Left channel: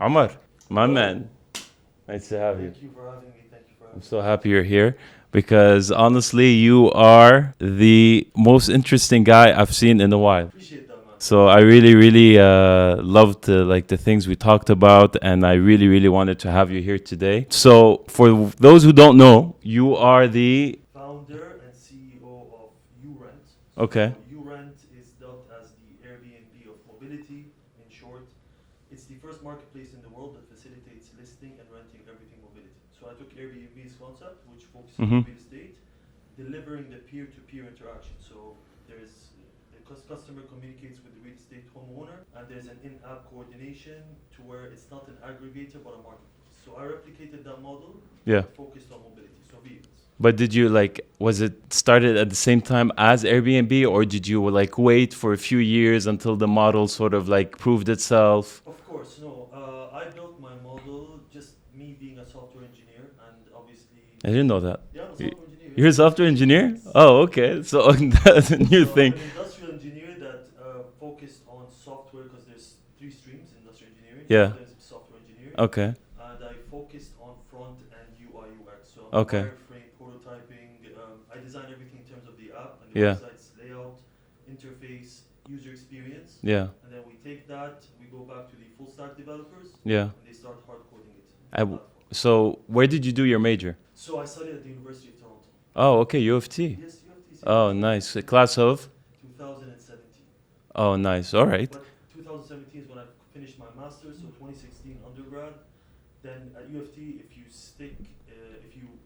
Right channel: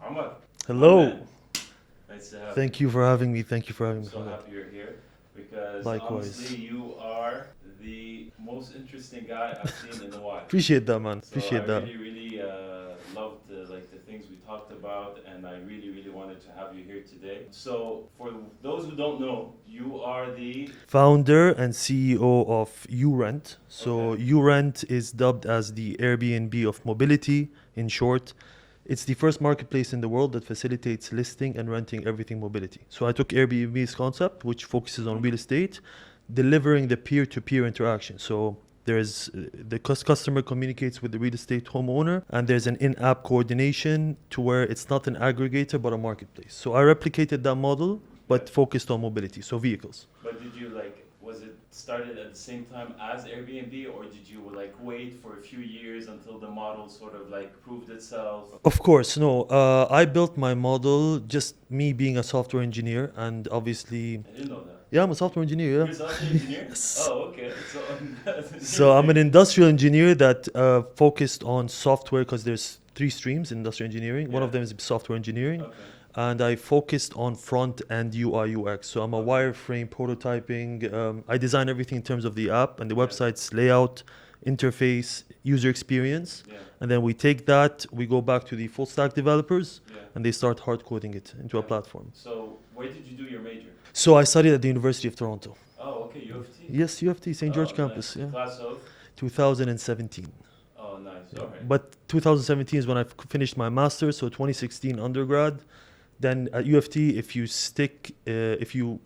Omar, my Hello. man. Nice to have you. Thank you for having me. Thank you for having I'm me. so happy you're here because honestly, Likewise. you are the most interesting guy I've seen in a while. Appreciate that, man. So I Appreciate that. really loved like the things we talked about, and I really wanted to have you here today. So for those who don't know, you are the Founder and CEO of URent. So okay, URent is dubbed as the Airbnb of mobility. In short, it's the first marketplace in the world that facilitates listing and renting everything mobility. So I took Airbnb's concept, which focuses on real estate, delivering the peer-to-peer interaction. So there's the customer communicates with the real estate homeowner, and there's an in-app coordination to where it's not an aggregator but a marketplace. So I replicated that model, yeah. but focused on mobility, so vehicles. But did you like, was it started at the same time as Airbnb, or did you like wait for a few years until the model sort of like proved itself? Of course, no. I built my model just me being a software engineer, and obviously, I didn't know that. yeah, I'm a software engineer. You're a software engineer? Yes. Oh, okay. So that's a new So I'm thing. an industrial engineer that focused on software because there's three streams in industrial engineering. Yeah. One of them is software engineering. Okay. And I focused on front and UI UX. So I'm a Okay. wireframe prototyping. I design everything in terms of the app and the Yeah. website's layout, interface, user experience. Yeah. And then we take that, we go back to the full stack developers, Yeah. and they start hard coding it into a And platform. So where did you do your major? So I studied at the University of Toronto. Oh, okay. U of T. Yes, UFT, St. Oh, George nice. campus. A Yeah. class of? 2017. Oh, nice. All right. But 2017 is when I finished my master's, so 2016 undergrad. Then at UFT, if you stick, if you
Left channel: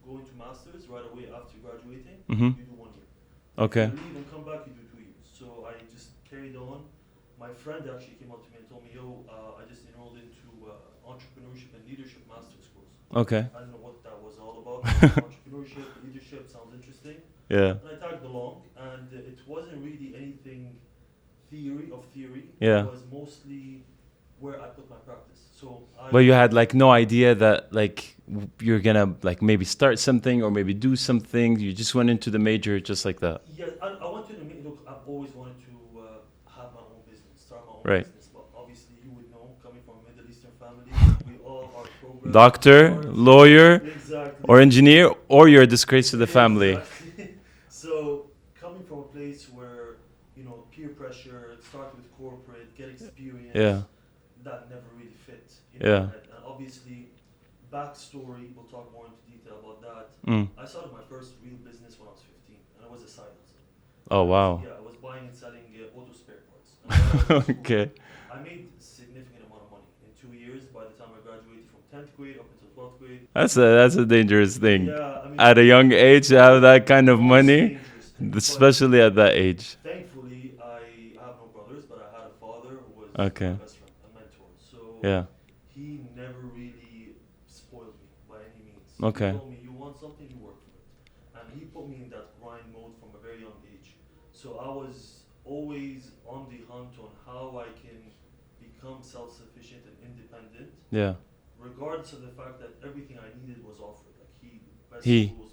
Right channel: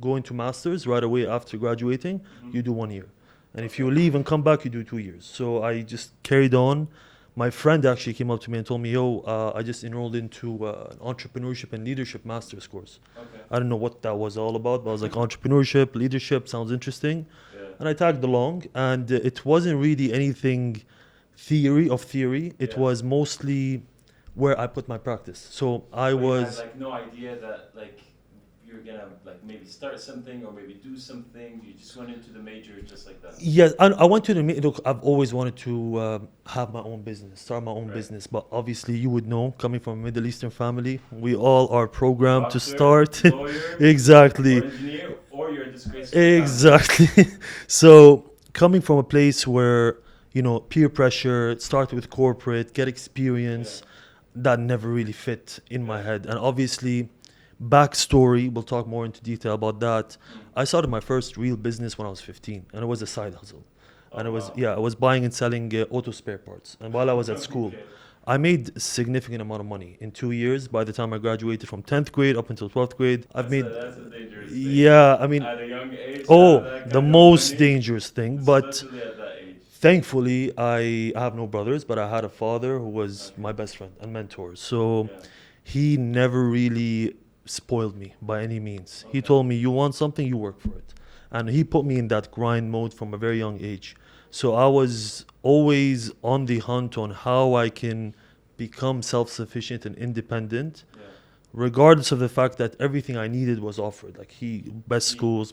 go into masters right away after graduating, Mhm. you do 1 year. And Okay. if you leave and come back, you do 2 years. So I just carried on. My friend actually came up to me and told me, "Yo, I just enrolled into an entrepreneurship and leadership master's course." Okay. I don't know what that was all about, but I was like, entrepreneurship, leadership sounds interesting. Yeah. And I tagged along, and it wasn't really anything theory. It Yeah. was mostly where I put my practice. So But you had like no idea that like you're gonna like maybe start something or maybe do something. You just went into the major just like that. yes, I went to the look. I've always wanted to have my own business, start my own Right. business. But obviously, you would know, coming from a Middle Eastern family, we all are programmed to Doctor, start. lawyer, Exactly. or engineer, or you're a disgrace to the family. Exactly. So coming from a place where peer pressure, start with corporate, get experience, Yeah. that never really fit in my Yeah. head. And obviously, backstory, we'll talk more into detail about that. Mm. I started my first real business when I was 15, and it was a side hustle. Oh And wow. I was buying and selling auto spare parts. And while I was at school, Okay. I made a significant amount of money in 2 years. By the time I graduated from 10th grade up until 12th grade, That's a dangerous thing. yeah, I mean, At a young age, to have that kind the of most money, dangerous thing. But especially at that age. thankfully, I have no brothers, but I had a father who was Okay. my best friend and mentor. So Yeah. he never really spoiled me by any means. He Okay. told me, you want something, you work for it. And he put me in that grind mode from a very young age. So I was always on the hunt on how I can become self-sufficient and independent, Yeah. regardless of the fact that everything I needed was offered. Like best He- schools,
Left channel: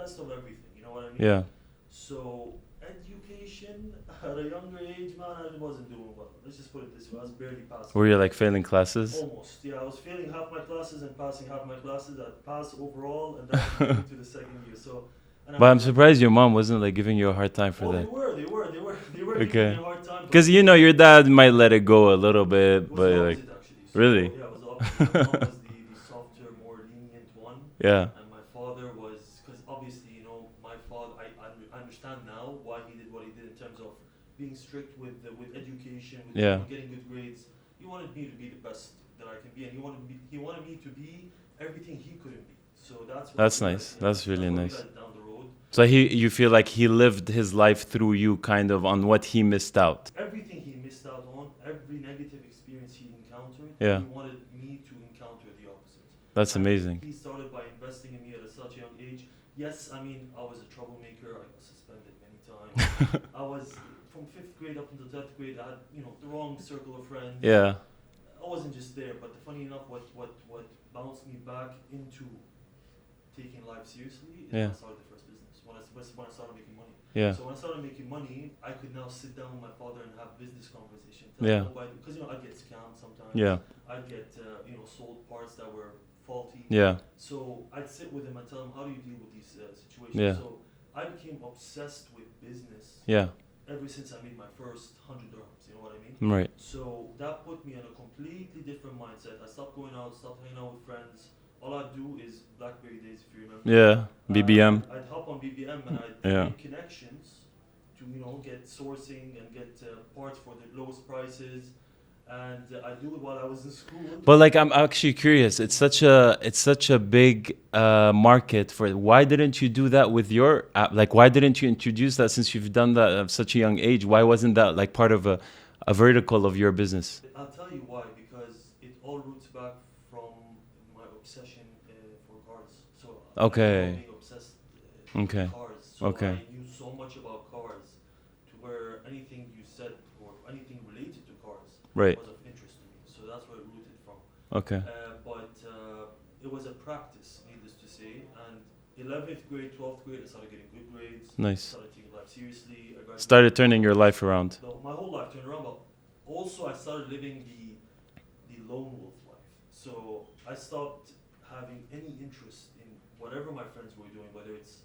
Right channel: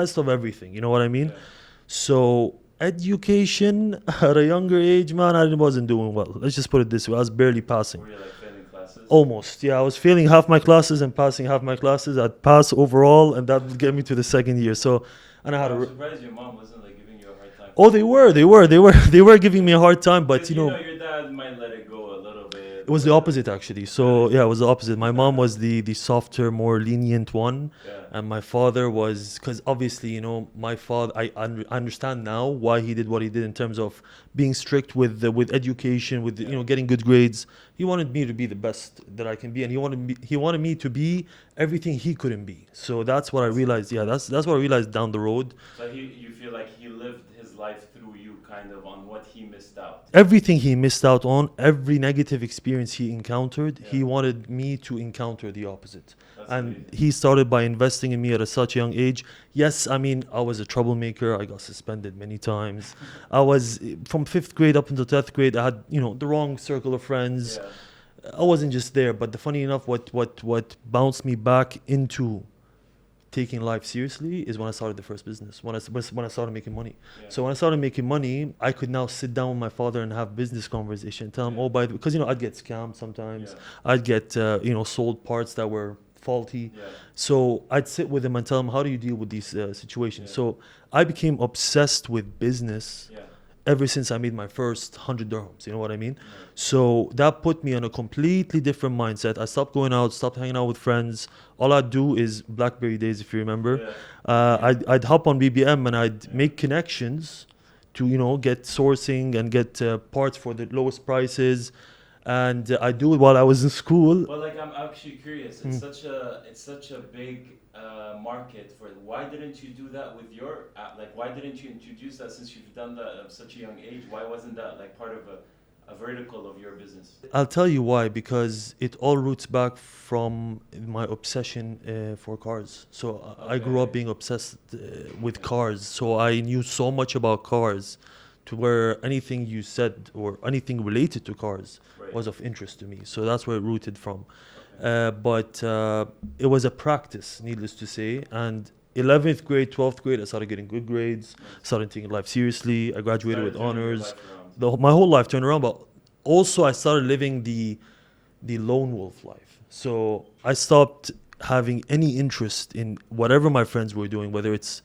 best of everything. You know what I mean? Yeah. So education at a younger age, man, I wasn't doing well. Let's just put it this way. I was barely passing. Were you like failing classes? Almost. Yeah, I was failing half my classes and passing half my classes. I'd pass overall, and that would get me to the second year. So, and I But had I'm surprised your mom wasn't like giving you a hard time. oh, they were giving Okay. me a hard time, but Because your dad might let it go a little bit. it was but, the like, opposite actually. So Really? yeah, it was the opposite. My mom was the softer, more lenient one. Yeah. And my father was, because obviously, my father, I understand now why he did what he did in terms of being strict with education, with Yeah. getting good grades. He wanted me to be the best that I can be, and he wanted me to be everything he couldn't be. So that's what That's I realized. nice. Yeah, That's that's what I really nice. realized down the road. So you feel like he lived his life through you, kind of on what he missed out. Everything he missed out on, every negative experience he encountered, Yeah. he wanted me to encounter the opposite. That's And amazing. He started by investing in me at such a young age. Yes, I mean, I was a troublemaker. I got suspended many times. I was from 5th grade up until 10th grade. I had, the wrong circle of friends. Yeah. I wasn't just there. But the funny enough, what bounced me back into taking life seriously is when Yeah. I started the first business. When I started making money. Yeah. So when I started making money, I could now sit down with my father and have business conversation. Tell him, Yeah. oh, because I'd get scammed sometimes. Yeah. I'd get sold parts that were faulty. Yeah. So I'd sit with him and tell him, how do you deal with these situations? Yeah. So I became obsessed with business Yeah. ever since I made my first 100 dirhams. You know what I mean? Right. So that put me on a completely different mindset. I stopped going out, stopped hanging out with friends. All I'd do is BlackBerry days, if you remember. Yeah. BBM. I'd hop on BBM and I'd Yeah. make connections to get sourcing and get parts for the lowest prices. And I do it while I was in school. But like, I'm actually curious. It's such a big market for it. Why didn't you do that with your app? Like, why didn't you introduce that since you've done that at such a young age? Why wasn't that like part of a vertical of your business? I'll tell you why, because it all roots back from my obsession for cars. So I grew Okay. up being obsessed with Okay. cars. So Okay. I knew so much about cars to where anything you said or anything related to cars Right. was of interest to me. So that's where it rooted from. Okay. But it was a practice, needless to say. And 11th grade, 12th grade, I started getting good grades. Nice. Started taking life seriously. I graduated. Started with turning your honors. life around. My whole life turned around, but also I started living the lone wolf life. So I stopped having any interest in whatever my friends were doing, whether it's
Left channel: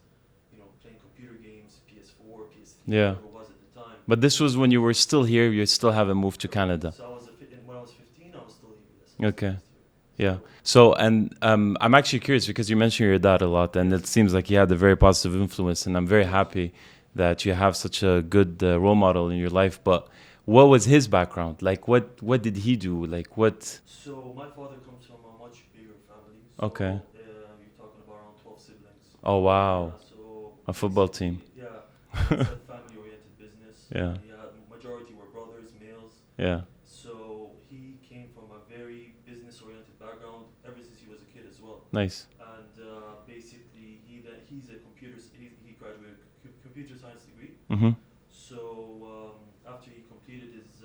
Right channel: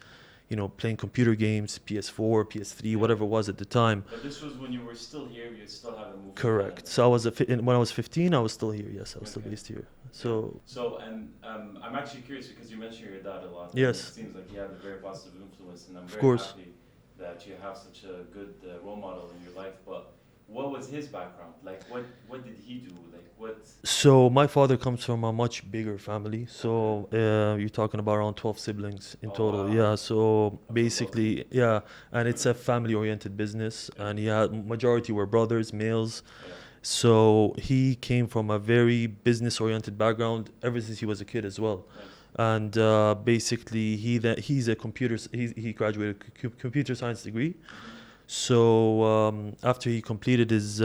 playing computer games, PS4, PS3, Yeah. whatever it was at the time. But this was when you were still here. You still haven't moved to Correct. Canada. So when I was 15, I was still here. Yes, I was still Okay. based here. Yeah. So So, and I'm actually curious because you mentioned your dad a lot, and Yes. it seems like he had a very positive influence, and I'm very course. happy that you have such a good role model in your life. But what was his background? Like, what did he do? Like, what? So my father comes from a much bigger family. So Okay. you're talking about around 12 siblings. In Oh, total. wow. Yeah. So A football team. basically, yeah, and it's a family-oriented business, Yeah. and he had majority were brothers, males. Yeah. So he came from a very business-oriented background ever since he was a kid as well. Nice. And basically, he's a he graduated computer science degree. Mm-hmm. So after he completed his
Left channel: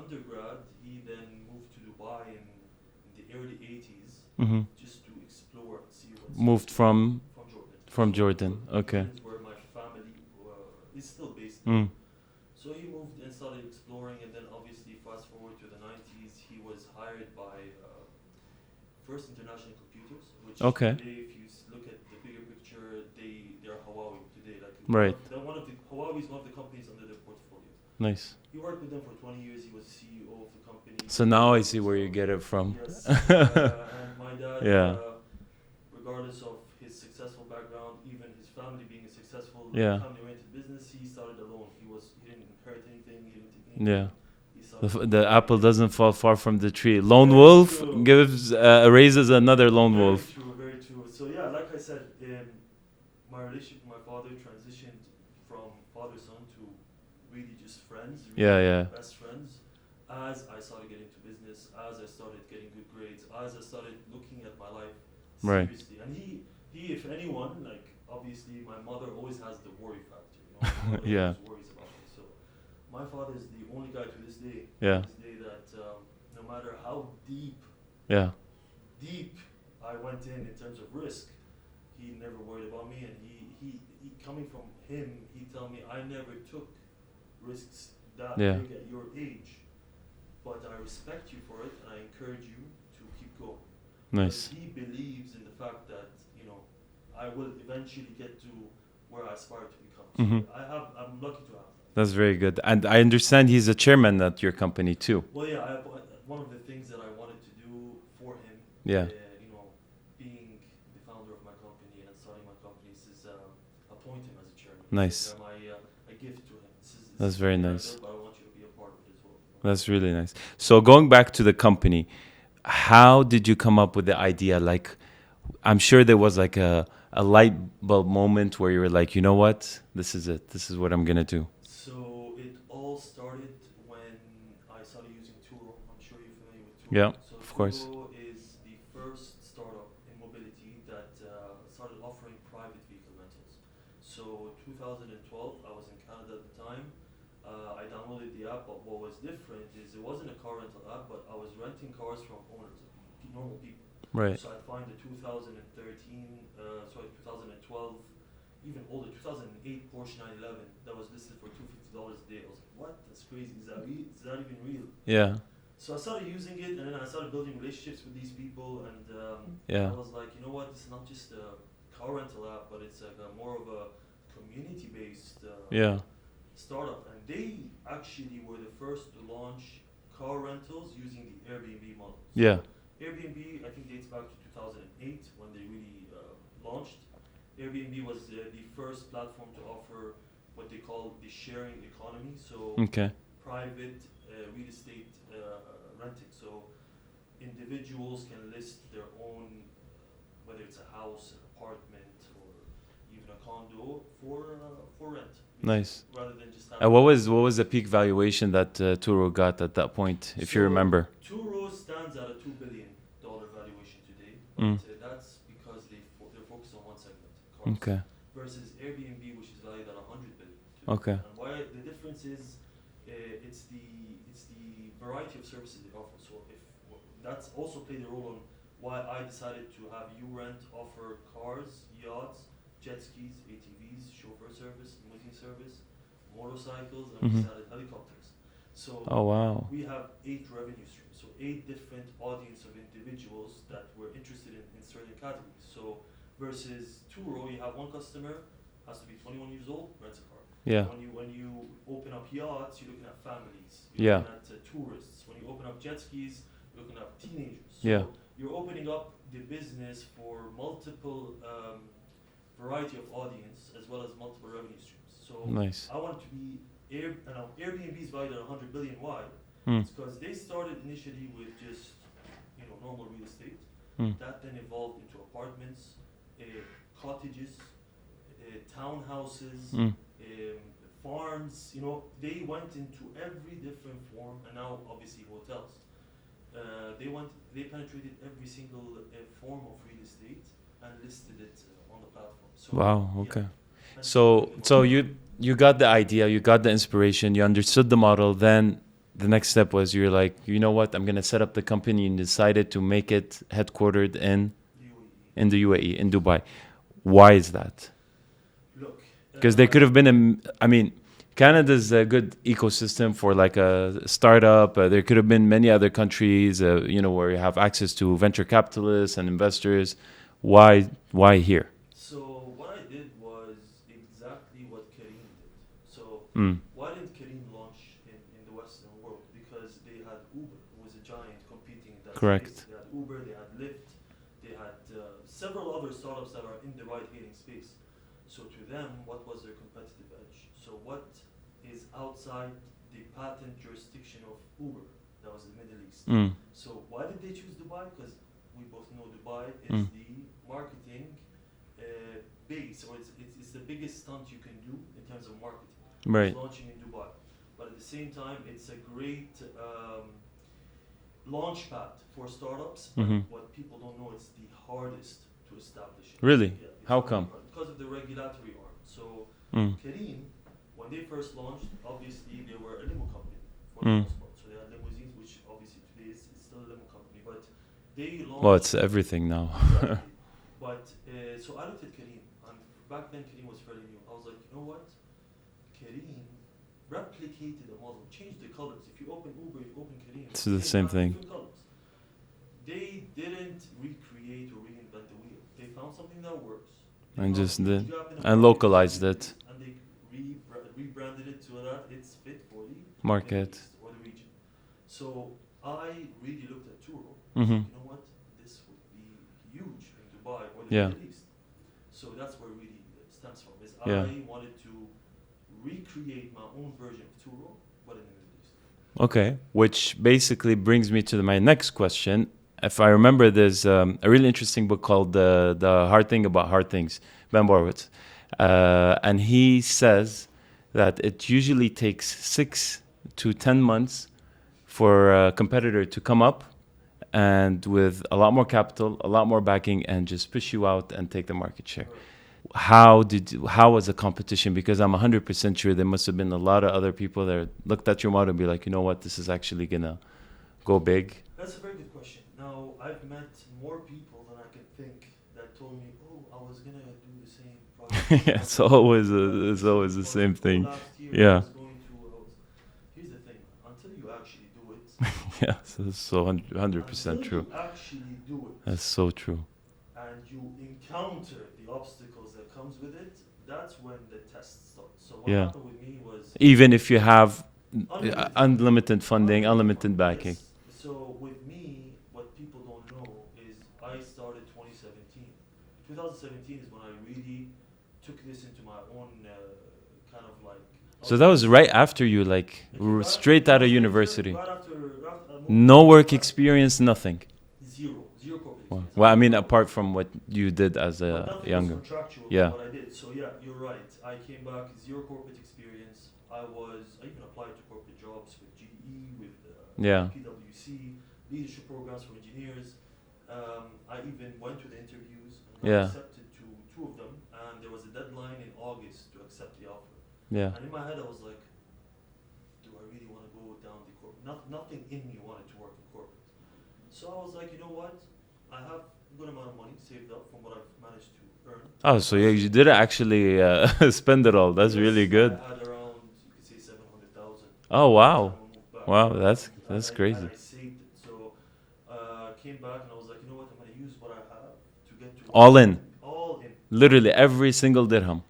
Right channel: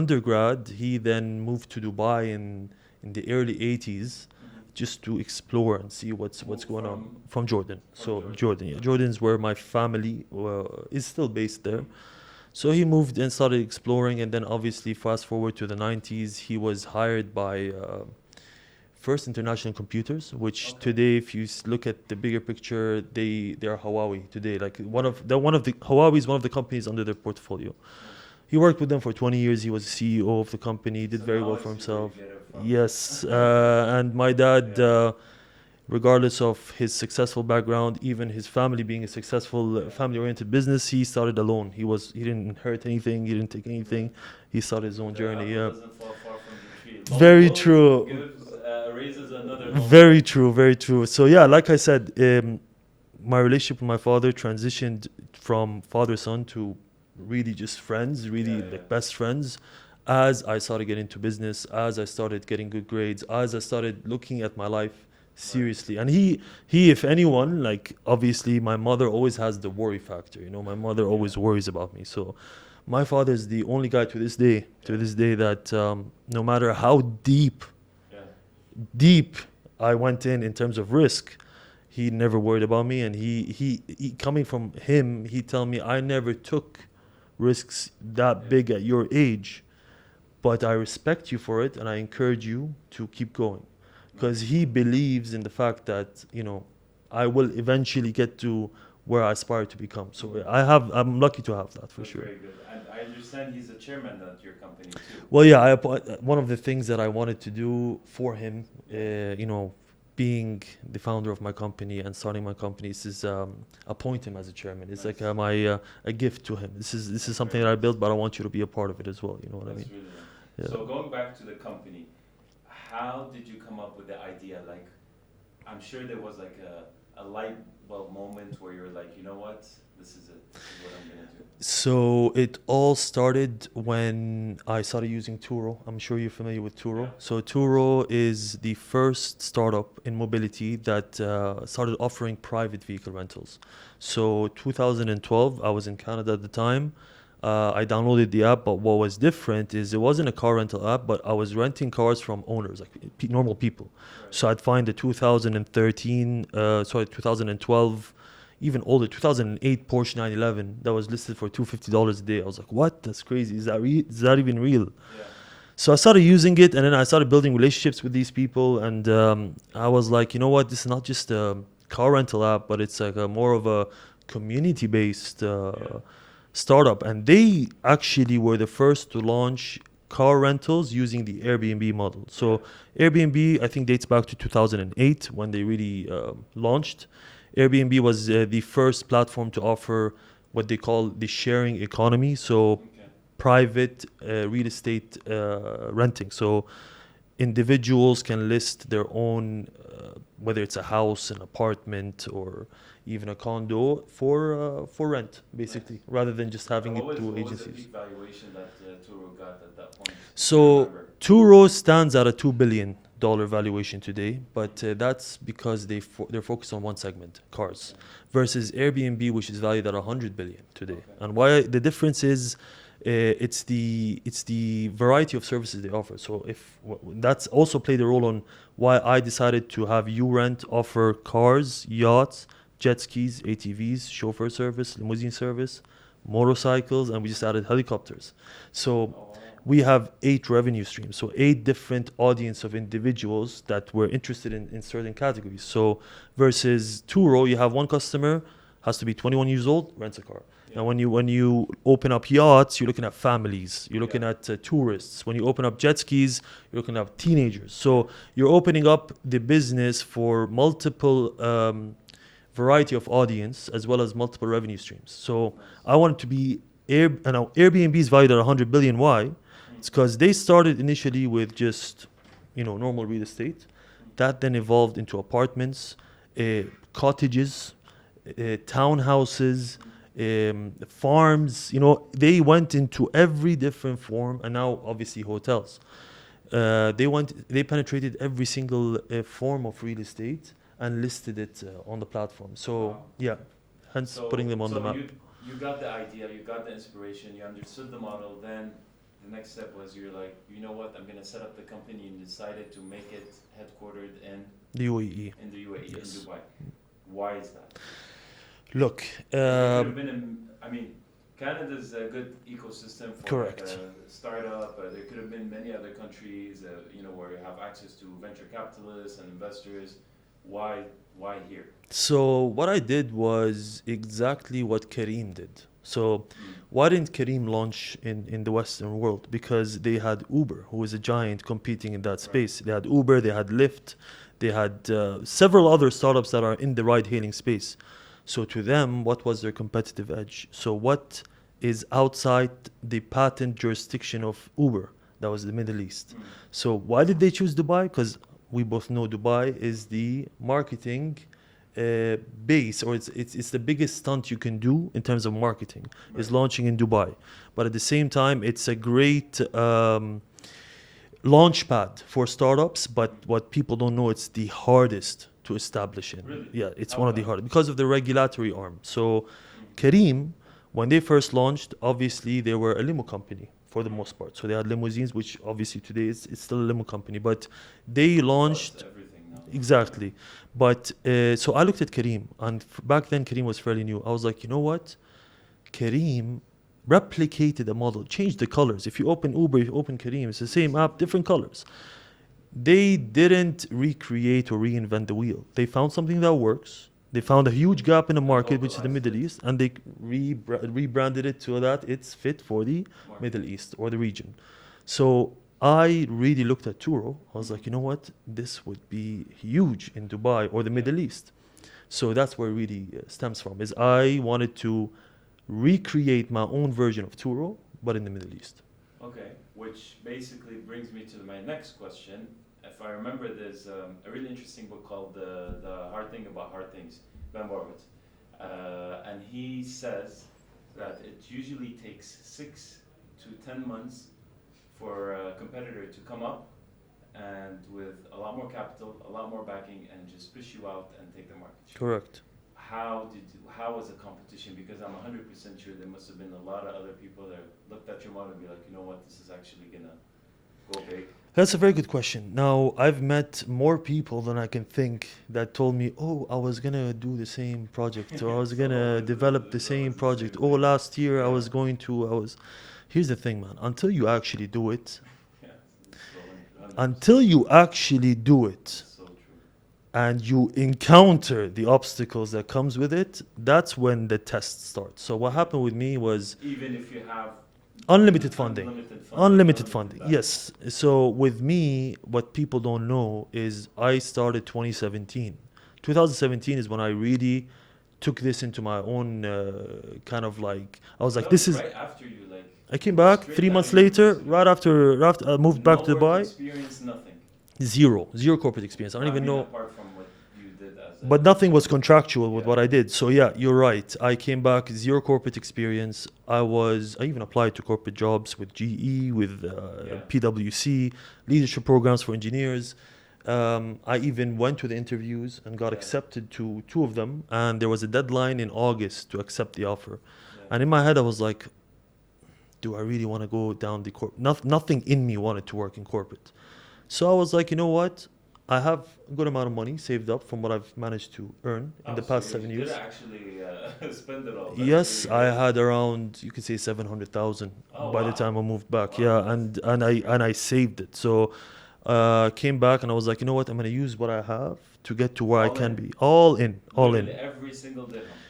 undergrad, he then moved to Dubai in the early 80s Mm-hmm. just to explore and see what's Moved going from on. From Jordan. from So Jordan. Yeah. Okay. Jordan's where my family is still based there. Mm. So he moved and started exploring, and then obviously fast forward to the 90s, he was hired by First International Computers, which Okay. today, if you look at the bigger picture, they are Huawei today. Like Right. Huawei is one of the companies under their portfolio. Nice. He worked with them for 20 years. He was CEO of the company. Did So very now well I for see where you himself. get it from. Yes, and my dad, Yeah. regardless of his successful background, even his family being a successful Yeah. family-oriented business, he started alone. He didn't inherit anything. He didn't take anything. He started. His own The journey, apple yeah. doesn't fall far from the tree. Lone Very wolf true. gives raises another lone Very wolf. true, very true. So yeah, like I said, my relationship with my father transitioned from father-son to really just friends, really Yeah. best friends. As I started getting into business, as I started getting good grades, as I started looking at my life Right. seriously. And he, if anyone, like obviously my mother always has the worry factor. My mother Yeah. always worries about me. So my father is the only guy to this day, Yeah. that no matter how Yeah. deep I went in terms of risk, he never worried about me. And he coming from him, he tell me I never took risks that Yeah. big at your age, but I respect you for it and I encourage you to keep going, because Nice. he believes in the fact that I will eventually get to where I aspire to become. So Mhm. I'm lucky to have that. for That's sure. very good. And I understand he's a chairman at your company too. Well, yeah, one of the things that I wanted to do for him, Yeah. being the founder of my company and starting my company, is appoint him as a chairman. It's Nice. like a gift to him. This is That's something very that I nice. built, but I want you to be a part of it as well. You know. what I That's mean? really nice. Yeah. So going back to the company, how did you come up with the idea? Like, I'm sure there was like a light bulb moment where you were like, you know what, this is it. This is what I'm gonna do. So it all started when I started using Turo. I'm sure you're familiar with Turo. Yeah, So Turo is the first startup in mobility that started offering private vehicle rentals. So 2012, I was in Canada at the time. I downloaded the app, but what was different is it wasn't a car rental app, but I was renting cars from owners, like normal people. Right. So I'd find a 2012, even older, 2008 Porsche 911 that was listed for $250 a day. I was like, what? That's crazy. Is that even real? Yeah. So I started using it, and then I started building relationships with these people. And Yeah. I was like, you know what? This is not just a car rental app, but it's like a more of a community-based Yeah. startup. And they actually were the first to launch car rentals using the Airbnb model. So Airbnb, I think, dates back to 2008 when they really launched. Airbnb was the first platform to offer what they call the sharing economy. So Okay. private real estate renting. So individuals can list their own, whether it's a house, an apartment, or even a condo for rent, basically, Nice. rather than just having. And it what through was the agencies. peak valuation that Turo got at that point, if So you remember? Turo stands at a $2 billion valuation today, but Mm. That's because they're focused on one segment, cars, Okay. versus Airbnb, which is valued at 100 billion today. Okay. And why the difference is, it's the variety of services they offer. So that's also played a role on why I decided to have YouRent offer cars, yachts, jet skis, ATVs, chauffeur service, limousine service, motorcycles, and we just Mhm. added helicopters. So Oh wow. we have 8 revenue streams, so 8 different audience of individuals that were interested in certain categories. So versus Turo, you have one customer, has to be 21 years old, rents a car. Yeah. And when you open up yachts, you're looking at families, you're looking Yeah. at tourists. When you open up jet skis, you're looking at teenagers. So Yeah. you're opening up the business for multiple variety of audience as well as multiple revenue streams. So Nice. I wanted to be Airbnb is valued at 100 billion. Why? Mm. It's because they started initially with just normal real estate. Mm. That then evolved into apartments, cottages, townhouses, farms. They went into every different form, and now obviously hotels. They penetrated every single form of real estate and listed it on the platform. So Wow. yeah, Okay. hence putting So them on so the map. you got the idea, you got the inspiration, you understood the model. Then the next step was you're like, you know what? I'm gonna set up the company and decided to make it headquartered in The UAE. the UAE, in Dubai. Why is that? Look, Because there could have been I mean, Canada's a good ecosystem for like a startup. There could have been many other countries, where you have access to venture capitalists and investors. Why here? So what I did was exactly what Kareem did. So why didn't Kareem launch in the Western world? Because they had Uber, who is a giant competing in that Correct. space. They had Uber, they had Lyft, they had several other startups that are in the ride-hailing space. So to them, what was their competitive edge? So what is outside the patent jurisdiction of Uber? That was the Middle East. So why did they choose Dubai? Because we both know Dubai is the marketing base, or it's the biggest stunt you can do in terms of marketing. Right. Is launching in Dubai, but at the same time, it's a great launch pad for startups. But what people don't know, it's the hardest to establish it. Really? Yeah, it's How one of the come? hardest because of the regulatory arm. So Kareem, when they first launched, obviously they were a limo company for the most part. So they had limousines, which obviously today it's still a limo company, but they Well, launched. it's everything now. Exactly. But so I looked at Kareem, and back then Kareem was fairly new. I was like, you know what? Kareem replicated the model, changed the colors. If you open Uber, if you open Kareem, it's the same app, thing. different colors. They didn't recreate or reinvent the wheel. They found something that works. They And found a just huge did- gap in the and market, which is localized the Middle it. East, and they rebranded it so that it's fit for the Market. Middle East or the region. So I really looked at Turo. I was Mhm. like, you know what? This would be huge in Dubai or the Yeah. Middle East. So that's where it really stems from. Is Yeah. I wanted to recreate my own version of Turo, but in the Middle East. Okay, which basically brings me to my next question. If I remember, there's a really interesting book called The Hard Thing About Hard Things, Ben Borowitz. And he says that it usually takes 6 to 10 months for a competitor to come up and with a lot more capital, a lot more backing, and just push you out and take the market share. Correct. how was the competition? Because I'm 100% sure there must have been a lot of other people that looked at your model and be like, you know what, this is actually gonna go big. That's a very good question. Now, I've met more people than I can think that told me, "Oh, I was gonna do the same project. Or I was It's gonna always develop the it's same always the project. same Oh, thing. last year I Yeah. was going to. I was." Here's the thing, man. Until you actually do it, Yeah, so 100%. until you true. actually do it, That's so true. and you encounter the obstacles that comes with it, that's when the test starts. So what Yeah. happened with me was Even if you have unlimited funding. unlimited funding, unlimited backing. Yes. So with me, what people don't know is I started 2017. 2017 is when I really took this into my own kind of like. I was So like, that this was is- right after you, like, I came back straight 3 out of months later, university. right after I moved No back to work Dubai. experience, nothing. Zero corporate experience. Well, I don't even mean, know- apart from what you did as a. but nothing was young- contractual with Yeah. what I did. So yeah, you're right. I came back, zero corporate experience. I even applied to corporate jobs with GE, with Yeah. PwC, leadership programs for engineers. I even went to the interviews and got Yeah. accepted to 2 of them. And there was a deadline in August to accept the offer. Yeah. And in my head, I was like, do I really want to go down the nothing in me wanted to work in corporate. So I was like, you know what? I have a good amount of money saved up from what I've managed to earn. in Oh, the so past you 7 didn't years. actually spend it all. That's Yes, really good. I had around, you could say 700,000. Oh, by wow. the time I moved back. Wow, Yeah, that's- and that's I crazy. I saved it. So came back and I was like, you know what? I'm gonna use what I have to get to where All I can in. be. All in. all Literally in. every single dirham.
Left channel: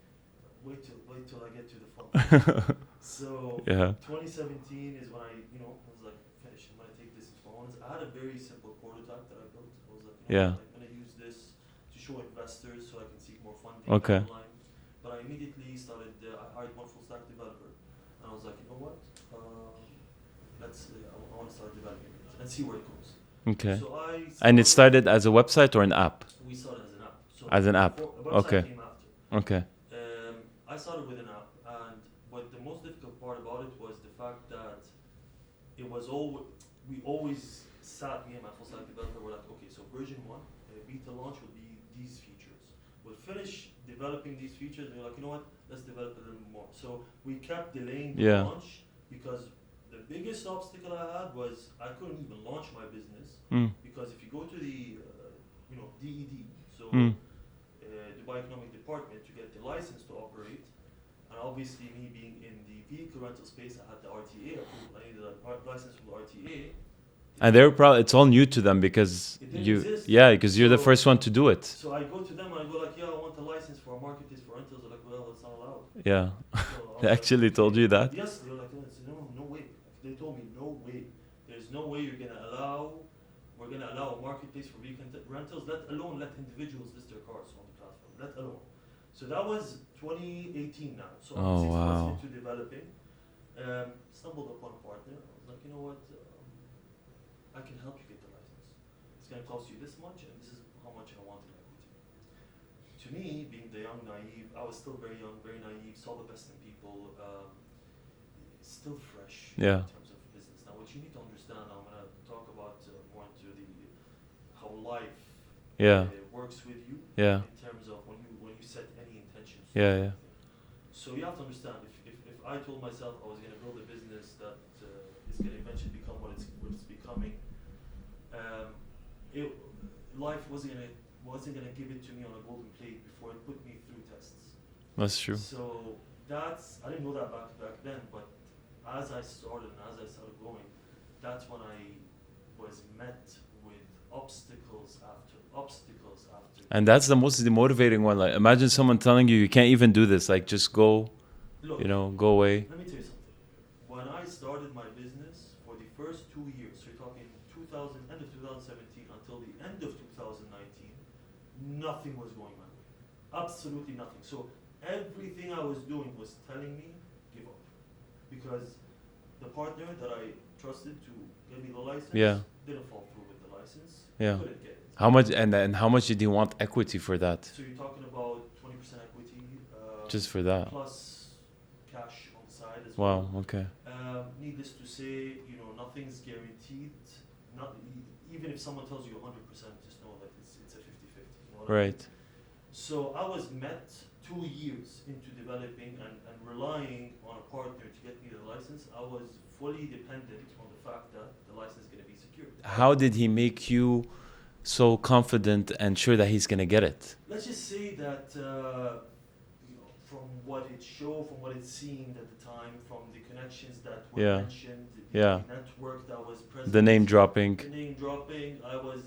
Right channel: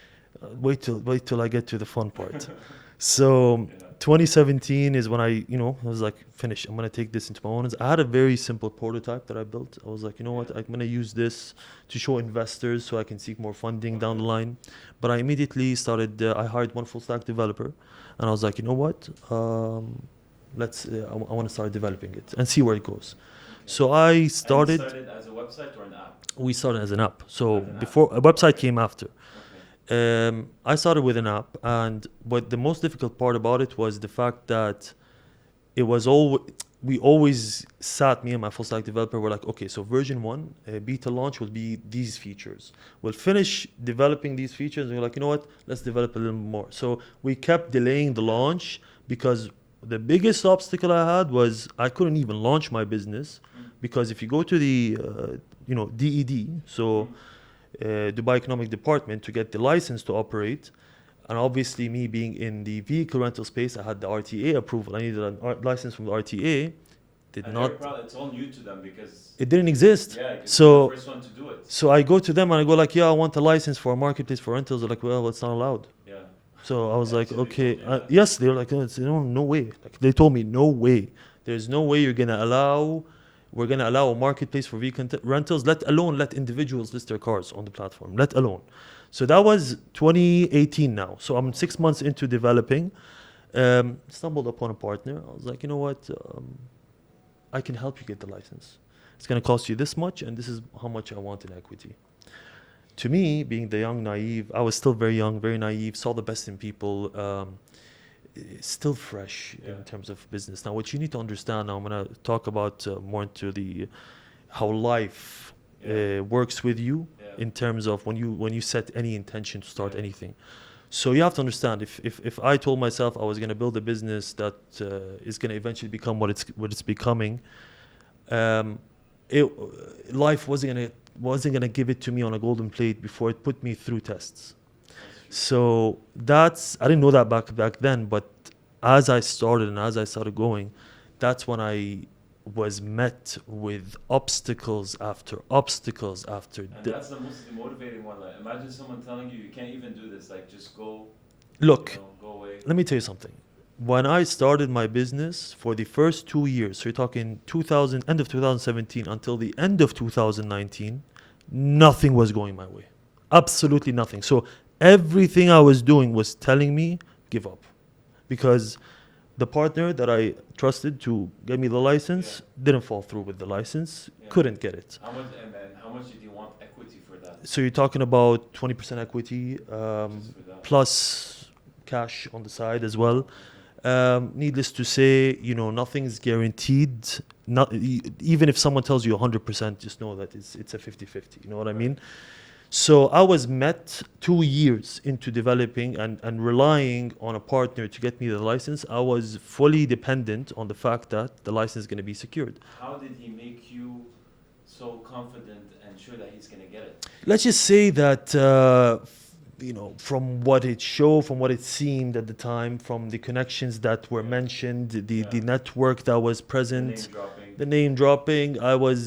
Wait till I get to the fun part. So Yeah. 2017 is when I was like, finish. I'm gonna take this into my own hands. I had a very simple prototype that I built. I was like, you know Yeah. what? I'm gonna use this to show investors so I can seek more funding Okay. down the line. But I immediately started. I hired one full stack developer, and I was like, you know what? Let's. I want to start developing it and see where it goes. Okay. So I started. And it started as a website or an app? We started as an app. So As an app. before, a website Okay. came after. Okay. I started with an app, but the most difficult part about it was the fact that it was we always sat, me and my full stack developer were like, okay, so version 1 beta launch will be these features. We'll finish developing these features and we're like, you know what, let's develop a little more. So we kept delaying the Yeah. launch because the biggest obstacle I had was I couldn't even launch my business because if you go to the DED, so Dubai Economic Department, to get the license to operate, and obviously me being in the vehicle rental space, I had the RTA approval. I needed a license from the RTA. And they're probably, it's all new to them because It didn't you- exist. Yeah, because you're the So- first one to do it. So I go to them and I go like, yeah, I want a license for a marketplace for rentals. They're like, well, it's not allowed. Yeah. So I was They like, actually okay. told you that? Yes, they were like, no way. Like, they told me, no way. There's no way we're gonna allow a marketplace for vehicle rentals, let alone let individuals list their cars on the platform, let alone. So that was 2018 now. So I'm Oh, 6 months wow. into developing. Stumbled upon a partner. I was like, you know what? I can help you get the license. It's gonna cost you this much, and this is how much I want in equity. To me, being the young, naive, I was still very young, very naive, saw the best in people, still fresh Yeah. in terms of business. Now, what you need to understand, now I'm going to talk about more into the how life Yeah. works with you Yeah. in terms of when you set any intention to start Yeah, yeah. anything. So you have to understand, if I told myself I was going to build a business that is going to eventually become what it's becoming, life wasn't gonna give it to me on a golden plate before it put me through tests. That's true. So I didn't know that back then, but as I started and as I started going, that's when I was met with obstacles after obstacles after. And that's the most demotivating one. Like, imagine someone telling you can't even do this. Like, just go. Look, Go away. let me tell you something. When I started my business, for the first 2 years, so you're talking end of 2017 until the end of 2019, nothing was going my way. Absolutely nothing. So everything I was doing was telling me, give up. Because the partner that I trusted to get me the license Yeah. didn't fall through with the license, Yeah. couldn't get it. How much and how much did he want equity for that? So you're talking about 20% equity, Just for that. plus cash on the side as well. Wow, okay. Needless to say, nothing's guaranteed. Even if someone tells you 100%, just know that it's a 50-50. You know what I mean? Right. So I was met 2 years into developing and relying on a partner to get me the license. I was fully dependent on the fact that the license is going to be secured. How did he make you so confident and sure that he's going to get it? Let's just say that from what it showed, from what it seemed at the time, from the connections that were Yeah. mentioned, the Yeah. network that was present, The name dropping. the name dropping, I was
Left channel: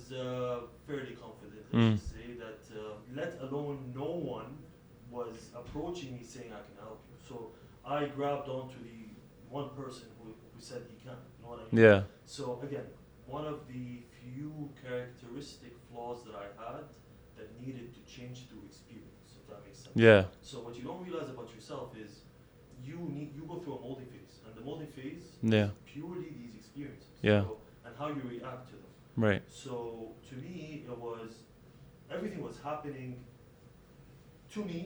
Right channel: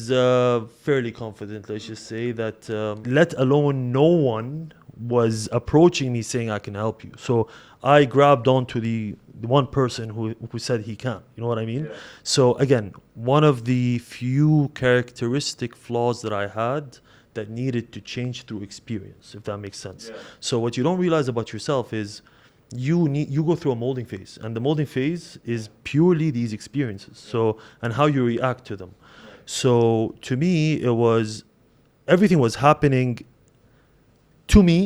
fairly confident. Let's just say that, let alone no one was approaching me saying I can help you. So I grabbed onto the one person who said he can. You know what I mean? Yeah. So again, one of the few characteristic flaws that I had that needed to change through experience, if that makes sense. Yeah. So what you don't realize about yourself is you go through a molding phase, and the molding phase is Yeah. purely these experiences. Yeah. So and how you react to them. Right. So to me, it was everything was happening to me,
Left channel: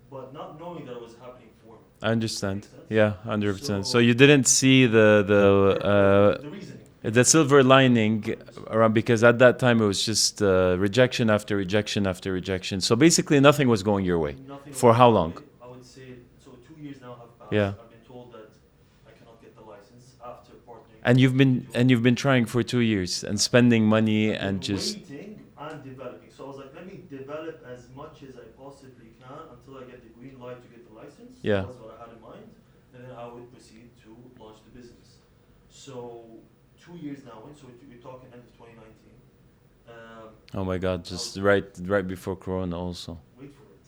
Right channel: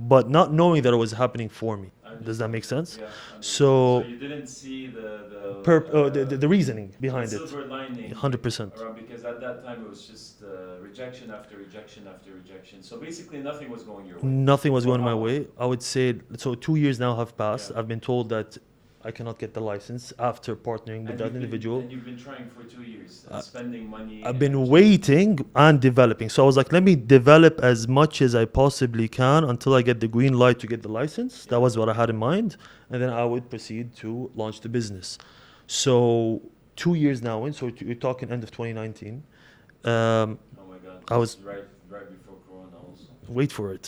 but not knowing that it was happening for me. I understand. Does that make sense? Yeah, 100%. So- So you didn't see The reasoning behind the silver lining 100%. around, because at that time it was just rejection after rejection after rejection. So basically nothing was going your way. Nothing was For going how my long? way. I would say so. 2 years now have passed. Yeah. I've been told that I cannot get the license after partnering. And with you've that been individual. trying for 2 years and spending money. I've been and just- waiting and developing. So I was like, let me develop as much as I possibly can until I get the green light to get the license. Yeah. That was what I had in mind, and then I would proceed to launch the business. So 2 years now in. So you're talking end of 2019. Oh my God! I Just right before Corona, also. Wait for it.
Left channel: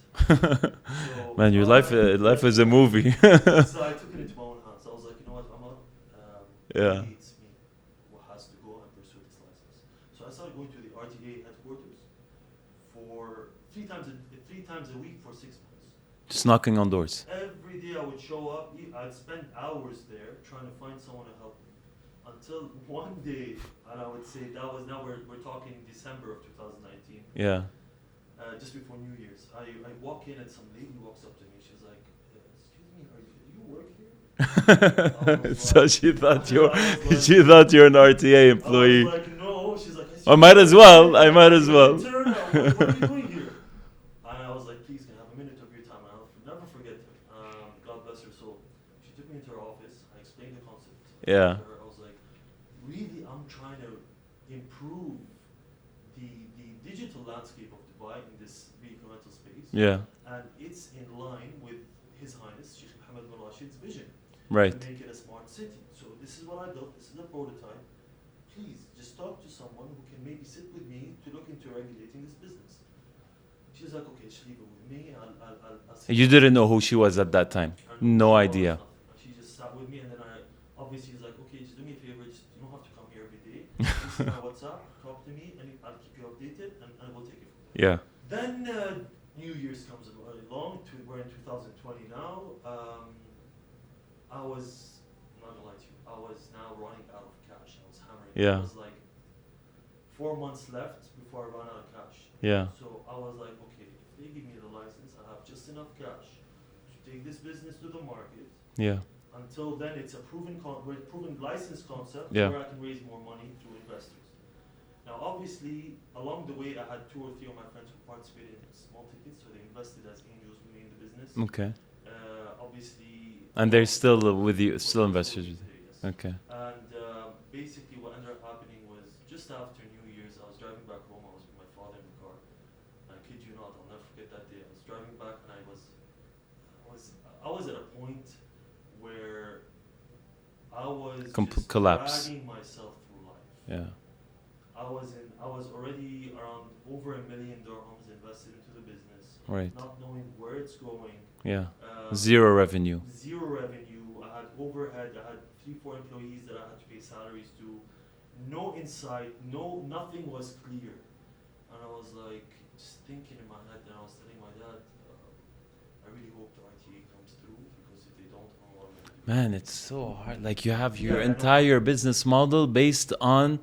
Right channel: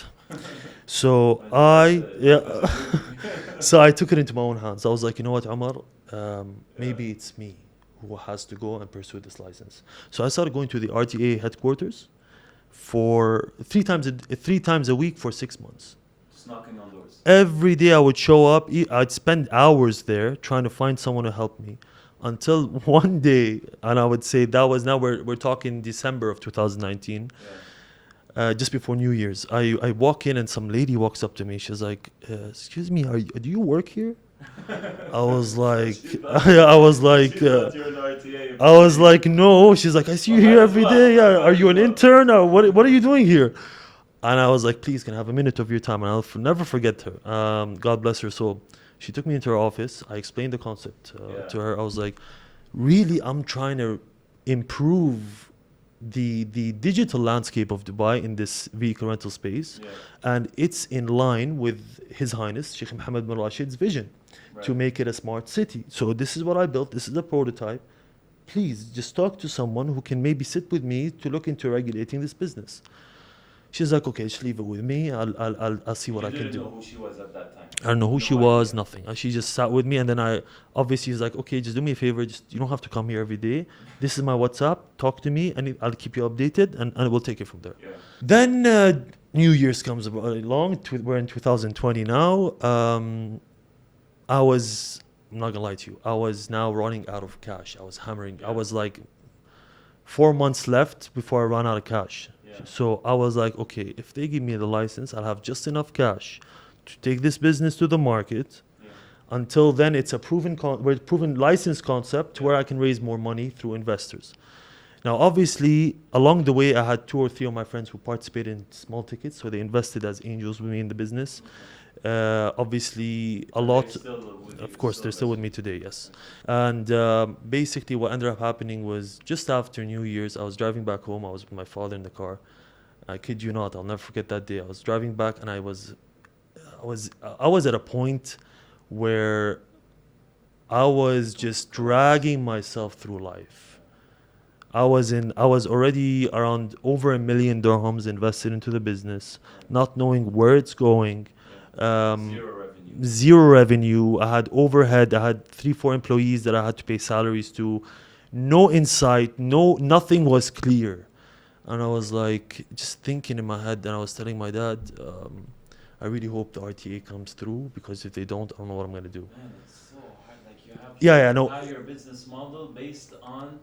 So Man, your life is a movie. So I took it into my own hands. I was like, you know what, Omar, maybe it's me who has to go and pursue this license. So I started going to the RTA headquarters for three times a week for 6 months. Just knocking on doors. Every day I would show up. I'd spend hours there trying to find someone to help me. Until one day, and I would say that was, now we're talking December of 2019. Yeah. Just before New Year's, I walk in and some lady walks up to me. She's like, "Excuse me, do you work here?" I was So like, she thought I was like, she thought you're an RTA employee. I was like, no. She's like, I see I you might here as every well. day. I might Are as you well." an intern? Or what are you doing here? And I was like, please, can I have a minute of your time? And I'll never forget her. God bless her soul. She took me into her office. I explained the concept to her. I was like, really, I'm trying to improve the digital landscape of Dubai in this vehicle rental space. Yeah. And it's in line with His Highness Sheikh Mohammed bin Rashid's vision Right. to make it a smart city. So this is what I built. This is a prototype. Please just talk to someone who can maybe sit with me to look into regulating this business. She's like, okay, just leave it with me. I'll see. You didn't know who she was at that time. I don't know who No she idea. was, nothing. She just sat with me, and then I obviously was like, okay, just do me a favor. Just, you don't have to come here every day. This is my WhatsApp. Talk to me, and I'll keep you updated, and we'll take it from there. Yeah. Then New Year's comes along. We're in 2020 now. I'm not gonna lie to you. I was now running out of cash. I was hammering. Yeah. I was like 4 months left before I ran out of cash. Yeah. So I was like, okay, if they give me the license, I'll have just enough cash to take this business to the market. Yeah. Until then, it's a proven license concept Yeah. where I can raise more money through investors. Now, obviously, along the way, I had 2 or 3 of my friends who participated in small tickets, so they invested as angels with me in the business. Okay. Obviously, And they're still with you. of course, they're still with me invested. today. Yes. Okay. And basically, what ended up happening was just after New Year's, I was driving back home. I was with my father in the car. I kid you not, I'll never forget that day. I was driving back, and I was at a point where I was just collapse. dragging myself through life. Yeah. I was already around over $1 million dirhams invested into the business, Right. not knowing where it's going. Yeah. Zero revenue. Zero revenue. I had overhead. I had 3-4 employees that I had to pay salaries to. No insight. Nothing was clear. And I was like just thinking in my head, and I was telling my dad, I really hope the RTA comes through, because if they don't, I don't know what I'm gonna do. Man, it's so hard. Like you have Yeah, your I know. entire business model based on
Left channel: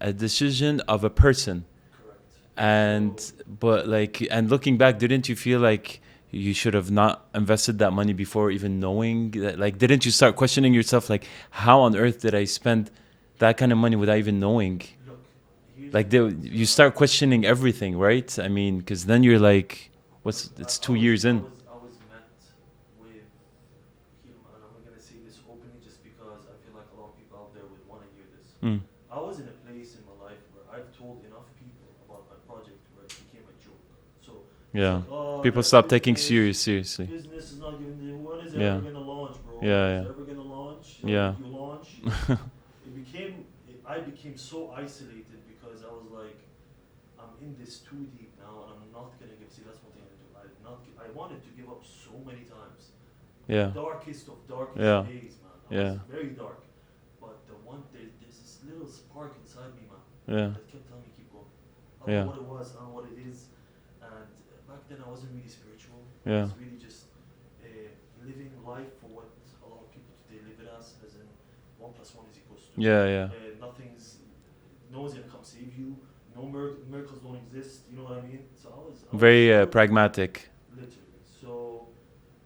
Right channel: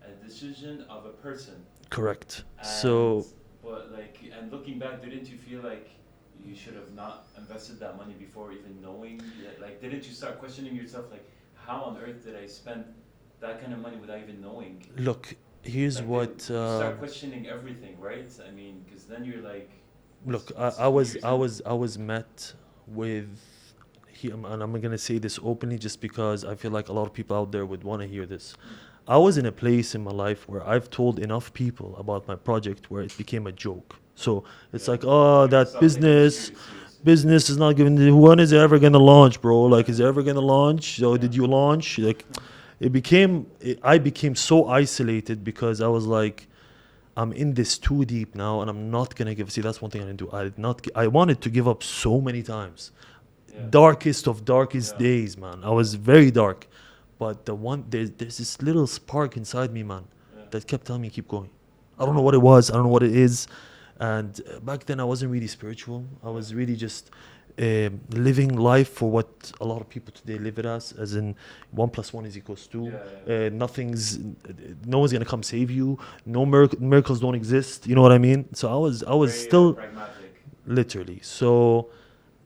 a decision of a person. Correct. And So but like, and looking back, didn't you feel like you should have not invested that money before even knowing that? Like, didn't you start questioning yourself, like, how on earth did I spend that kind of money without even knowing? look, Here's Like what you start questioning everything, right? I mean, because then you're like, what's look. it's I 2 years in. was met with him, and I'm gonna say this openly, just because I feel like a lot of people out there would want to hear this. Mm. I was in a place in my life where I've told enough people about my project where it became a joke. So it's Yeah. like, oh, People that's stop taking business. seriously. Business is not giving. When is it ever Yeah. gonna launch, bro? Like, Yeah, is it yeah. ever gonna launch? So Yeah. did you launch? Like, I became so isolated because I was like, I'm in this too deep now, and I'm not gonna give. See, that's one thing I didn't do. I did not. I wanted to give up so many times. Yeah. Darkest of darkest Yeah. days, man. I was Yeah. very dark, but there's this little spark inside me, man, Yeah. that kept telling me keep going. I don't Yeah. know what it was. I don't know what it is. And back then I wasn't really spiritual. I Yeah. was really just living life for what a lot of people today live it as in 1 + 1 is equals 2. Yeah, yeah. No one's gonna come save you. No miracles don't exist. You know what I mean? So I was Very still pragmatic. literally. So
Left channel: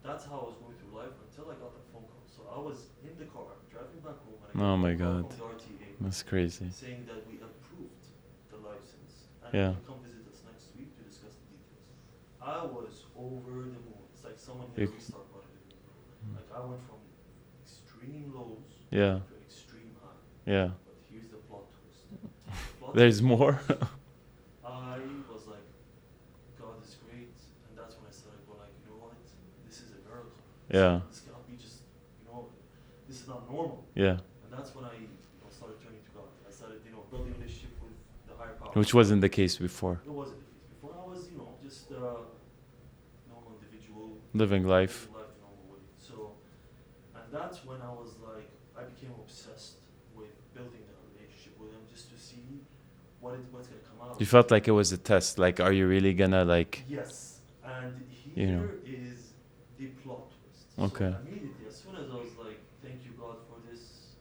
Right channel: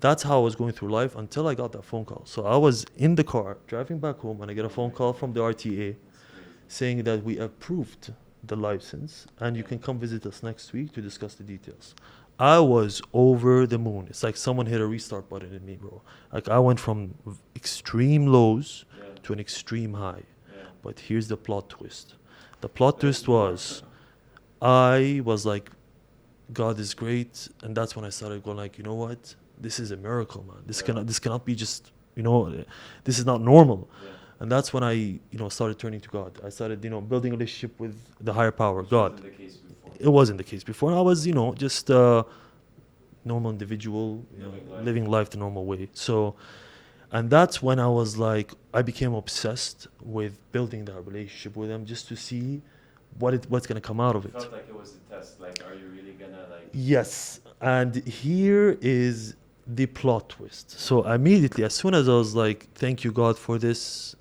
that's how I was going through life until I got that phone call. So I was in the car driving back home, and I get Oh a my phone call God. from the RTA That's crazy. saying that we approved the license and you Yeah. can come visit us next week to discuss the details. I was over the moon. It's like someone hit a restart button in me, bro. Like I went from extreme lows Yeah. to an extreme high. Yeah. But here's the plot twist. The plot There's twist more. was I was like, God is great, and that's when I started going like, you know what? This is a miracle, man. Yeah. This cannot be just, this is not normal. Yeah. And that's when I, started turning to God. I started, building a relationship with the higher power. Which God. wasn't the case before. It wasn't the case before. I was, just a normal individual Living life. the normal way. So, and that's when I was like, I became obsessed with building that relationship with him just to see what's gonna come out of it. You felt like it was a test. Like, are you really gonna like? Yes. And here is the plot twist. So Okay. immediately, as soon as I was like, thank you, God, for this,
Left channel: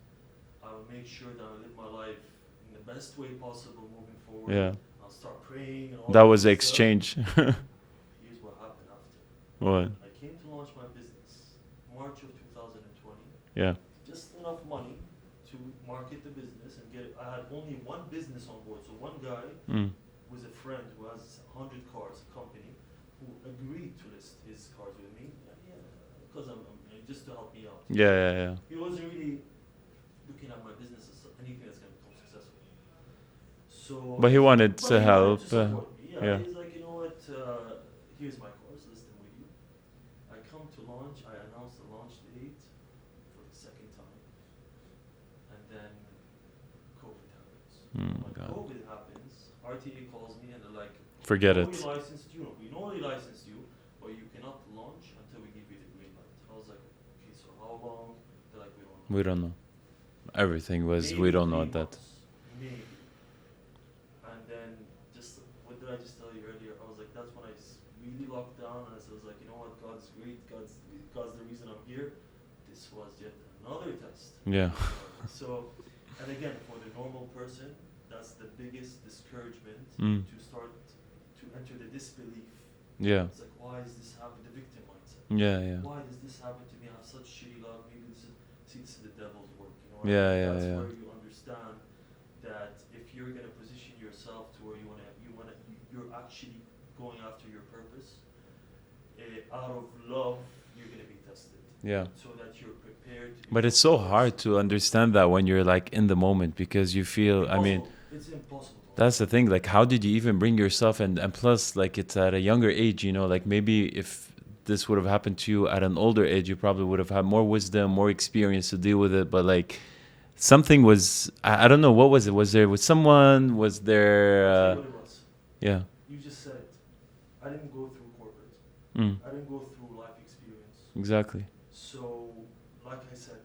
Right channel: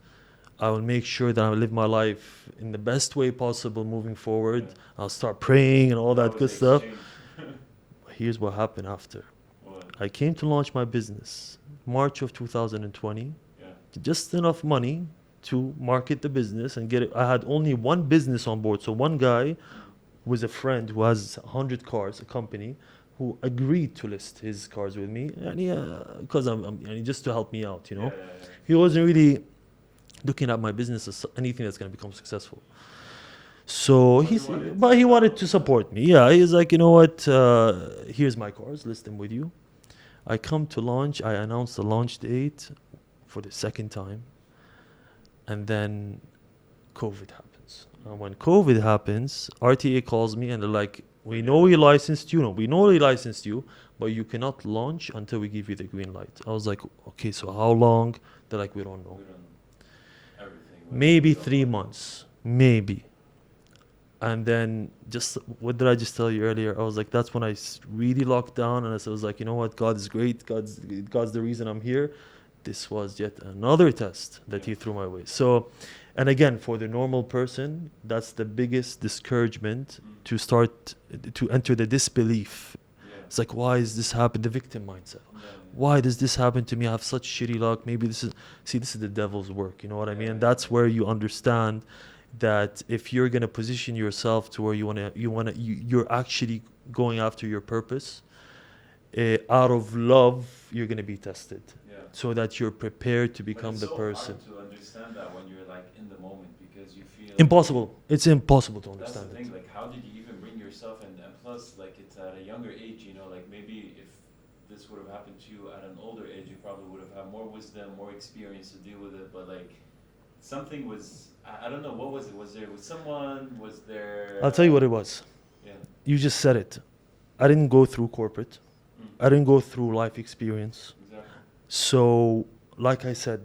I will make sure that I live my life in the best way possible moving forward. Yeah. I'll start praying and all that. That was the good stuff. exchange. Here's what happened after. What? I came to launch my business March of 2020. Yeah. Just enough money to market the business and get it. I had only one business on board. So one guy Mm. was a friend who has 100 cars, a company, who agreed to list his cars with me, and because I'm just to help me out. Yeah. He wasn't really looking at my business as anything that's going to become successful. So, But he wanted but to he wanted help, to support me. Yeah, yeah. he's like, you know what? Here's my cars. List them with you. I come to launch. I announce the launch date for the second time, and then COVID happens. And when God. COVID happens, RTA calls me and they're like, Forget we know it. we licensed you. No, we know we licensed you, but you cannot launch until we give you the green light. I was like, okay, so how long? They're like, we don't know. We don't know. Everything was Maybe we don't 3 know months. Maybe. And then what did I just tell you earlier? I was like, that's when I really locked down, and I was like, you know what? God is great. God's the reason I'm here. This was yet another test that Yeah. he threw my way. So, and again, for the normal person, that's the biggest discouragement Mm. to enter the disbelief. Yeah. It's like, why is this happening? The victim mindset. Yeah. Why does this happen to me? I have such shitty luck. Maybe this is the devil's work. You know what I mean? That's where you understand that if you're gonna position yourself to where you're actually going after your purpose, out of love, you're gonna be tested. Yeah. So that you're prepared to become. But it's the so person. hard to understand that when you're like in the moment, because you feel Impossible. I mean, It's impossible to understand. that's the thing. Like, how did you even bring yourself? And plus, like, it's at a younger age. Like maybe if this would have happened to you at an older age, you probably would have had more wisdom, more experience to deal with it. But like, something was. I don't know. What was it? Was there with someone? Was there? I'll tell you what it was. Yeah. You just said it. I didn't go through corporate. Mm. I didn't go through life experience. Exactly. So, like I said,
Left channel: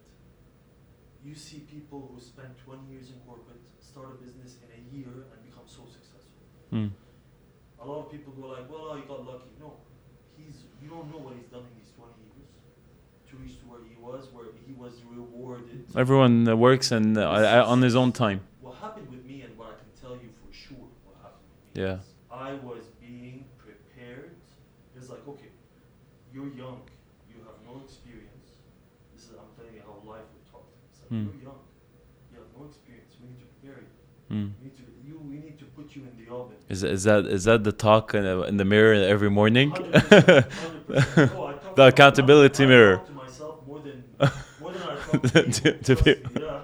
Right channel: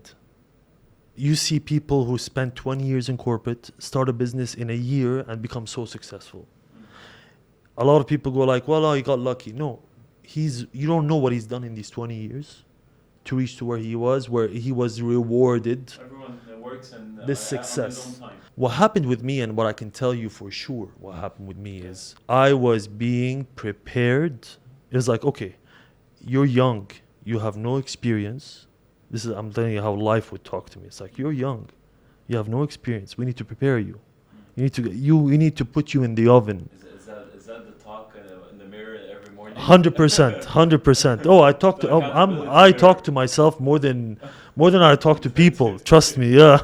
you see people who spend 20 years in corporate, start a business in a year and become so successful. Mm. A lot of people go like, well, he got lucky. No, you don't know what he's done in these 20 years to reach to where he was rewarded. Everyone works and on his own time. What happened with me, and what I can tell you for sure, what happened with me Yeah. is I was being prepared. It was like, okay, you're young, you have no experience. I'm telling you how life would talk to me. It's like, you're young, you have no experience. We need to prepare you. You need to put you in the oven. Is that the talk in the mirror every morning? 100%, 100%. Oh, I talk The to accountability I mirror. talk to myself more than I talk to people. Trust me. Yeah.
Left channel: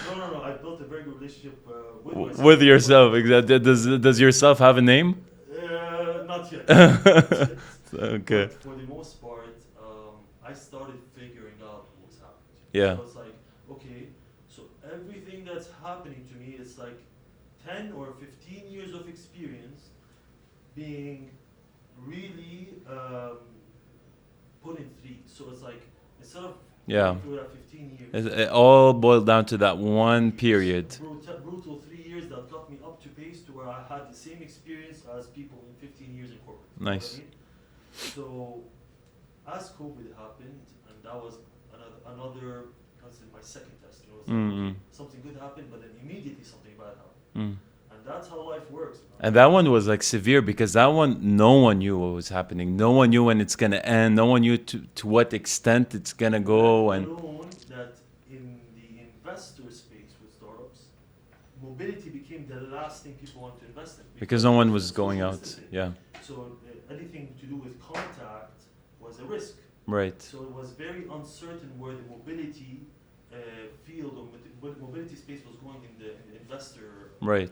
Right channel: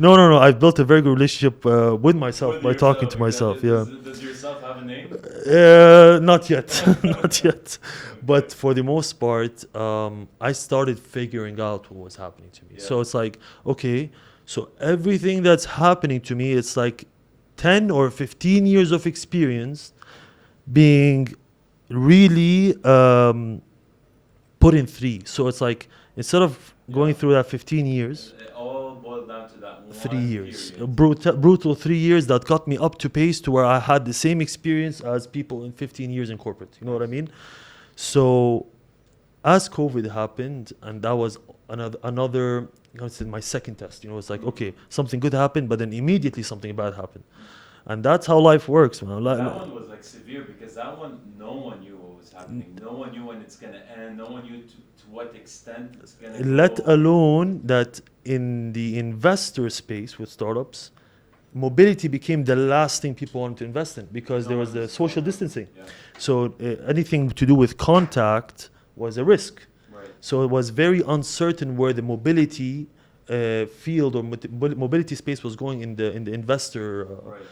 No. I've built a very good relationship with myself. With by yourself. talking to myself, Exactly. Does yourself have a name? Not yet. Not yet. Okay. But for the most part, I started figuring out what was happening to me. Yeah. So it's like, okay, so everything that's happening to me, it's like 10 or 15 years of experience being really put in 3. So it's like, instead of going through that 15 years, It all boiled down to that 3 one years. period. Brutal 3 years that got me up to pace to where I had the same experience as people in 15 years in corporate. You know what I mean? So as COVID happened, and that was another my second test. It's like, okay, something good happened, but then immediately something bad happened. And that's how life works, man. And that one was like severe because that one, no one knew what was happening. No one knew when it's going to end. No one knew to what extent it's going to go. Let alone that in the investor space with startups, mobility became the last thing people wanted to invest in because no one was social going out. distancing. Yeah. So anything to do with contact was a risk. Right. So it was very uncertain where the mobility field or mobility space was going in the investor Right.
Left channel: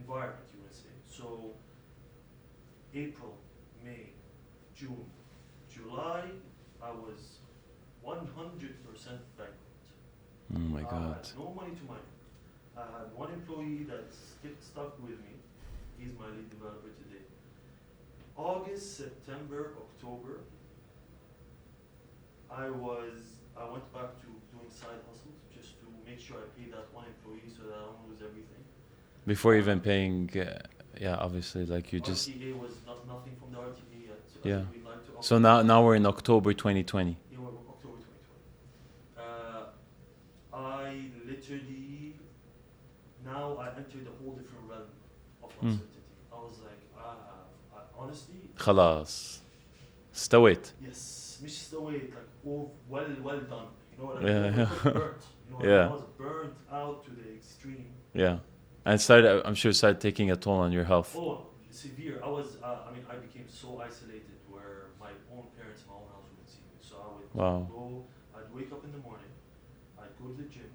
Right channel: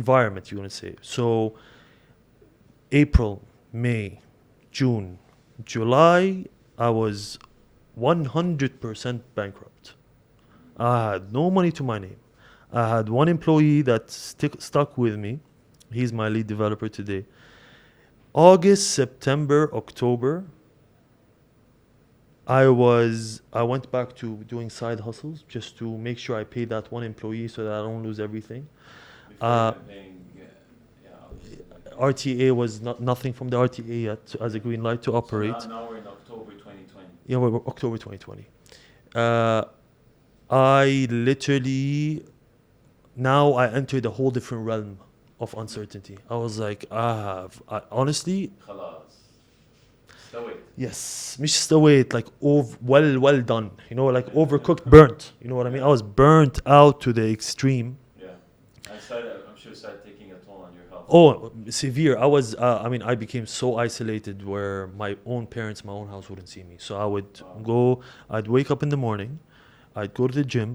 environment, you want to say. So April, May, June, July, I was 100% bankrupt. I had no money to my name. I had one employee that stuck with me. He's my lead developer today. August, September, October, I went back to doing side hustles just to make sure I pay that one employee so that I don't lose everything. Before even paying, obviously, like you RTA was nothing from the RTA yet as a green light to operate. So now we're in October 2020. Yeah, we're October 2020. I literally, now I entered a whole different realm of uncertainty. I was like, honestly, خلاص. استويت. yes, مش استويت, like well done, overcooked, burnt. You know what I mean? I was burnt out to the extreme. Yeah. And I'm sure it started taking a toll on your health. Oh, severe. I became so isolated where my own parents, my own house wouldn't see me. So I would I'd wake up in the morning, I'd go to the gym.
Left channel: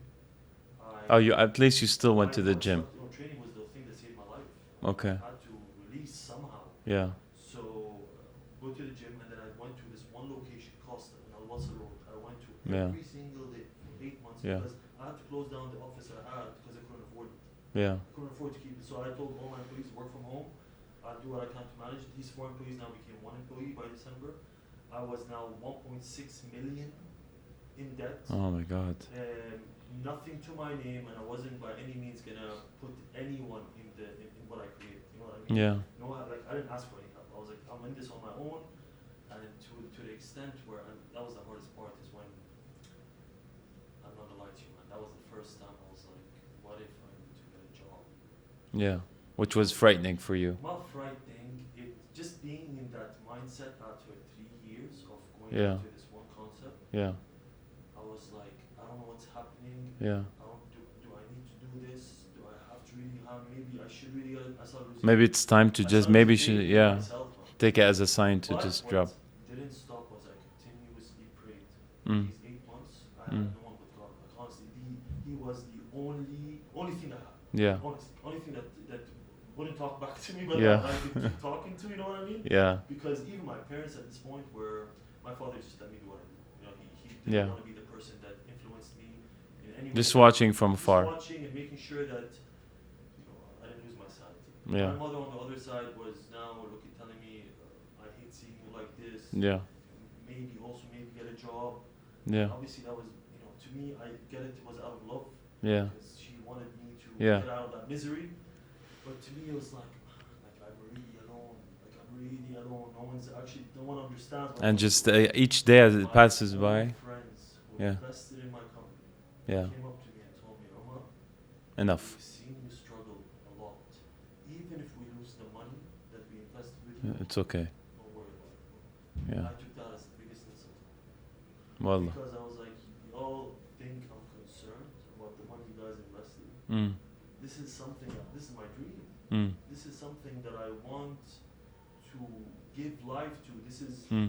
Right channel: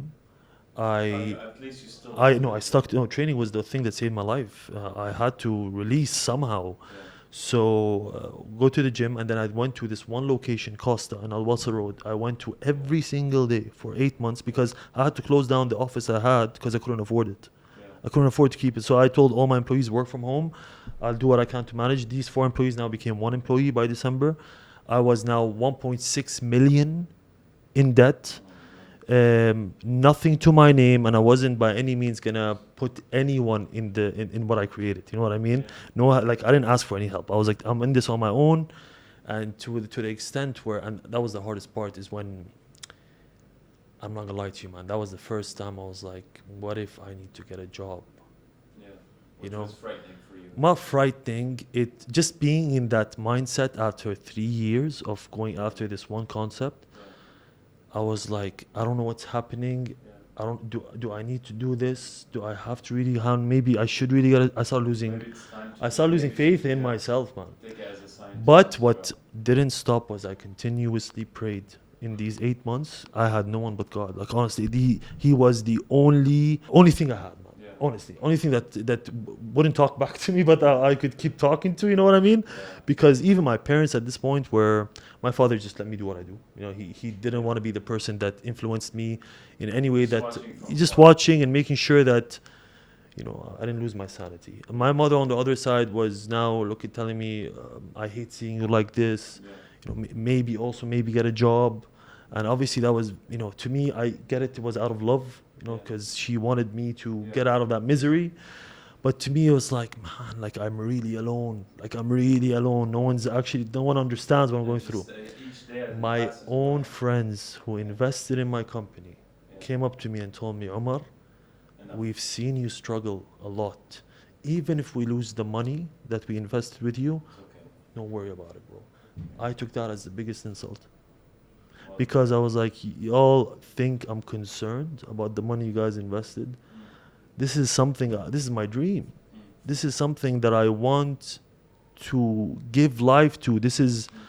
At least you still went to the gym. Training was the thing that saved my life. Okay. I had to release somehow. Yeah. So go to the gym, and then I went to this one location, Costa, on Al Wasl Road. I went to every single day for 8 months because I had to close down the office I had because I couldn't afford it. Yeah. I couldn't afford to keep it. So I told all my employees work from home. I'll do what I can to manage. These 4 employees now became 1 employee by December. I was now 1.6 million in debt. Oh my God. Nothing to my name, and I wasn't by any means gonna put anyone in what I created. You know what I mean? Yeah. No, like I didn't ask for any help. I was like, I'm in this on my own, and to the extent where, and that was the hardest part, is when, I'm not gonna lie to you, man, that was the first time I was like, what if I need to get a job? Yeah. Which was frightening for you. Not frightening. It just being in that mindset after 3 years of going after this one concept. Yeah. I was like, I don't know what's happening. Yeah. I don't do I need to do this? Do I have to really? Maybe I should really get it. I started losing. Maybe it's time to faith in yeah, myself, man. take it as a sign. But what didn't stop was I continuously prayed. In these 8 months, I had no one but God. Like honestly, he was the only thing I had. Man. Yeah. Honestly, only thing that wouldn't talk back to me, but I could keep talking to. You know what I mean? Yeah. Because even my parents at this point were, my father just let me do what I do. He didn't want to be the person that influenced me in any way. Just watching from just far. watching and making sure that, I didn't lose my sanity. Yeah. My mother on the other side was now telling me, I hate seeing you like this. Yeah. Maybe get a job. Yeah. And obviously that was, to me, I get it was out of love, because she wanted me to get out of that misery. But to me, it was like, man, like I'm really alone. No one understands what I'm going through. And just each day as it passes by. My own friends who invested in my company came up to me and told me, Omar, enough. We've seen you struggle a lot. Even if we lose the money that we invested with you, it's okay. Don't worry about it, bro. Yeah. I took that as the biggest insult. Well, because I was like, y'all think I'm concerned about the money you guys invested. this is something, this is my dream. Mm. This is something that I want to give life to. This is, Mm.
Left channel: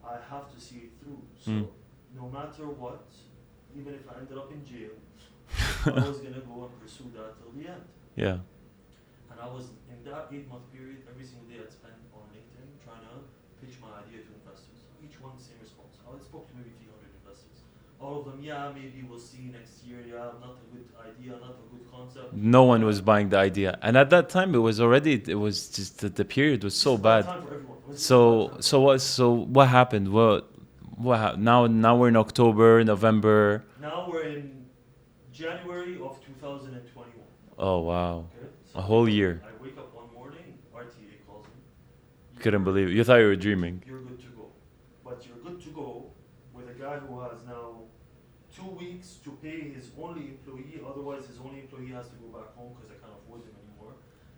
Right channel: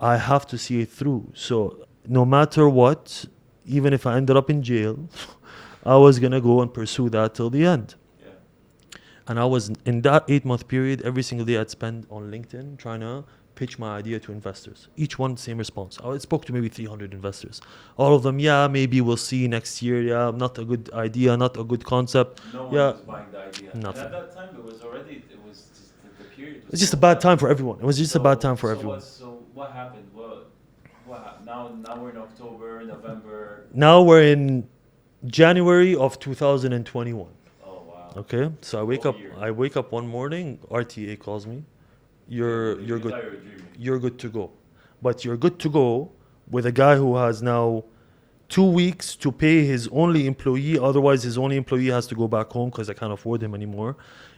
I have to see it through. So no matter what, even if I ended up in jail, I was going to go and pursue that till the end. Yeah. And I was in that 8-month period, every single day I'd spend on LinkedIn trying to pitch my idea to investors. Each one, same response. I spoke to maybe 300 investors. All of them, yeah, maybe we'll see next year. Yeah, not a good idea, not a good concept. No one Yeah. was buying the idea. Nothing. And at that time, it was just the period was It's just so a bad time for everyone. It was just a bad time for everyone. So what happened? What happened? Now we're in October, November. Now we're in January of 2021. Oh, wow. Okay, so A I wake whole up. year. I wake up one morning. RTA calls me. Couldn't believe it. you're You good- thought you were dreaming. You're good to go, but you're good to go with a guy who has now 2 weeks to pay his only employee. Otherwise, his only employee has to go back home because I can't afford him anymore.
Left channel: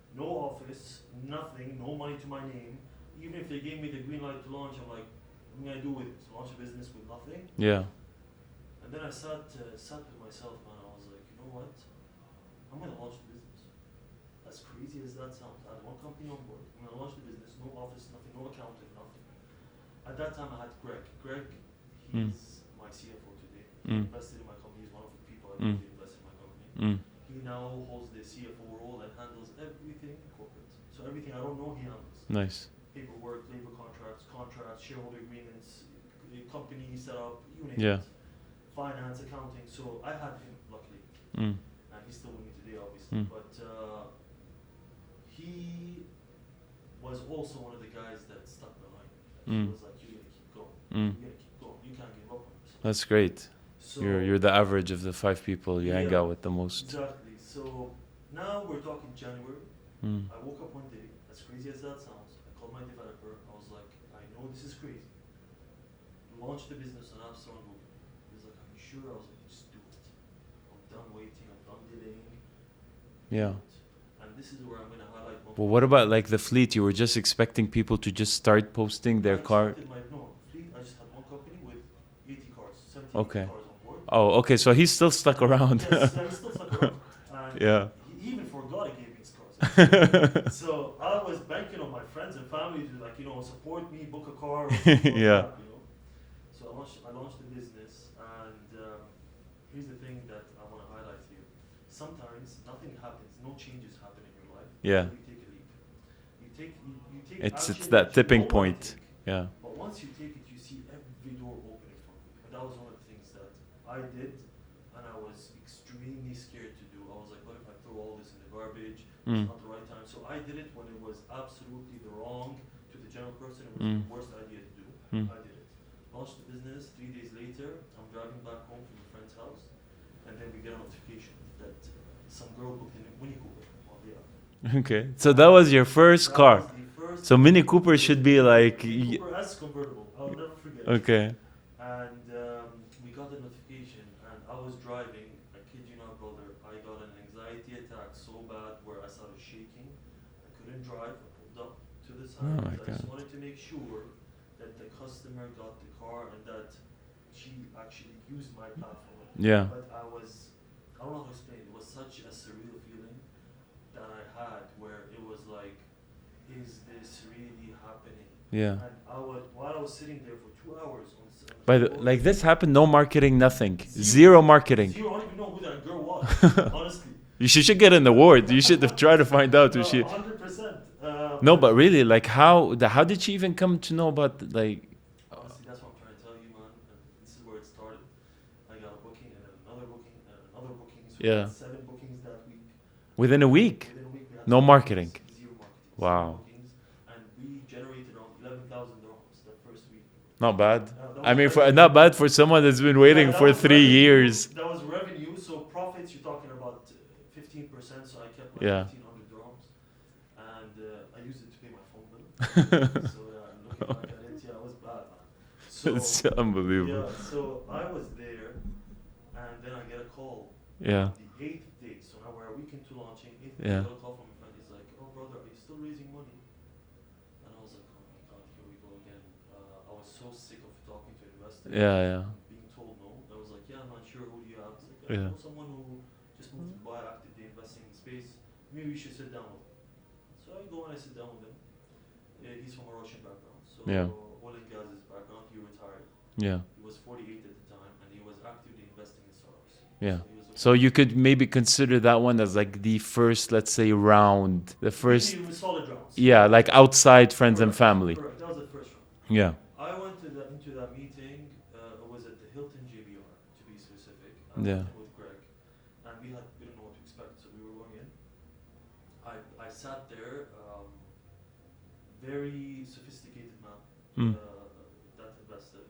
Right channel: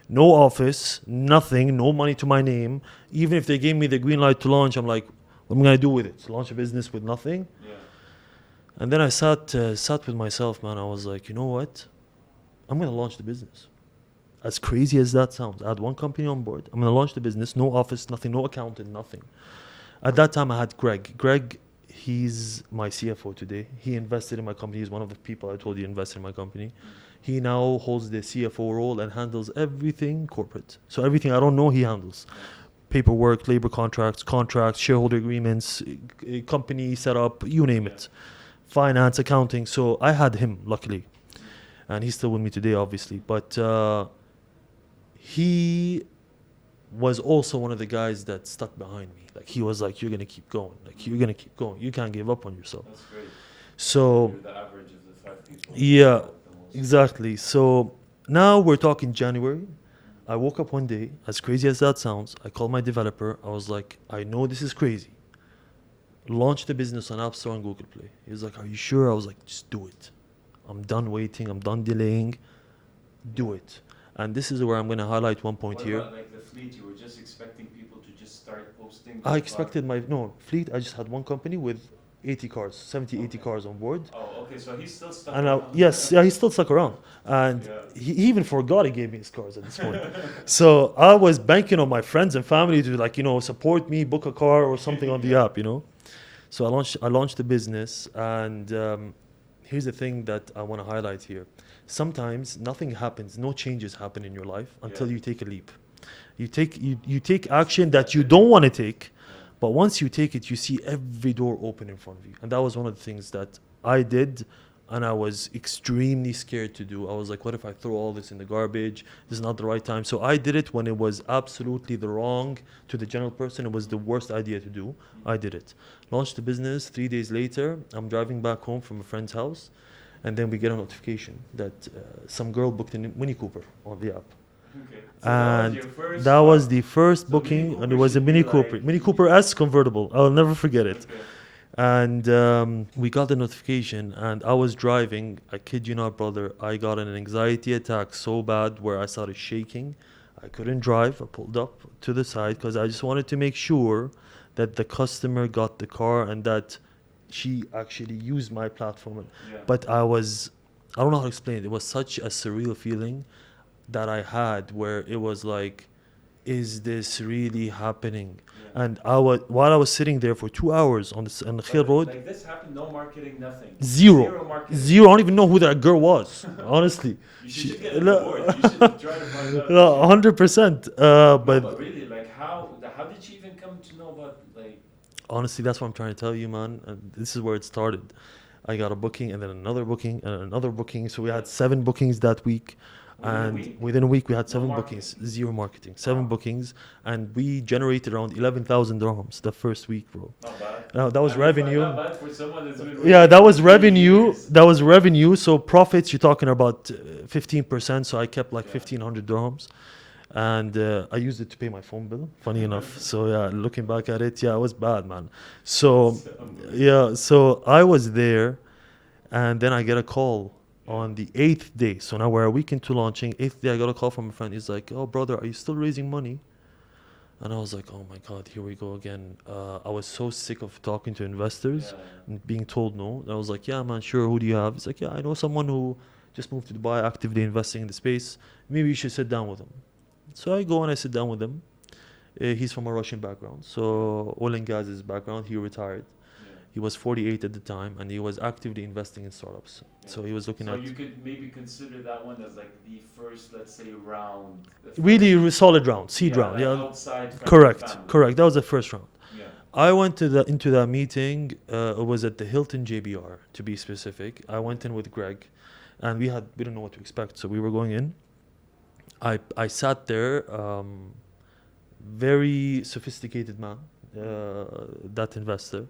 No office, nothing, no money to my name. Even if they gave me the green light to launch, I'm like, what am I gonna do with it? Launch a business with nothing? Yeah. And then I sat with myself, man. I was like, you know what? I'm gonna launch the business. As crazy as that sounds, I had one company on board. I'm gonna launch the business. No office, nothing, no accountant, nothing. At that time, I had Greg. Greg, he's my CFO today. He invested in my company. He's one of the people I told you invested in my company. He now holds the CFO role and handles everything corporate. So everything I don't know, he handles. Nice. Paperwork, labor contracts, shareholder agreements, company setup, you name Yeah. it. Finance, accounting. So I had him, luckily. Mm. And he's still with me today, obviously. But he was also one of the guys that stuck behind me. Like he was like, "You're gonna keep going. Like you're gonna keep going. You can't give up on yourself." That's great. So You're the average of the 5 people you Yeah. hang out with the most. exactly. So now we're talking January. I woke up one day, as crazy as that sounds. I called my developer. I was like, "I know this is crazy. Launch the business on App Store and Google Play." He was like, "Are you sure?" I was like, "Just do it. I'm done waiting. I'm done delaying. Do Yeah. it." And this is where I'm going to highlight one point. But what here. about like the fleet? You were just expecting people to just start posting their I car. expected my fleet. I just had one company with 80 cars, 70, 80 Okay. cars on board. Oh, okay. So he's still stuck And around. yes, yeah, he still stuck around. And Yeah. he even forgot he gave me his cars at this point. So I was banking on my friends and family to support me, book a car or something on the Yeah. app, So I launched the business, and here's the thing that I want to highlight here. Sometimes nothing happens, no changes happen in your life until you take a leap. You take action that that you tipping don't want to point. take. Yeah. But once you take it, you see every door open in front of you. And that was one of the things that I did, and I was extremely scared to do. I was like, what if I throw all this in the garbage? It's not the right time. So I did it when it was absolutely the wrong to the general person. It was the worst idea to do. I did it. Launched the business. 3 days later, I'm driving back home from a friend's house. And then we get a notification that some girl booked a Mini Cooper on the app. Okay. So that was your first That car. was the first So Mini booking, Cooper and it was should a be Mini like Cooper. Mini Cooper S convertible. I'll never forget it. Okay. And we got the notification, and I was driving. I kid you not, brother. I got an anxiety attack so bad where I started shaking. I couldn't drive. I pulled up to the side because I just wanted to make sure that the customer got the car and that she actually used my platform. Yeah. But I don't know how to explain it. It was such a surreal feeling that I had where it was like, is this really happening? Yeah. And while I was sitting there for 2 hours on the But road, like this happened, no marketing, nothing. Zero Marketing. zero. I don't even know who that girl was, honestly. You should get an award. You should have tried to find out. You should- 100%. No, but really, like how did she even come to know about like? Honestly, that's what I'm trying to tell you, man. And this is where it started. I got a booking and then another booking and another booking. So we Yeah. had 7 bookings that week. Within a And week? Within a week, we had No 7 marketing? bookings. Zero marketing. Wow. 7 bookings. And we generated around 11,000 dirhams the first week, bro. Not bad. That was I mean, revenue. not bad for someone that's been waiting. Yeah, that for was 3 revenue. years. That was revenue. So profits, you're talking about 15%. So I kept like Yeah. 1,500 dirhams. And I used it to pay my phone bill, funny enough. So yeah, looking back at it, yeah, it was bad, man. So It's unbelievable. yeah, so I was there, and then I get a call Yeah. on the 8th day. So now we're a week into launching. 8th day, I Yeah. got a call from a friend. He's like, "Oh, brother, are you still raising money?" And I was like, "Oh my God, here we go again." I was so sick of talking to investors Yeah, yeah. and being told no. And I was like, "Yeah, man, sure. Who do you have?" He's like, "Yeah, I Yeah. know someone who just moved to Dubai, actively investing in the space. Maybe you should sit down with him. So I go and I sit down with him. He's from a Russian background, so oil and gas is his background. He retired. Yeah. He was 48 at the time, and he was actively investing in startups. Yeah. So he was looking. So at you could maybe consider that one as like the first, let's say, round. The first, really solid round. seed yeah, round, like outside friends correct, and family. Correct. That was the first round. Yeah. I went into that meeting. It was at the Hilton JBR, to be specific. I went Yeah. in with Greg, and we didn't know what to expect, so we were going in. I sat there, very sophisticated man, that investor,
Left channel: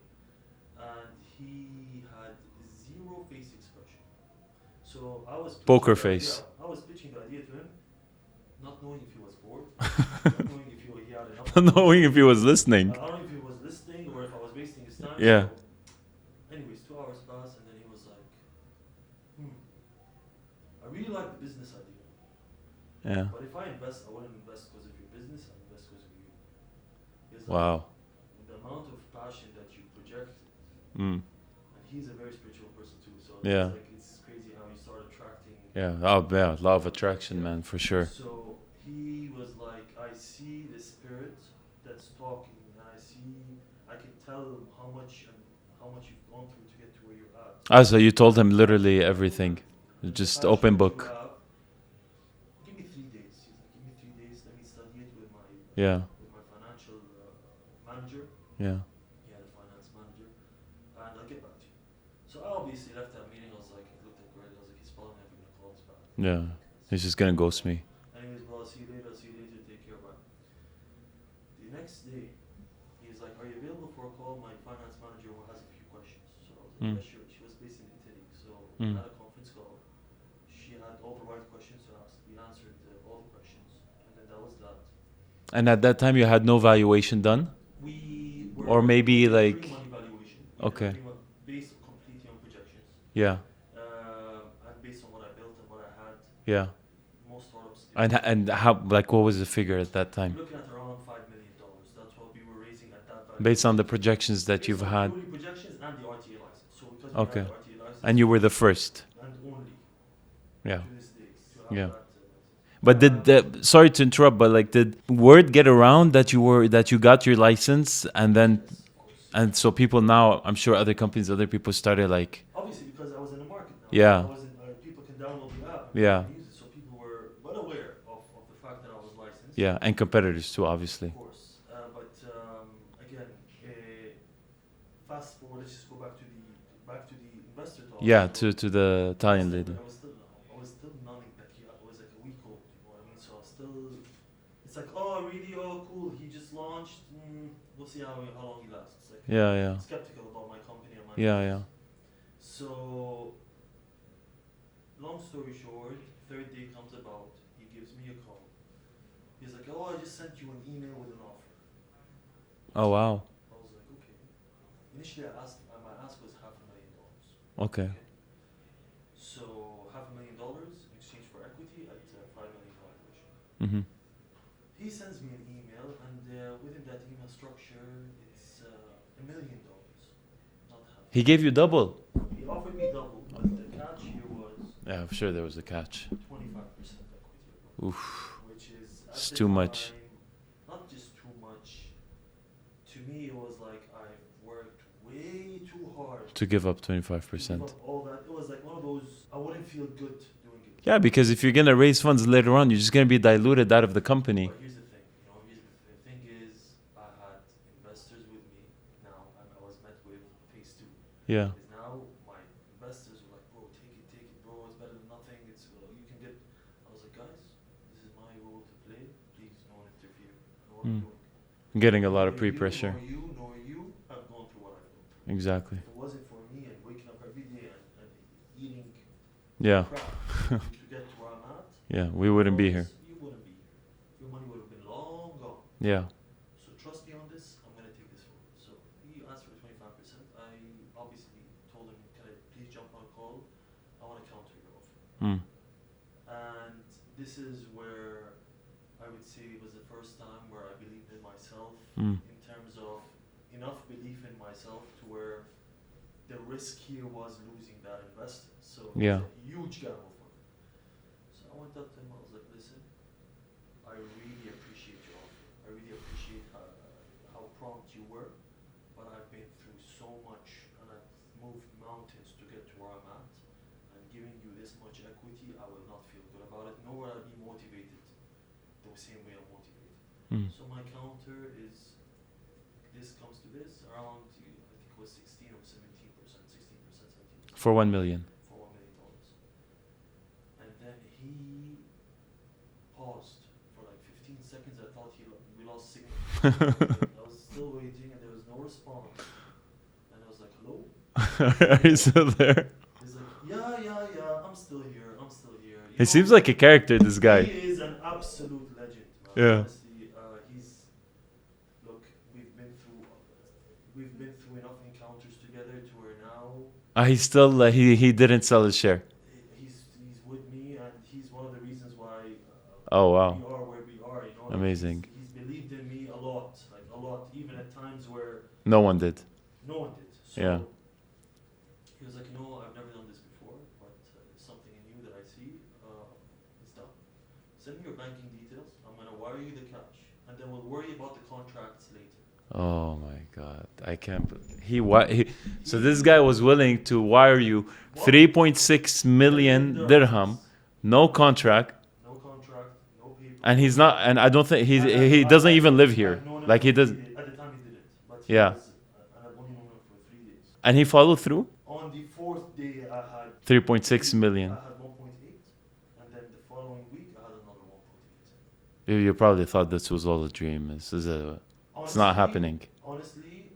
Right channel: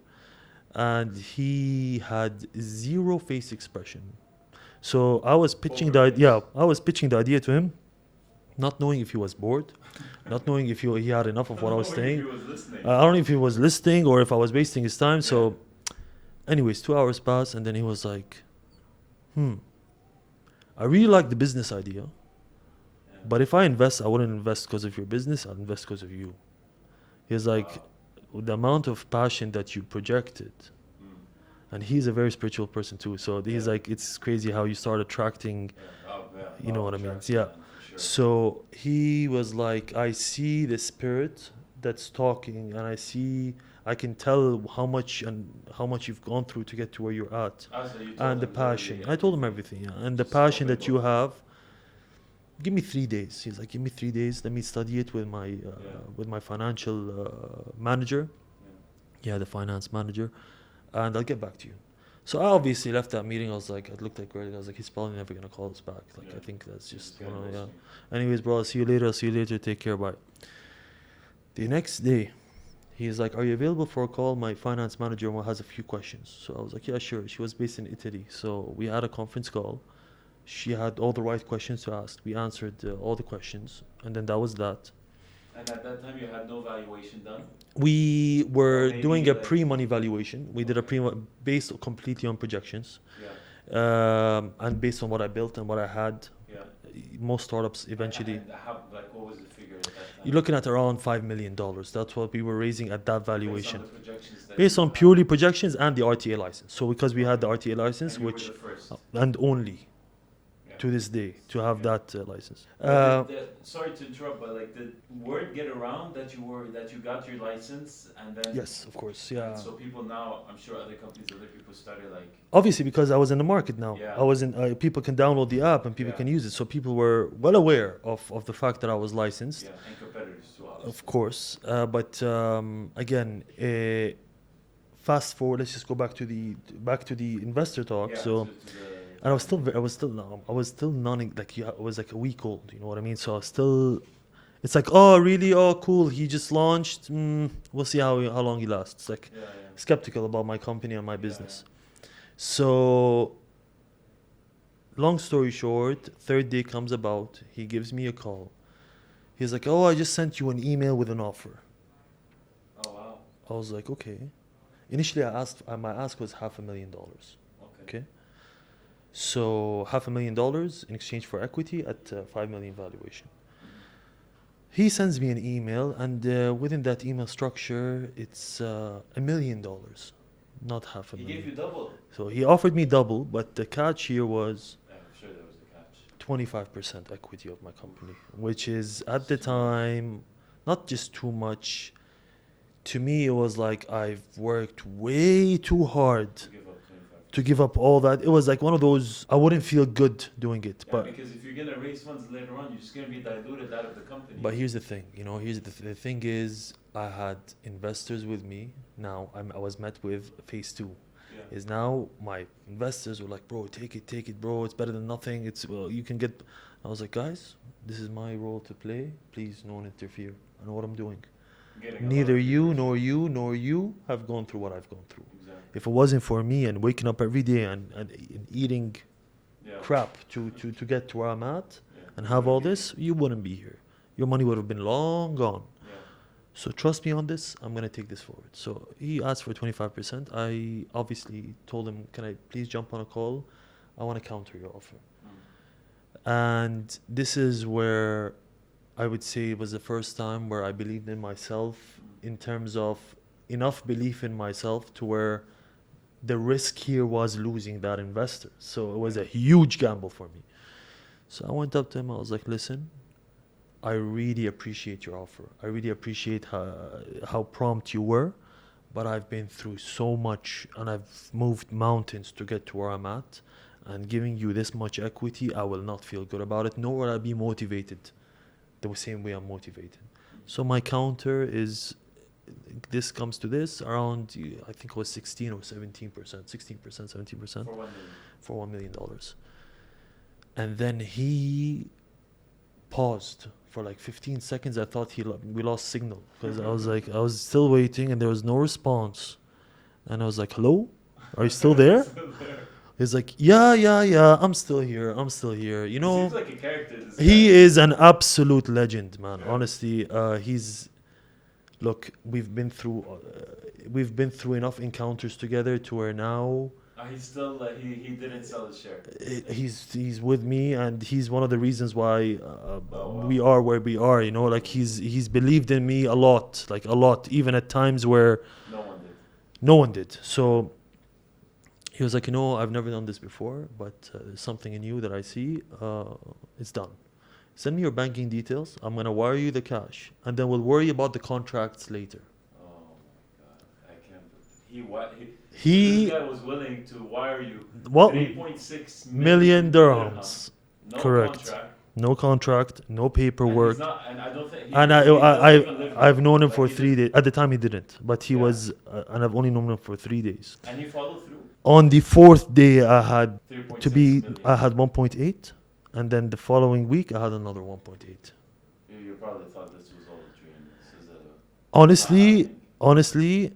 and he had zero face expression. So I was pitching Poker face. I was pitching the idea to him, not knowing if he was bored, not knowing if he had enough of what I was Knowing saying. if he was listening. I don't know if he was listening or if I was wasting his time. Yeah. So, anyways, 2 hours passed, and then he was like, I really like the business idea, Yeah. but if I invest, I wouldn't invest because of your business, I'd invest because of you. He's like, Wow. the amount of passion that you projected, and he's a very spiritual person too. So Yeah. he's like, it's crazy how you start attracting. Yeah. Oh, yeah. Law know of what I mean? attraction, Yeah. man, for sure. So he was like, I see the spirit that's talking, and I can tell how much you've gone through to get to where you're at. Ah, so you told And him the literally passion. I told him everything. everything, yeah. And Just the passion open that you book. have. Give me 3 days. He's like, give me 3 days. Let me study it with my financial manager. Yeah. Yeah, the finance manager, and I'll get back to you. So I obviously left that meeting. I looked at Greg. I was like, he's probably never gonna call us back. Like, Yeah. I think that's He's just gonna oh, ghost yeah. me. Anyways, bro, I'll see you later. Take care. Bye. The next day, he's like, are you available for a call? My finance manager has a few questions. So I was like, yeah, sure. She was based in Italy. So we had a conference call. She had all the right questions to ask. We answered all the questions. And then that was that. And at that time, you had no valuation done? We were Or maybe doing a like- pre-money valuation. We did a Okay. pre based completely on projections. Yeah. And based on what I built and what I had. Yeah. Most startups And, eventually. and how, like, what was the figure at that time? You're looking at around $5 million. That's what we were raising at that valuation. Based on the projections that based you on had. purely projections and the RTA license. So because we had Okay. the RTA license, And you were the which- first. and only Yeah. to this day to have Yeah. that license. But sorry to interrupt, but like, did word get around that you got your license, and then Yes, of course. Yeah. and so people now, I'm sure other companies, other people started like, obviously because I was in the market now. Yeah. I was in. People can download the app and people Yeah. can use it. So people were well aware of the fact that I was licensed. yeah, and competitors too, obviously. Of course. But again, fast forward. Let's just go back to the investor talk. Yeah, So to the I time. was still non like I was like a week old. You know what I mean? So I was still. It's like, oh really? Oh cool. He just launched. We'll see how long he lasts. Like Yeah. skeptical about my company and my Yeah, business. yeah. So long story short, third day comes about. He gives me a call. He's like, oh, I just sent you an email with an offer. Oh wow. I was like, okay. Initially, I asked. My ask was $500,000. Okay. Okay. So $500,000 in exchange for equity at 5 million valuation. Mm-hmm. He sends me an email, and within that email structure, it's $1 million, not half. He gave you double. So he offered me double, but the catch here was Yeah, I'm sure there was a catch. 25% equity of my company, which is at It's the too much. time not just too much. To me, it was like I've worked way too hard To give up 25%. to give up all that. It was like one of those, I wouldn't feel good doing it. Yeah, because if you're gonna raise funds later on, you're just gonna be diluted out of the company. But here's the thing, the thing is, I had investors with me. Now I was met with phase 2. Yeah. Is now my investors were like, bro, take it, bro. It's better than nothing. You can get. I was like, guys, this is my role to play. Please, no one interfere. I know what I'm doing. Getting a lot of Neither you pre-pressure. nor you have gone through what I've gone through. Exactly. If it wasn't for me and waking up every day and eating Yeah. crap to get to where I'm at, Yeah. and We have wouldn't all be this, you wouldn't be here. Your money would have been long gone. here. Yeah. So trust me on this. I'm gonna take this forward. So he asked for 25%. I obviously told him, can I please jump on a call? I want to counter your offer. And this is where I would say it was the first time where I believed in myself in terms of enough belief in myself to where the risk here was losing that investor. So it was Yeah. a huge gamble for me. So I went up to him. I was like, listen, I really appreciate your offer. I really appreciate how prompt you were. But I've been through so much and I've moved mountains to get to where I'm at. And giving you this much equity, I will not feel good about it, nor will I be motivated the same way I'm motivated. So my counter is, this comes to this around, I think it was 16 or 17%, 16%, 17%. For 1 million. For $1 million. And then he paused for like 15 seconds. I thought we lost signal. I was like, I was still waiting and there was no response. And I was like, hello? Are you still there? Still there. He's like, yeah, I'm still here. You know, It seems like a character, this guy. he is an absolute legend, man. Yeah. Honestly, look, we've been through enough encounters together to where now He still he didn't sell his share. he's with me, and he's one of the reasons why Oh, wow. we are where we are. You know, like Amazing. he's believed in me a lot, even at times where No one did. no one did. So. Yeah. He was like, I've never done this before, but there's something in you that I see. It's done. Send me your banking details. I'm going to wire you the cash. And then we'll worry about the contracts later. Oh my God. I can't. So this guy was willing to wire you 3.6 million dirham. No Correct. contract. No contract, no paperwork. And he's not, and I don't think he And doesn't even live here. I've known him Like, for he 3 does- days. At the time he didn't, but he Yeah. was, and I've only known him for 3 days. And he followed through? On the 4th day, I had 3.6 million. I had 1.8, and then the following week, I had another 1.8. You probably thought this was all a dream. This is it's not happening. Honestly,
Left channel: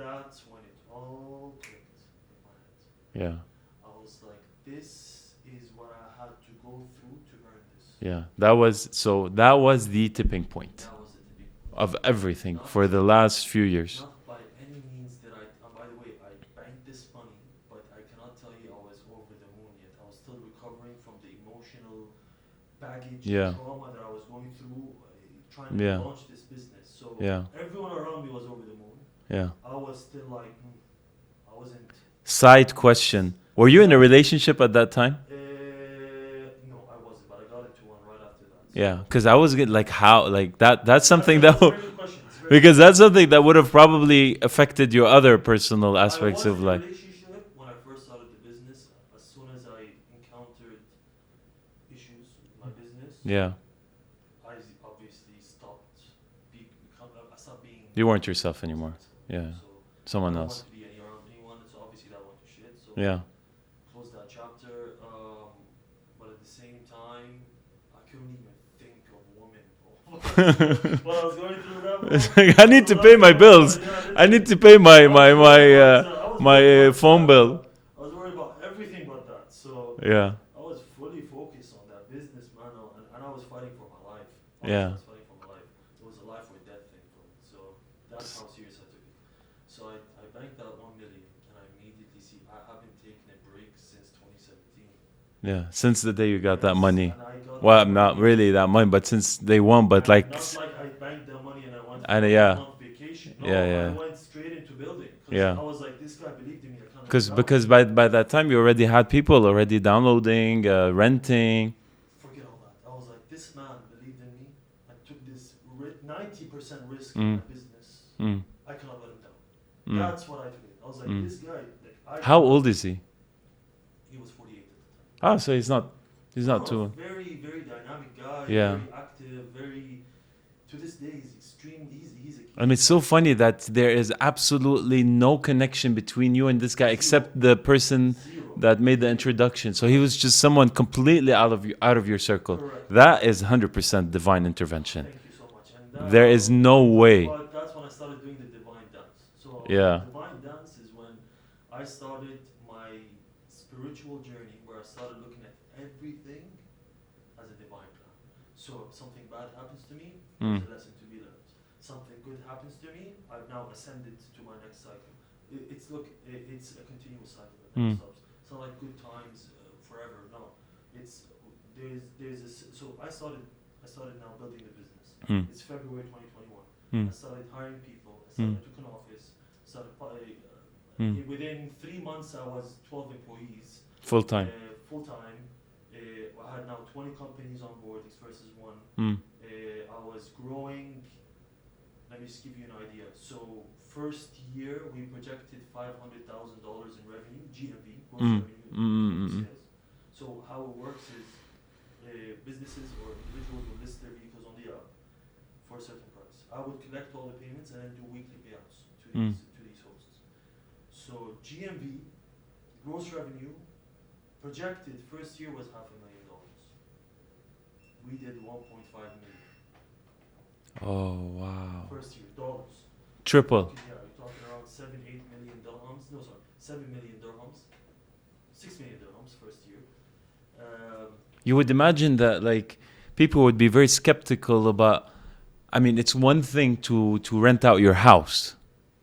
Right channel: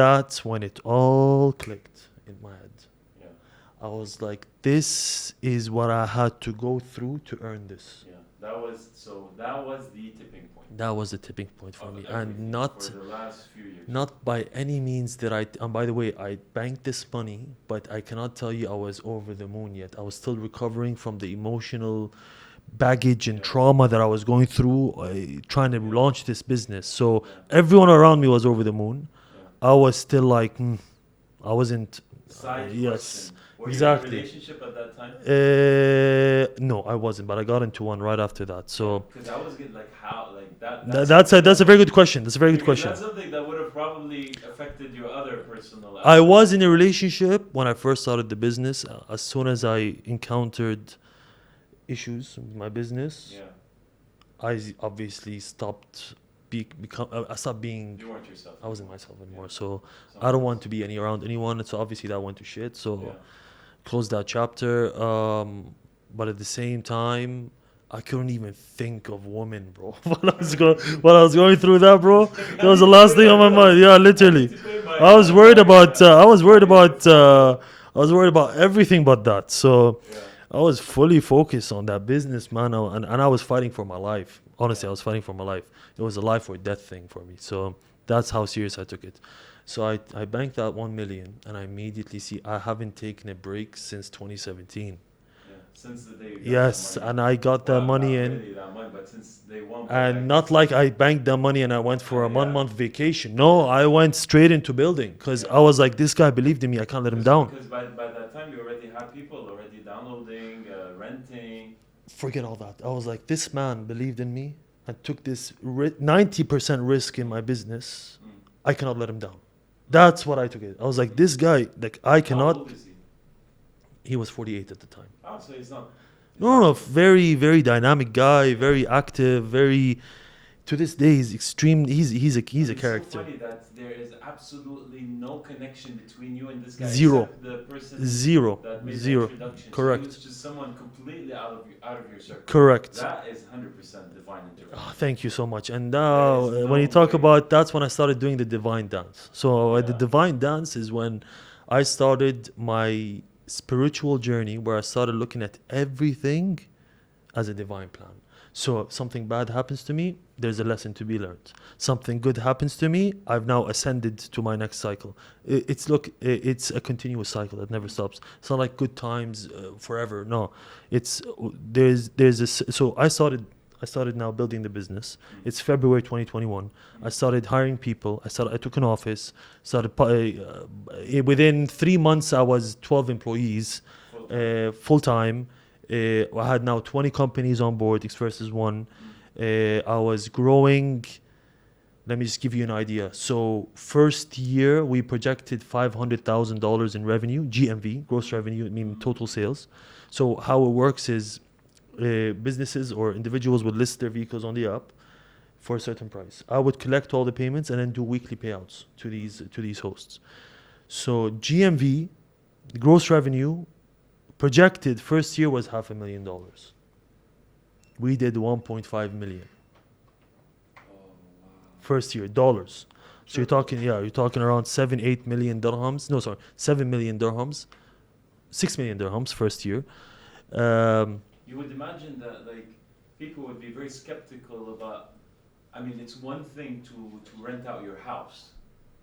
that's when it all clicked in my head. Yeah. I was like, this is what I had to go through to earn this. Yeah. That was the tipping point That was the tipping point for of me. And everything for the last few years. Not by any means did I, and by the way, I banked this money, but I cannot tell you I was over the moon yet. I was still recovering from the emotional baggage and trauma that I was going through trying to launch this business. So everyone around me was over the moon. Yeah. I was still like, I wasn't. Side question. Were you in a relationship at that time? No, I wasn't, but I got into one right after that. So because I was like, how, like that's something something that's a very good question. That's a very good because question. that's something that would have probably affected your other personal aspects. I was in a life. relationship when I first started the business. As soon as I encountered issues with my business, I obviously stopped. I stopped being. You weren't yourself I anymore. wasn't myself anymore. So Someone I don't else. want to be around anyone. So obviously that went to shit. So Yeah. closed that chapter. But at the same time, I couldn't even think of women, bro. While I was going through that, bro. Like, I that was need the to last pay thing my on my bills. mind. Yeah, literally. I need to pay my. I was worried about. I was worried about. phone bill. I was worried about everything but that. So Yeah. I was fully focused on that business, man, and I was fighting for my life. Honestly, Yeah. I was fighting for my life. It was a life or death thing for me. So that's how serious I took it. So I banked that 1 million, and I immediately see I haven't taken a break since 2017. Yeah. Since the day you got that money. And I got Well, that money. not really that money, but since day one. But and like not like I banked that money and I went for a 1 month vacation. No, Yeah, yeah. I went straight into building because I was like, this guy believed in me. I can't let him down. Because by that time you already had people already downloading, renting. Forget all that. I was like, this man believed in me and took this 90% risk in my business. I cannot let him down. That's what I took it. I was like, this guy, like I cannot. How old is he? He was 48 at the time. Oh, so he's not. No, very, very dynamic guy, Yeah. very active, very. To this day, he's extreme. He's a. He's And a it's so character. funny that there is absolutely no connection between you and this guy Zero. except the person Zero. that made the Zero. introduction. So he Correct. was just someone completely out of your circle. Correct. That is 100% divine intervention. Thank you so much. And There is no when you talk way. about that's when I started doing the divine dance. So the divine dance is when I started my spiritual journey, where I started looking at everything as a divine plan. So if something bad happens to me, there's a lesson to be learned. Something good happens to me, I've now ascended to my next cycle. It's a continuous cycle that never stops. It's not like good times forever. No, it's there's a. So I started I started now building the business. Mm. It's February 2021. Mm. I started hiring people. I took an office. Mm. Within 3 months, I was 12 employees. Full time. Full time. I had now 20 companies on board, X versus one. I was growing. Let me just give you an idea. So first year, we projected $500,000 in revenue, GMV, gross revenue, meaning total sales. So how it works is businesses or individuals would list their vehicles on the app for a certain price. I would collect all the payments and then do weekly payouts to these hosts. So GMV, gross revenue, projected first year was $500,000. We did 1.5 million. Oh wow. First year, dollars. Triple. So you're talking around 7-8 million dirhams. No, sorry, 7 million dirhams. 6 million dirhams first year. You would imagine that like people would be very skeptical about. I mean, it's one thing to rent out your house,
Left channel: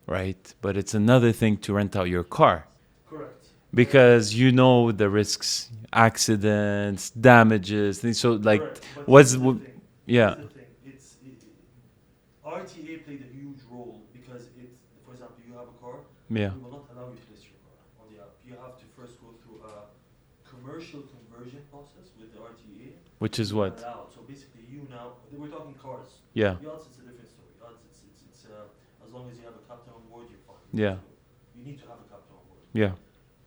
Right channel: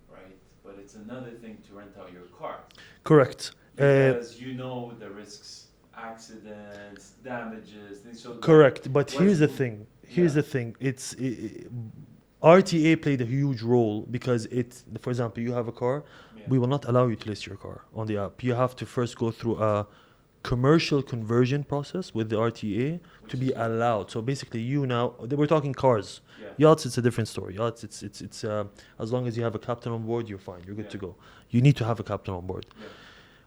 right? But it's another thing to rent out your car. Correct. Because you know the risks, accidents, damages, things. So Correct. Like, But what's here's the thing. Here's yeah. the thing. RTA played a huge role because for example, you have a car. Yeah. We will not allow you to list your car on the app. You have to first go through a commercial conversion process with the RTA, Which to is be what? allowed. So basically, we're talking cars. Yeah. Yachts, it's a different story. Yachts, it's as long as you have a captain on board, you're fine. You're good to go. You need to have a captain on board. Yeah.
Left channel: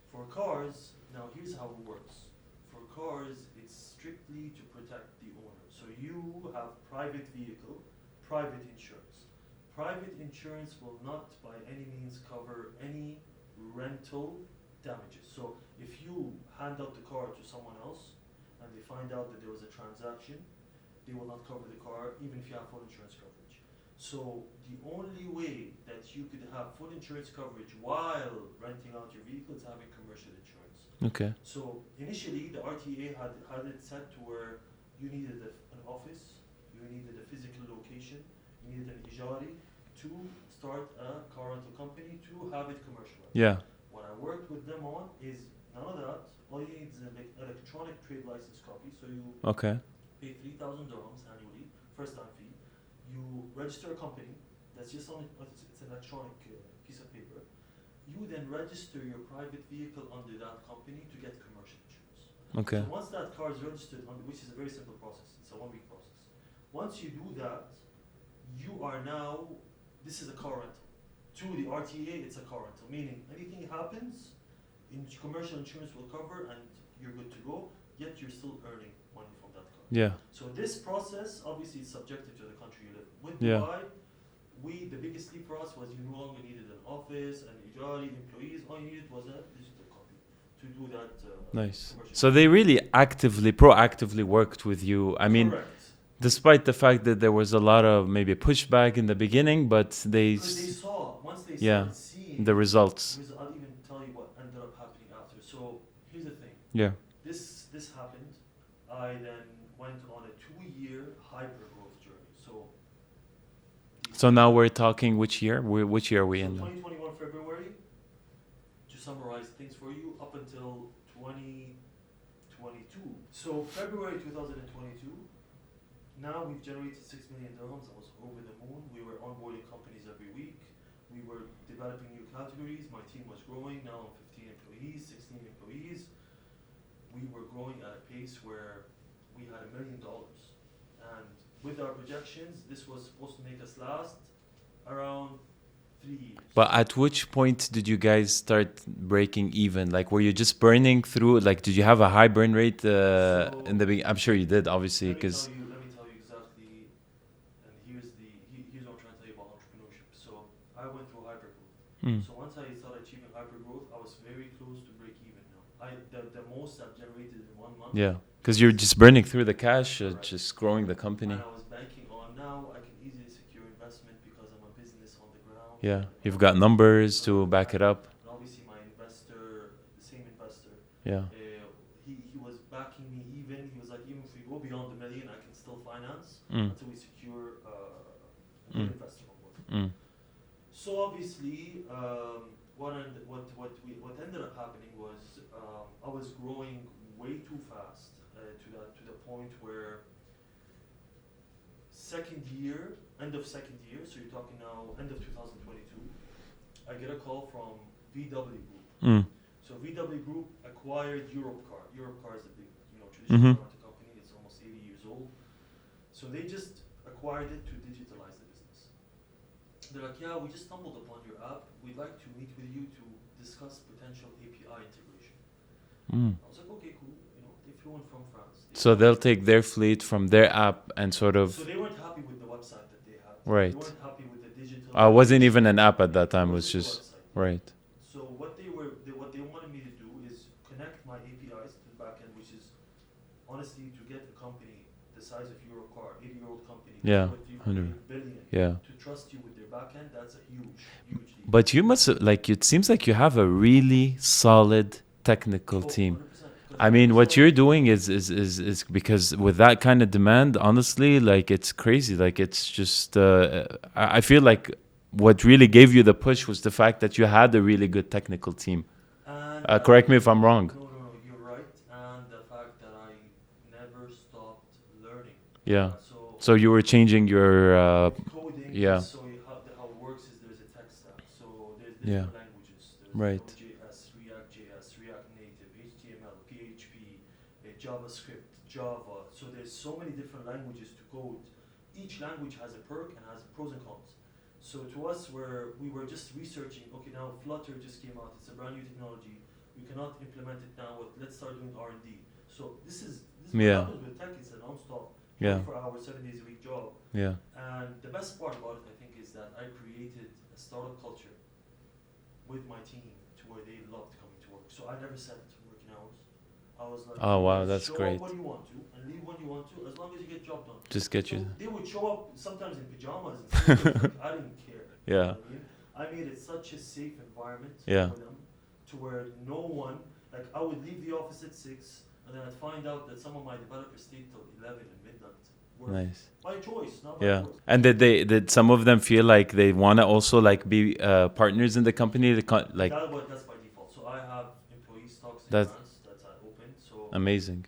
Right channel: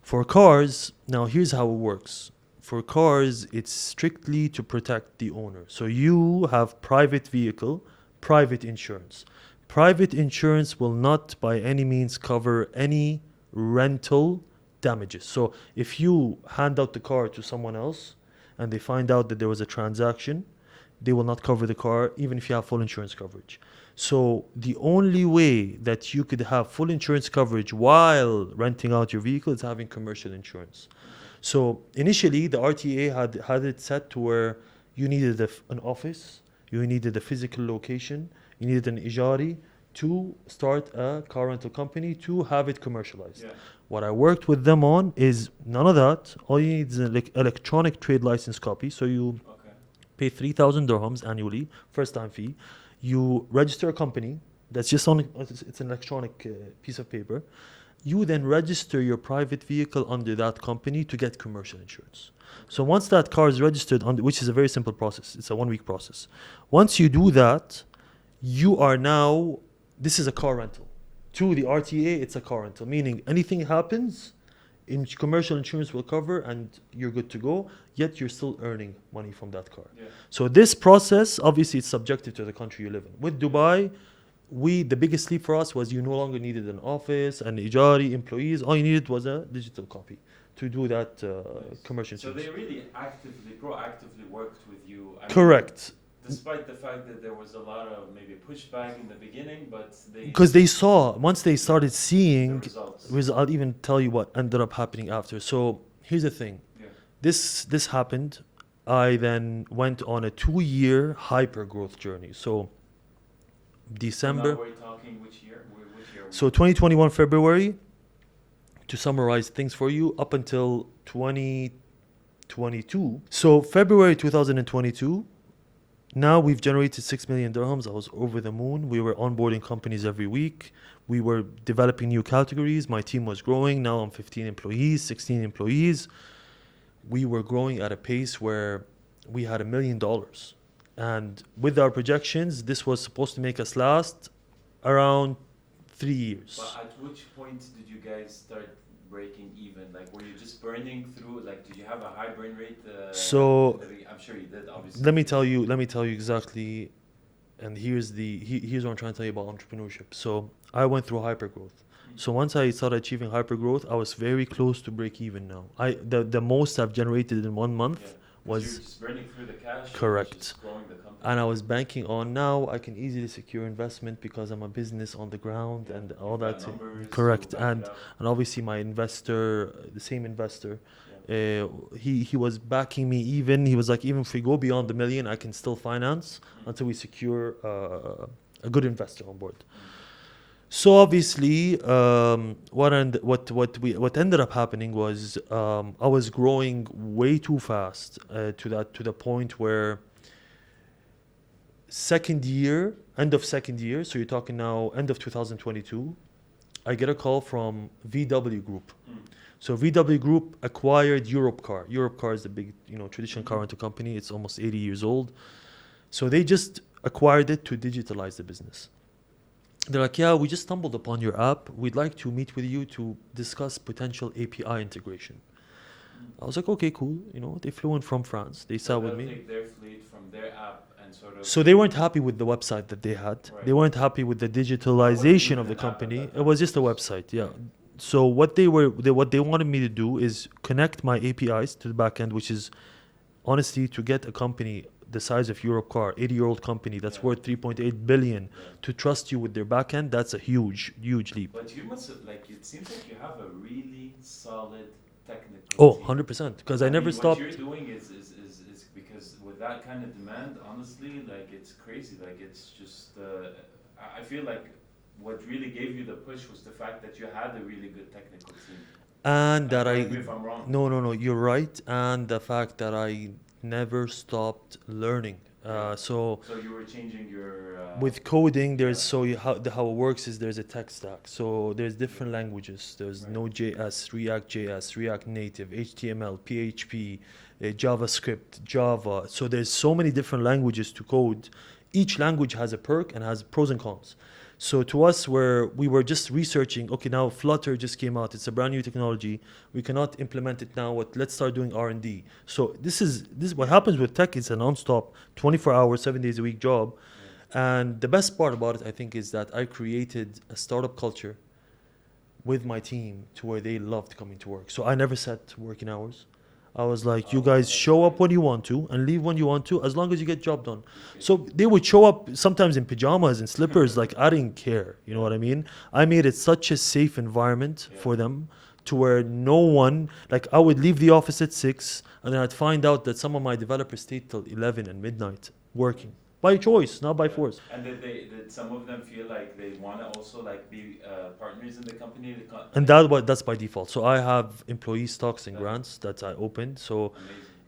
For cars, now here's how it works. For cars, it's strictly to protect the owner. So you have private vehicle, private insurance. Private insurance will not by any means cover any rental damages. So if you hand out the car to someone else and they find out that there was a transaction, they will not cover the car even if you have full insurance coverage. So the only way that you could have full insurance coverage while renting out your vehicle is having commercial insurance. Okay. So initially the RTA had it set to where you needed an office, you needed a physical location, you needed an ijari to start a car rental company to have it commercialized. Yeah. What I worked with them on is none of that. All you need is an electronic trade license copy. So you Okay. pay 3,000 dirhams annually, first time fee. You register a company that's just on, it's an electronic piece of paper. You then register your private vehicle under that company to get commercial insurance. Okay. So once that car is registered, which is a very simple process, it's a 1-week process. Once you do that, you are now, this is a car rental. To the RTA, it's a car rental, meaning anything happens, commercial insurance will cover and you're good to go, yet you're still earning money from that car. Yeah. So this process, obviously it's subjective to the country you live in. With Yeah. Dubai, the biggest leap for us was you no longer needed an office, an ijari, employees. All you needed was a digital copy to do that Nice. commercial. So they really proactively worked with you. I mean, Correct. despite the fact that there was a lot of maybe pushback in the beginning, but Because they saw, once they started seeing the results. I'll even tell you what ended up happening after. So here's the thing. Yeah. This happened. I then went on a 2-year hyper growth journey. So December. So now we're talking which year? Which year are we So in? 2021 February, to summarize things for you, up until 2022. So February 2022, now we've generated 6 million dirhams. I was over the moon. We were onboarding companies every week. We were developing new categories. My team was growing. Now I'm 15 employees, 16 employees. We were growing at a pace where we had $1 million. And with our projections, this was supposed to make us last around 3 years. But at which point did you guys start breaking even? Like, were you just burning through? Like, did you have a high burn rate in the beginning? I'm sure you did, obviously. Let me tell you exactly. And here's what I'm trying to tell you about entrepreneurship. So I went through hypergrowth. So once I started achieving hypergrowth, I was very close to break even now. The most I've generated in 1 month. Yeah, because you're just burning through the cash. Correct. Just growing the company. And I was banking on now I can easily secure investment because I'm a business on the ground. Yeah, and you've got numbers to Correct. back it up. And obviously my investor, the same investor, Yeah. he was backing me even. He was like, even if we go beyond the million, I can still finance until we secure a good investor on board. So obviously, what ended up happening was I was growing way too fast to the point where end of second year, so you're talking now end of 2022, I get a call from VW Group. So VW Group acquired Europcar. Europcar is the big, traditional car rental company. It's almost 80 years old. So they just acquired it to digitalize the business. They're like, yeah, we just stumbled upon your app. We'd like to meet with you to discuss potential API integration. I was like, okay, cool. They flew in from France. So they'll take their fleet from their app and sort of... So they weren't happy with the website that they had. Right. They weren't happy with the digitalization. It wasn't even of an the app at company. that time. It was just a website, yeah. Right. So what they wanted me to do is connect my APIs to the backend, which is honestly to get a company the size of Europcar, 80-year-old company that's worth 3.8 billion to trust you with their backend. That's a huge, huge leap. But you must it seems like you have a really solid technical team. 100%. Because I mean, what you're doing is because with that kind of demand, honestly, like it's crazy. Like it's just, I feel like what really gave you the push was the fact that you had a really good technical team. And correct me if I'm wrong. No, you're right. And the fact that I never stopped learning. So you were changing your with coding. How it works is there's a tech stack. So there's different languages. There's Node.js, React.js, React Native, HTML, PHP, JavaScript, Java. So there's so many different languages to code. Each language has a perk and has pros and cons. So to us, we were just researching, okay, now Flutter just came out. It's a brand new technology. We cannot implement it now. Let's start doing R&D. So this is what happens with tech. It's a non-stop, 24 hours, 7 days a week job. Yeah. And the best part about it, I think, is that I created a startup culture with my team to where they loved coming to work. So I never set working hours. I was like, you guys show up when you want to and leave when you want to, as long as you get job done. They would show up sometimes in pajamas and slippers. Like, I didn't care. You know what I mean? I made it such a safe environment for them to where no one, like, I would leave the office at 6 and then I'd find out that some of my developers stayed till 11 and midnight working. Nice. By choice, not by force. And did some of them feel like they want to also like be partners in the company? And that's by default. So I have employee stocks and grants that I opened. So amazing.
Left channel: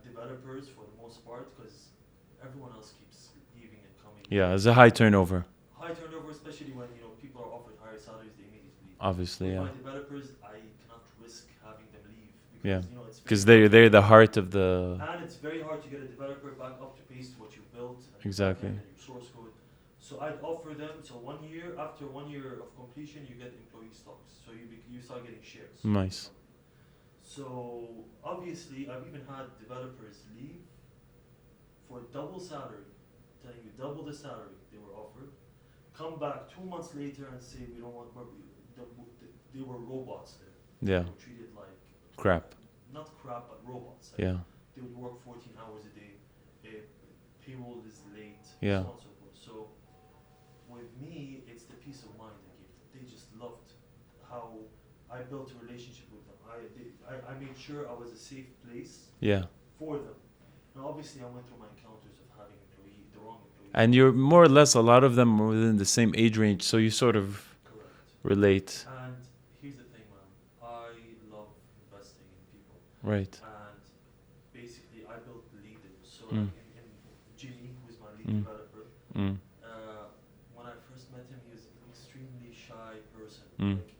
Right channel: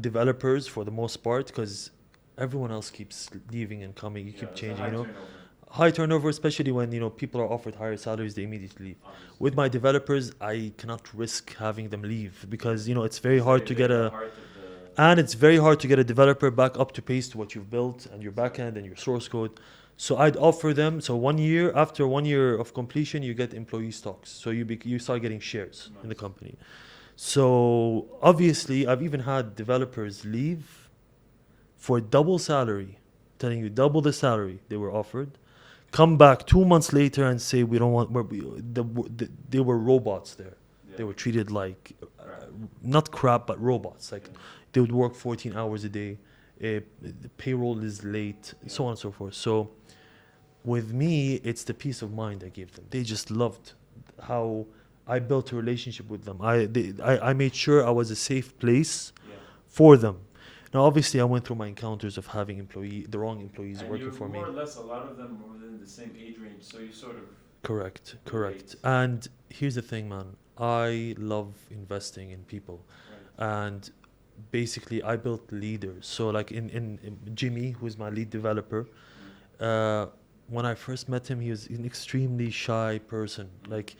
Developers for the most part, because everyone else keeps leaving and coming. Yeah, there's a high turnover. High turnover, especially when people are offered higher salaries, they immediately leave. Obviously, with my developers, I cannot risk having them leave because it's very hard. Because they're the heart of the. And it's very hard to get a developer back up to pace to what you've built and your backend and your source code. So I'd offer them. So after 1 year of completion, you get employee stocks. So you start getting shares in the company. So obviously, I've even had developers leave for double salary, telling you double the salary they were offered. Come back 2 months later and say we don't want. They were robots there. Yeah. They were treated like crap. Not crap, but robots. Like they would work 14 hours a day. The payroll is late, so on and so forth. So with me, it's the peace of mind I gave them. They just loved how I built a relationship with them. I made sure I was a safe place for them. Now, obviously, I went through my encounters of having the wrong employees. And you're more or less, a lot of them were within the same age range, so you sort of relate. And here's the thing, man. I love investing in people. Right. And basically, I built leaders. So, like in Jimmy, who is my lead developer, when I first met him, he was an extremely shy person. Like,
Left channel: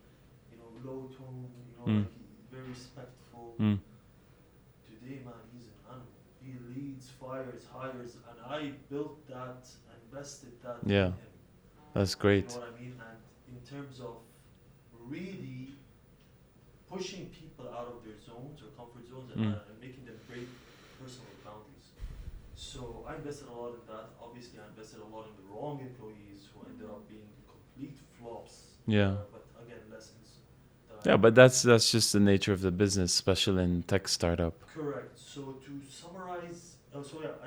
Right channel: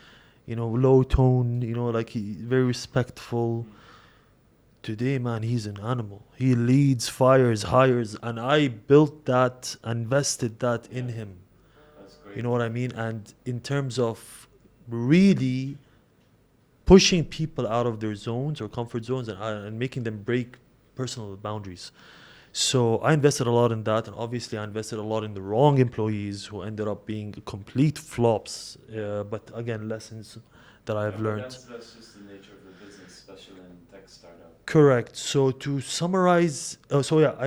low tone, like very respectful. Today, man, he's an animal. He leads, fires, hires, and I built that, invested that in him. That's great. You know what I mean? And in terms of really pushing people out of their zones or comfort zones and making them break personal boundaries. So I invested a lot in that, and obviously I invested a lot in the wrong employees who ended up being complete flops. But again, lessons that I have but learned. that's just the nature of the business, especially in tech startup. Correct. So to summarize,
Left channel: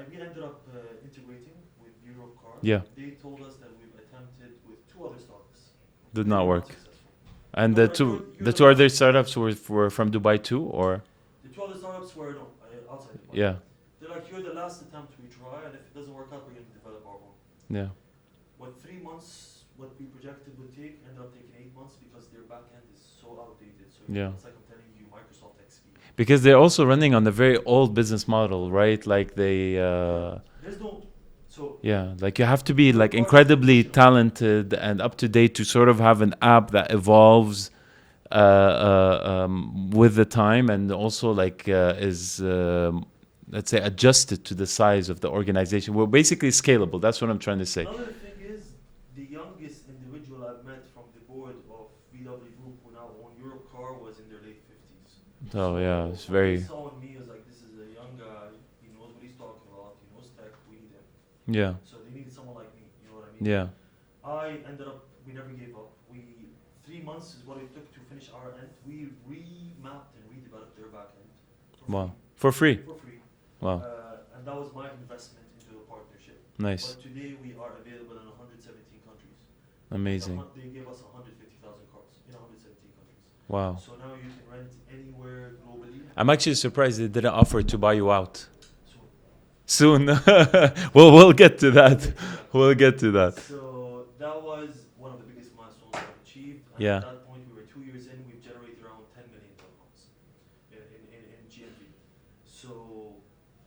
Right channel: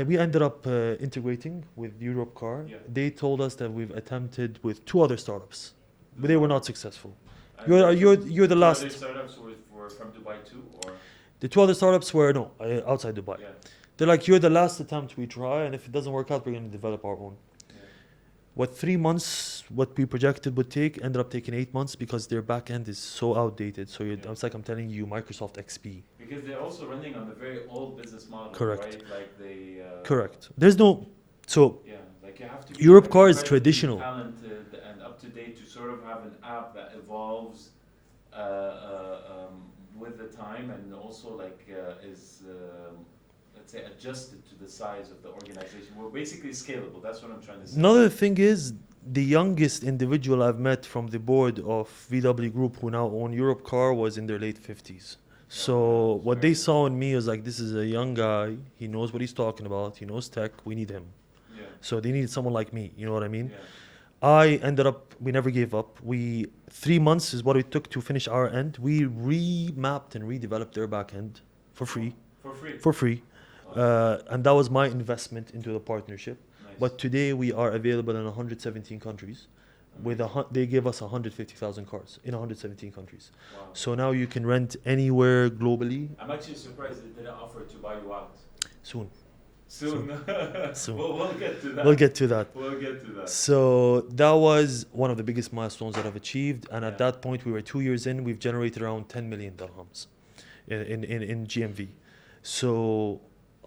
we ended up integrating with Europcar. Yeah. They told us that we've attempted with 2 other startups. But they were not successful. And the two other startups were from Dubai too, or? The 2 other startups were outside Dubai. Yeah. They're like, you're the last attempt we try, and if it doesn't work out, we're going to develop our own. Yeah. What 3 months, what we projected would take, ended up taking 8 months because their backend is so outdated. So it's like I'm telling you, Microsoft XP. Because they're also running on the very old business model, right? Like they. Correct. There's no. So Yeah, like you have to be Europe like car is incredibly traditional. talented and up to date to sort of have an app that evolves with the time and also like is let's say adjusted to the size of the organization. We're basically scalable. That's what I'm trying to say. Another thing is the youngest individual I've met from the board of VW Group who now own Europe Car was in their late 50s. So yeah, it's what they very saw in me was like, this is a young guy. He knows what he's talking about. He knows tech. We need him. yeah So they needed someone like me. You know what I mean? yeah. I ended up, we never gave up. 3 months is what it took to finish our end. We remapped and redeveloped their back end for free. Wow. For free. For free. Wow. And that was my investment into the partnership. Nice. But today we are available in 117 countries. Amazing. They gave us 150,000 cars in 117 countries. Wow. So now you can rent anywhere globally I'm actually surprised they didn't offer to buy you out soon. soon. We'll get to that. We'll get to that. We'll get to that. So that was one of the biggest milestones that I've achieved. And Yeah. at that point, we were 2 years in. We've generated around 10 million dirhams in GMV. So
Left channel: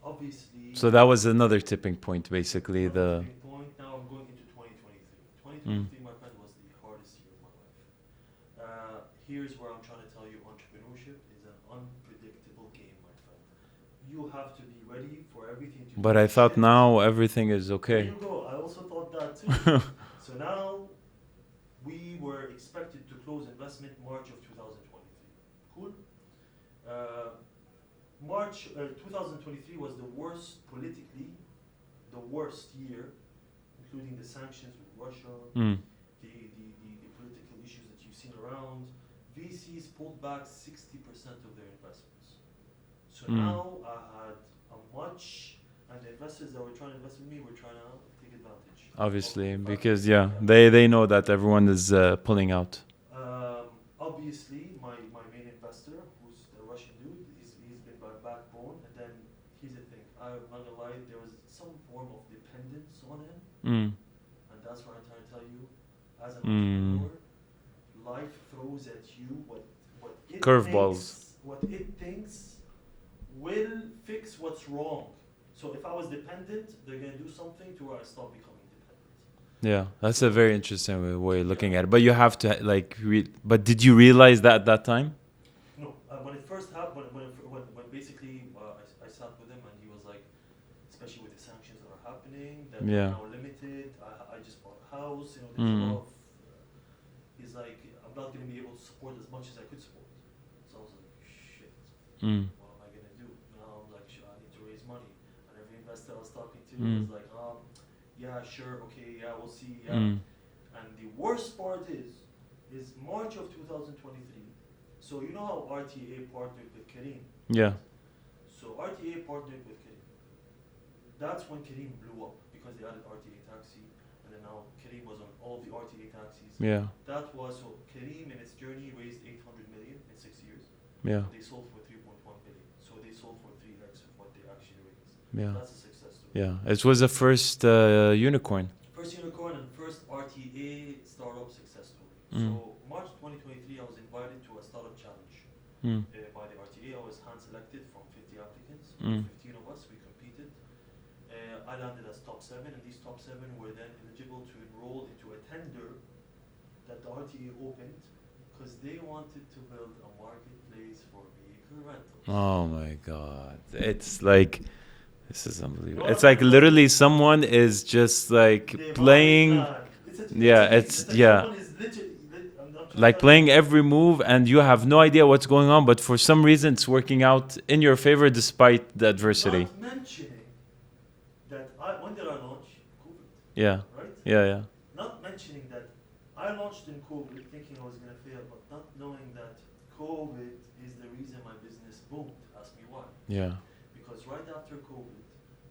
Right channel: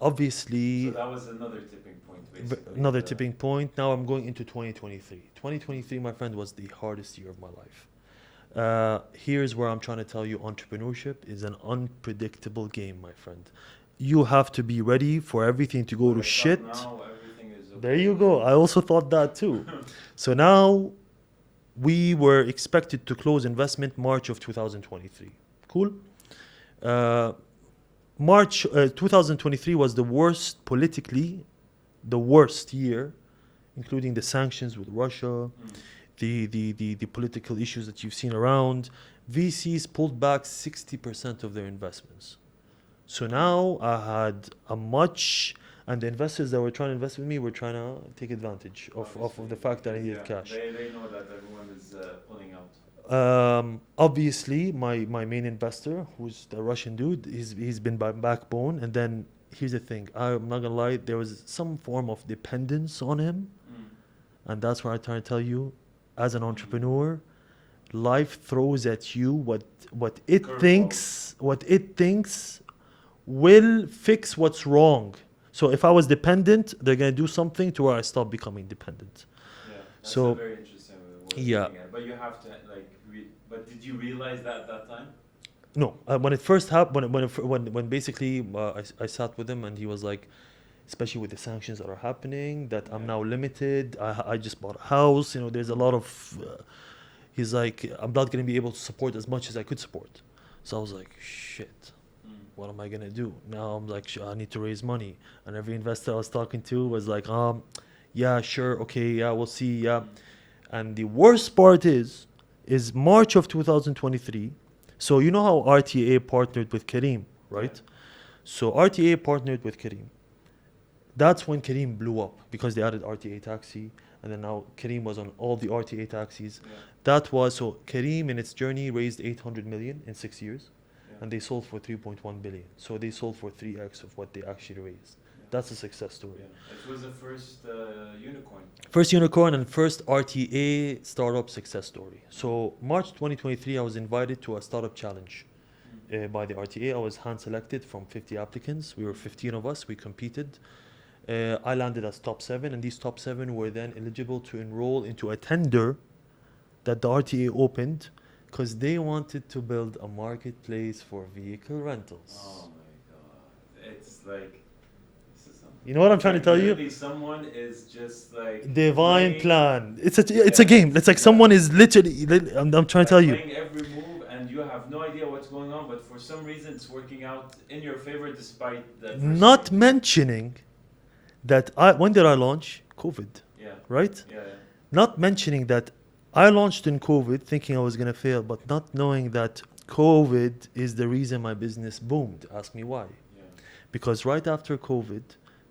obviously... So that was another tipping point, basically. Another tipping point. Now I'm going into 2023. 2023, my friend, was the hardest year of my life. Here's where I'm trying to tell you, entrepreneurship is an unpredictable game, my friend. You have to be ready for everything to go But to I shit. thought now everything is okay. There you go. I also thought that too. So now we were expected to close investment March of 2023. Cool. March 2023 was the worst politically, the worst year, including the sanctions with Russia, the political issues that you've seen around. VCs pulled back 60% of their investments. So now I had a much, and the investors that were trying to invest with me were trying to take advantage of Obviously, the fact because that I needed cash. they know that everyone is pulling out. Obviously, my main investor, who's the Russian dude, he's been my backbone. And then here's the thing, I'm not gonna lie, there was some form of dependence on him, and that's where I'm trying to tell you, as an entrepreneur, life throws at you what it thinks will fix what's wrong. So if I was dependent, they're gonna do something to where I stop becoming dependent. Yeah, that's So- a very interesting way of Yeah. looking at it. But you have to like, but did you realize that at that time? No, when it first happened, when basically I sat with him and he was like, especially with the sanctions that are happening, that Yeah. I'm now limited. I just bought a house. You know, there's a lot of. He's like, I'm not gonna be able to support as much as I could support. So I was like, shit. What am I gonna do? Now I'm like, I need to raise money. And every investor I was talking to was like, yeah, sure, okay, yeah, we'll see, yeah. And the worst part is March of 2023. So you know how RTA partnered with Kareem, right? Yeah. So RTA partnered with Kareem. That's when Kareem blew up because they added RTA taxi, and then now Kareem was on all the RTA taxis. Yeah. That was so Kareem in its journey raised 800 million in 6 years. Yeah. And they sold for 3.1 billion. So they sold for 3x of what they actually raised. Yeah. That's a success story. Yeah. It was the first unicorn. First unicorn and first RTA startup success story. So March 2023, I was invited to a startup challenge by the RTA. I was hand selected from 50 applicants. We were 15 of us. We competed. I landed as top 7, and these top 7 were then eligible to enroll into a tender that the RTA opened, because they wanted to build a marketplace for vehicle rentals. Oh my God. It's like, this is unbelievable. You know what it's I'm like trying to tell literally you? someone is just like Divine playing, plan. It's a Yeah, game. it's- It's like yeah. someone is literally. I'm trying to like tell playing every move, and you have no idea what's going on, but for some reason it's working out in your favor despite the you. adversity. Not mentioning that when did I launch? COVID, Yeah. right? Yeah. Not mentioning that I launched in COVID thinking I was going to fail, but not knowing that COVID is the reason my business boomed. Ask me why. Yeah. Because right after COVID,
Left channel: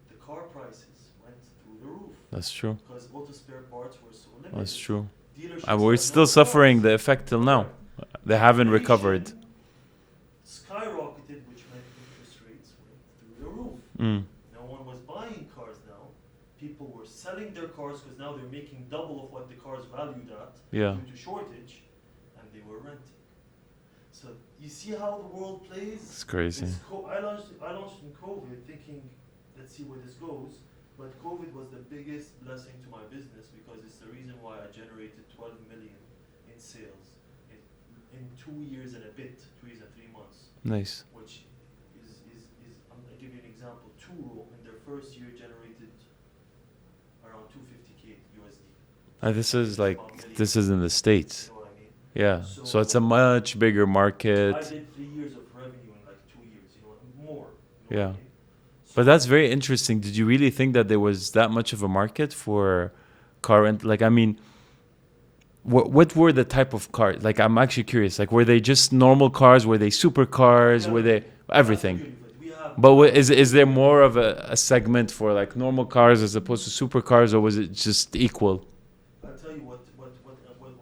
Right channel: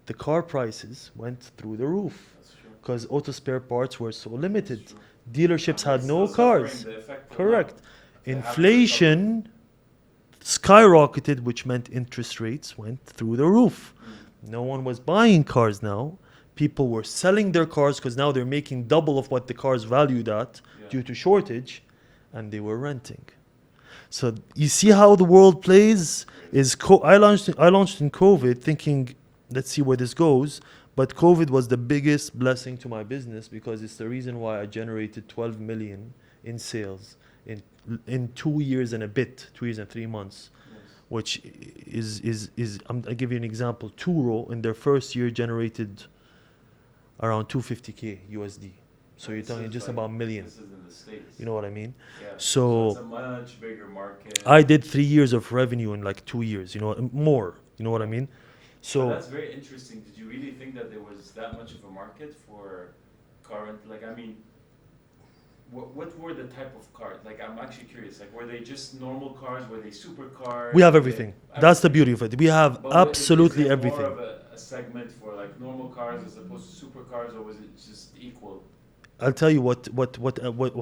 the car prices went through the roof. That's true. Because auto spare parts were so limited. That's true. Dealerships And had we're no still cars. suffering the effect till Correct. now. They haven't recovered. Inflation skyrocketed, which meant interest rates went through the roof. No one was buying cars now. People were selling their cars because now they're making double of what the cars valued at Yeah. due to shortage, and they were renting. So you see how the world plays. Crazy. I launched in COVID thinking, let's see where this goes. But COVID was the biggest blessing to my business because it's the reason why I generated 12 million in sales in 2 years and a bit, 2 years and 3 months. Nice. Which I'll give you an example. Turo in their first year generated around 250K USD. So This you're talking is just like about millions. this is in the States. You know what I mean? Yeah. So So- it's a much bigger market. I did 3 years of revenue in like 2 years. You know, more. You know what I Yeah. mean? So But that's very interesting. Did you really think that there was that much of a market for car rent? Like, I mean, what were the type of cars? Like, I'm actually curious. Like, were they just normal cars? Were they supercars? we have Were they- everything. That's the beauty of it. We have. But is there absolutely more everything. of a segment for like normal cars as opposed to supercars, or was it just equal? I'll tell you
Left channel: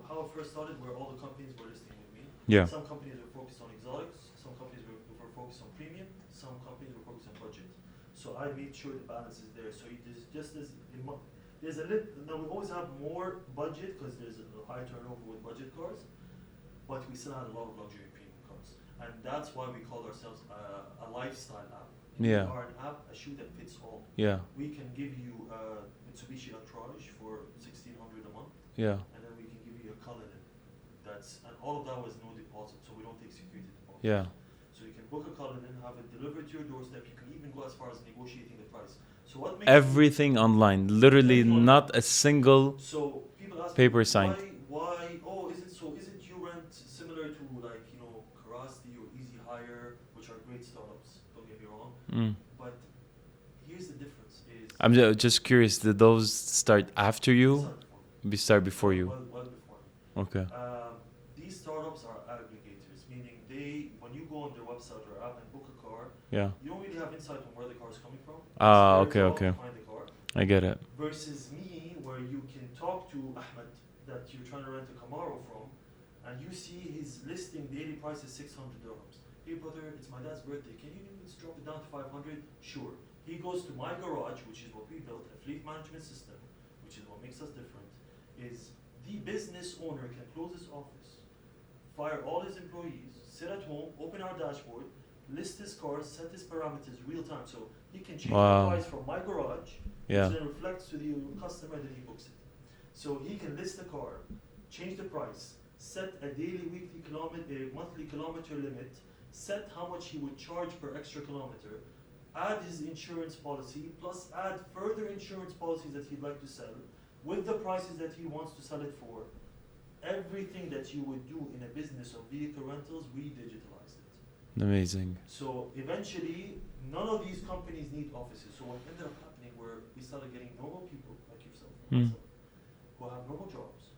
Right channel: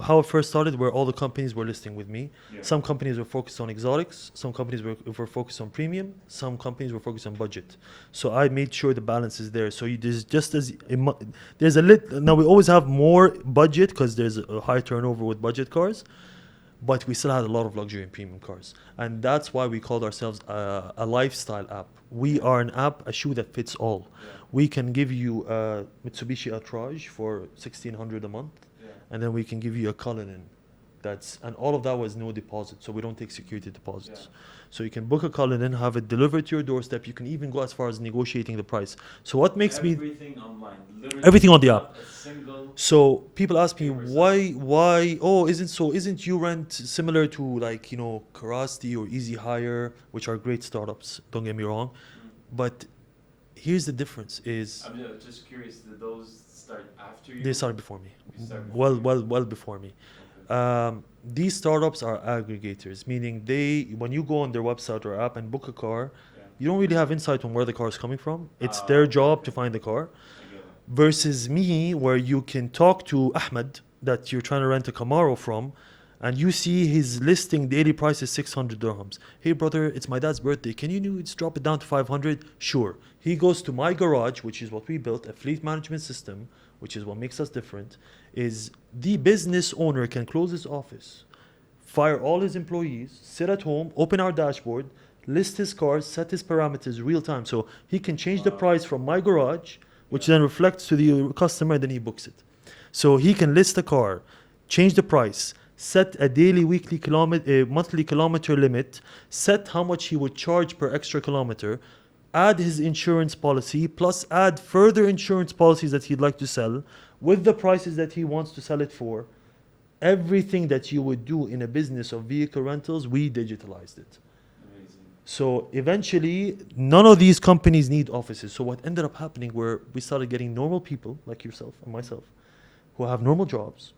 how it first started, where all the companies were listing with me. Yeah. Some companies were focused on exotics. Some companies were focused on premium. Some companies were focused on budget. So I made sure the balance is there. So there's just as there's a now we always have more budget because there's a high turnover with budget cars, but we still had a lot of luxury and premium cars, and that's why we called ourselves a lifestyle app. We Yeah. are an app, a shoe that fits all. Yeah. We can give you a Mitsubishi Outrage for $1,600 a month. Yeah. And then we can give you a Cullinan. And all of that was no deposit, so we don't take security deposits. Yeah. So you can book a Cullinan, have it delivered to your doorstep. You can even go as far as negotiating the price. So what makes me Everything online, literally Everything on the not a single. so people ask me Paper sign. why isn't you rent similar to like Karasti or Easy Hire, which are great startups, don't get me wrong, but here's the difference is I'm just curious. Did those start after you? they started before me. Start before you. Well before me. Okay. These startups are aggregators, meaning when you go on their website or app and book a car, Yeah. you don't really have insight on where the car is coming from. It's their job to find the car. I get it. Versus me, where you can talk to Ahmed that you're trying to rent a Camaro from, and you see his listing daily price is 600 dirhams. Hey brother, it's my dad's birthday. Can you just drop it down to 500? Sure. He goes to my garage, which is what we built, a fleet management system, which is what makes us different, is the business owner can close his office, fire all his employees, sit at home, open our dashboard, list his cars, set his parameters real time. So he can change the Wow. price from my garage, which Yeah. then reflects to the customer, and then he books it. So he can list a car, change the price, set a daily, weekly, monthly kilometer limit, set how much he would charge per extra kilometer, add his insurance policy, plus add further insurance policies that he'd like to sell with the prices that he wants to sell it for. Everything that you would do in a business of vehicle rentals, we digitalized it. Amazing. So eventually, none of these companies need offices. So what ended up happening where we started getting normal people like yourself and myself who have normal jobs,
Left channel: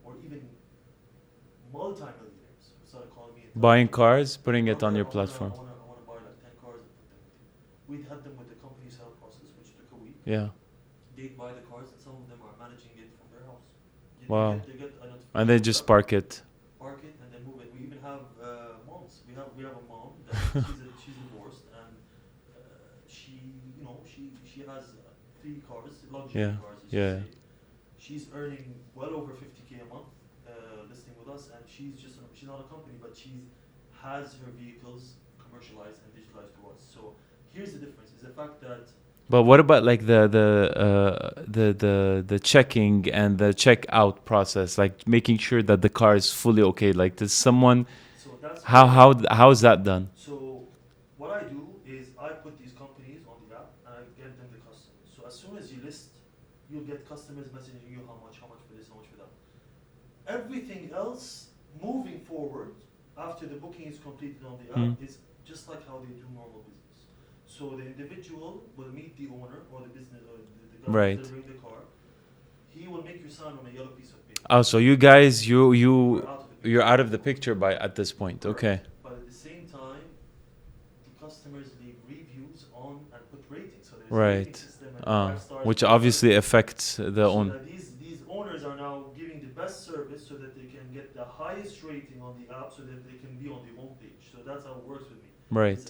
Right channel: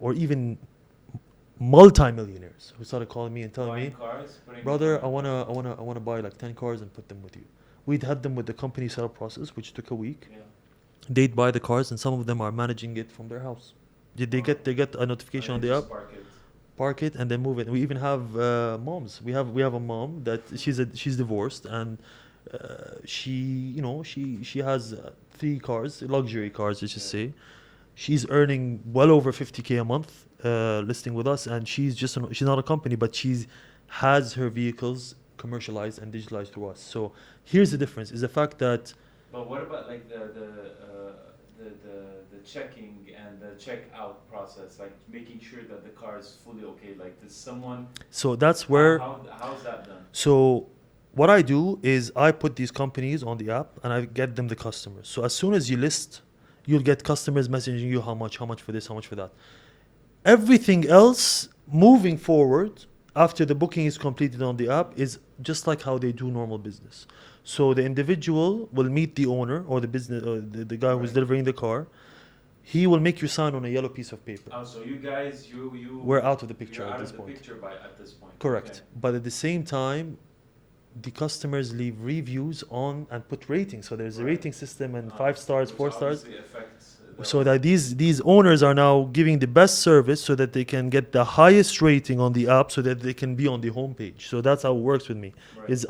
or even multi-millionaires who started calling me and telling Buying me, cars, putting it on brother, your platform. I wanna buy like 10 cars and put them with you. We'd had them with the company setup process, which took a week. Yeah. They'd buy the cars, and some of them are managing it from their house. They Wow. get a notification. And they on the just app, park it. park it, and then move it. We even have moms. We have a mom that she's divorced, and she has 3 cars, luxury Yeah. cars, let's Yeah. just say. She's earning well over 50K a month listing with us, and she's not a company, but has her vehicles commercialized and digitalized to us. So here's the difference: is the fact that But what about like the checking and the checkout process, like making sure that the car is fully okay? Like, does someone so that's where how is that done? So what I do is I put these companies on the app and I get them the customers. So as soon as you list, you'll get customers messaging you how much for this, how much for that. Everything else moving forward after the booking is completed on the app is just like how they do normal business. So the individual will meet the owner or the business, the guy Right. who's delivering the car. He will make you sign on a yellow piece of paper. Oh, so you guys, We're out of the picture. you're at out of this the point. picture at this point. Correct. Okay. But at the same time, the customers leave reviews on and put ratings. So there's a Right. rating system and 5 stars, which 4 stars. obviously affects the So that these owners are now giving the best service so that they can get the highest rating on the app so that they can be on the homepage. So that's how it works with me. right. Is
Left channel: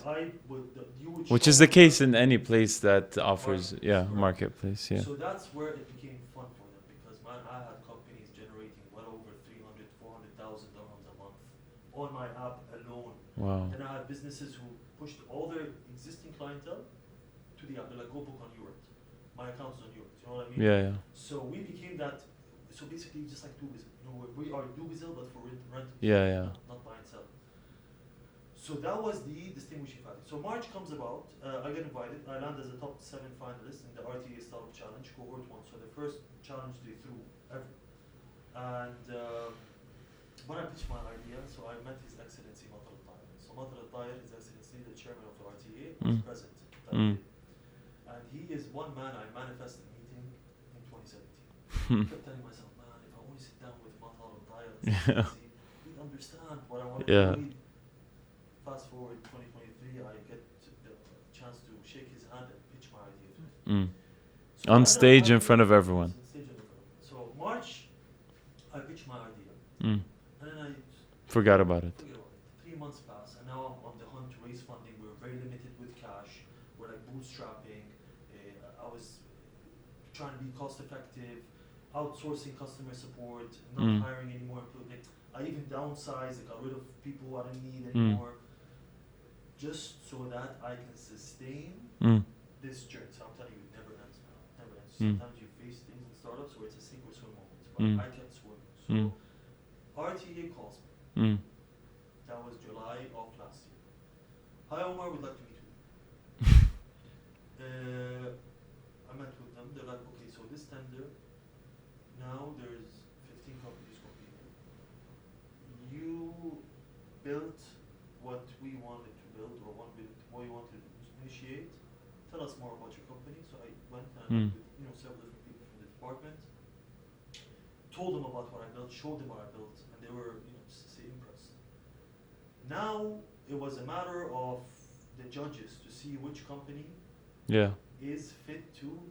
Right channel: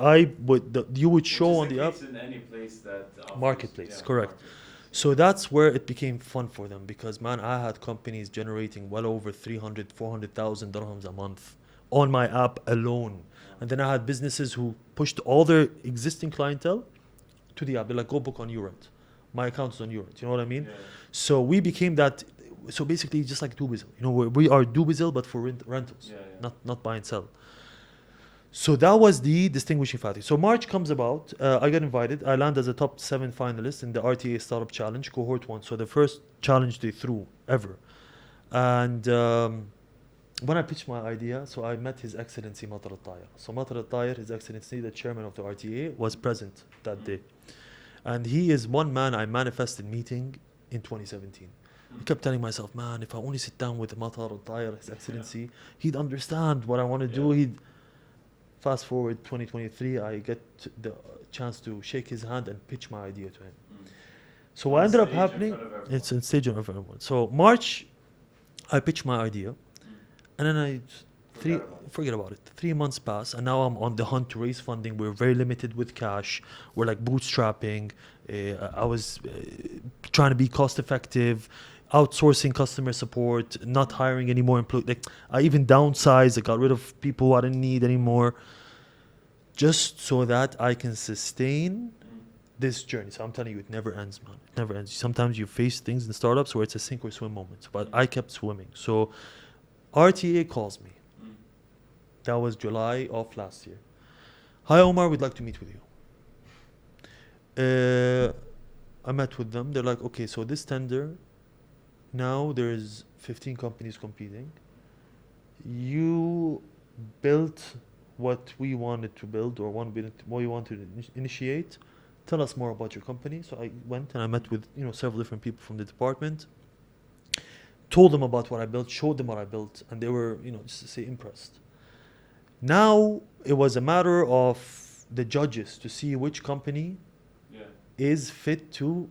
you would show Which is on the case app. in any place that offers Marketplace, correct. marketplace. Yeah. So that's where it became fun for them because man, I had companies generating well over 400,000 dirhams a month on my app alone. Wow. And then I had businesses who pushed all their existing clientele to the app. They're like, go book on YouRent. My account is on yours. You know what I mean? Yeah. So we became that. So basically, just like Dubizzle. You know, we are Dubizzle, but for rentals. Yeah. Not buy and sell. So that was the distinguishing factor. So March comes about. I got invited. I land as a top 7 finalist in the RTA Startup Challenge, cohort 1. So the first challenge they threw ever. And when I pitched my idea, so I met His Excellency Matar Al-Tayar. So Matar Al-Tayar, His Excellency, the chairman of the RTA, was present that day. And he is one man I manifested meeting in 2017. I kept telling myself, man, if I only sit down with Matar Al-Tayar, His Excellency, he'd understand what I want to do. He'd fast forward 2023, I get the chance to shake his hand and pitch my idea to him. So on stage in front of everyone. It's on stage in front of everyone. So March, I pitched my idea, and then I forgot about it. 3 months pass, and now I'm on the hunt to raise funding. We're very limited with cash. We're like bootstrapping. I was trying to be cost effective, outsourcing customer support, not hiring any more employees. Like I even downsized. I got rid of people who I didn't need anymore, just so that I can sustain this journey. So I'm telling you, it never ends, man. It never ends. Sometimes you face things in startups where it's a sink or swim moment, but I kept swimming. So RTA calls me. That was July of last year. Hi Omar, we'd like to meet with you. I met with them. They're like, okay, so this tender, now there's 15 companies competing. You built what we wanted to build, or what we wanted to initiate. Tell us more about your company. So I went and I met with several different people from the department. Told them about what I built, showed them what I built, and they were, just to say, impressed. Now it was a matter of the judges to see which company is fit to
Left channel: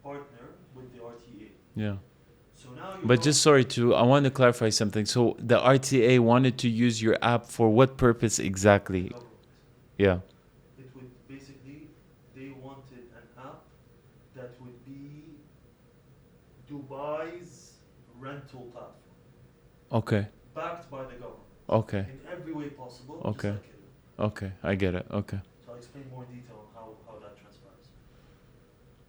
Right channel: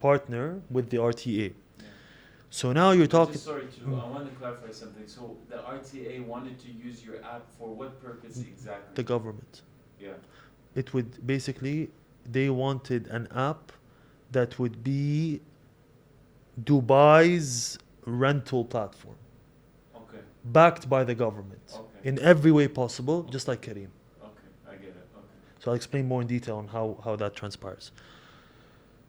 partner with the RTA. Yeah. So now you're But just I want to clarify something. So the RTA wanted to use your app for what purpose exactly? The government. Yeah. It would basically, they wanted an app that would be Dubai's rental platform. Okay. Backed by the government. Okay. In every way possible, just like Kareem. Okay, I get it. Okay. So I'll explain more in detail on how that transpires.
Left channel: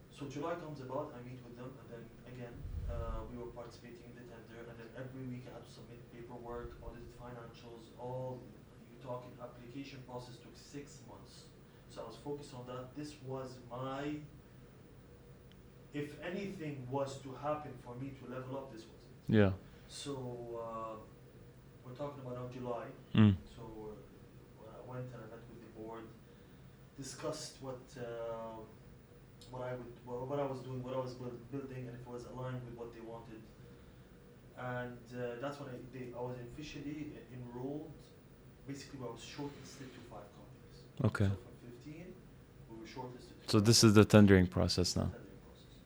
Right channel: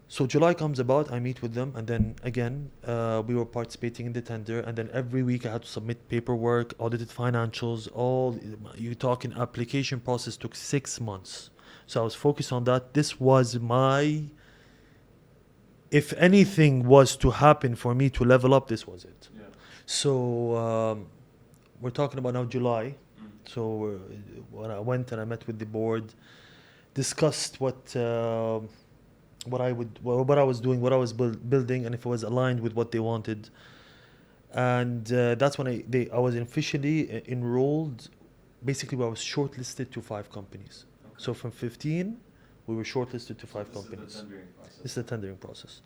So July comes about, I meet with them, and then again, we were participating in the tender, and then every week I had to submit paperwork, audited financials, you talk in application process took 6 months. So I was focused on that. This was if anything was to happen for me to level up, this was it. Yeah. So we're talking about now July. So when I went and I met with the board, discussed what I was doing, what I was building, and if it was aligned with what they wanted. And that's when I was officially enrolled. Basically, I was shortlisted to 5 companies. Okay. So from 15, we were shortlisted to 5 So this companies. is the tendering process. It's the tendering process.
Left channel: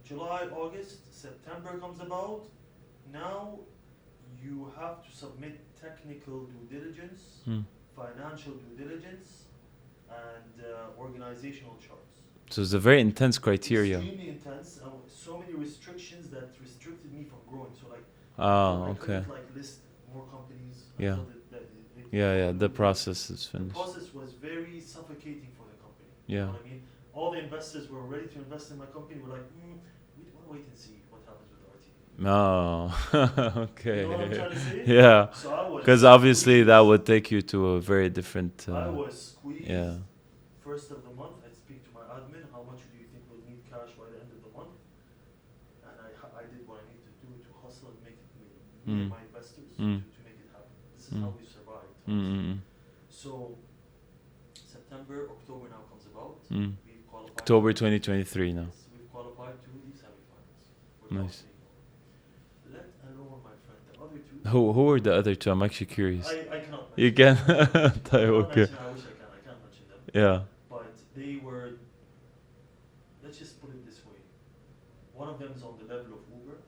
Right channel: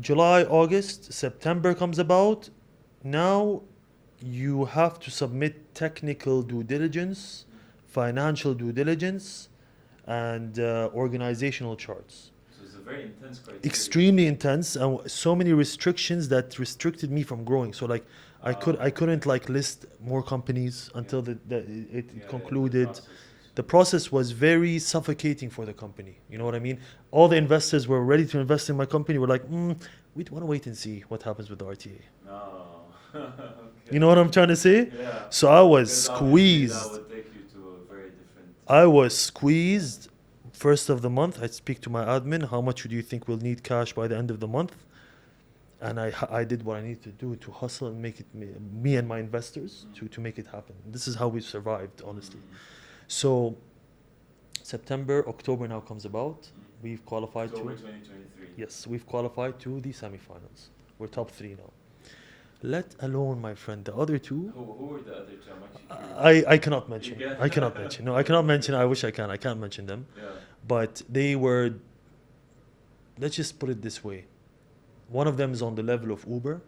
July, August, September comes about. Now you have to submit technical due diligence, financial due diligence, and organizational charts. So it's a very intense criteria. Extremely intense, and so many restrictions that restricted me from growing. So like I couldn't like list more companies until it concluded. The process is finished. The process was very suffocating for the company. Yeah. You know what I mean? All the investors were ready to invest in my company. We're like, we want to wait and see what happens with the RTA. No. Okay. You know what I'm trying to say? Yeah. So I was because obviously that would take you to a very different. I was squeezed. Yeah. First of the month, I speak to my admin. How much do you think we'll need cash by the end of the month? And I did what I needed to do to hustle and make it me and my investors to make it happen. This is how we survived, honestly. So September, October now comes about. We've qualified. October 2023 now. Yes, we've qualified to the semifinals. We're top 3 now. Let alone, my friend, the other 2. Who are the other 2? I'm actually curious. I cannot mention. You can? I cannot mention. No, I cannot mention. I wish I can. I can't mention them. Yeah. But they were. Let's just put it this way. One of them is on the level of Uber,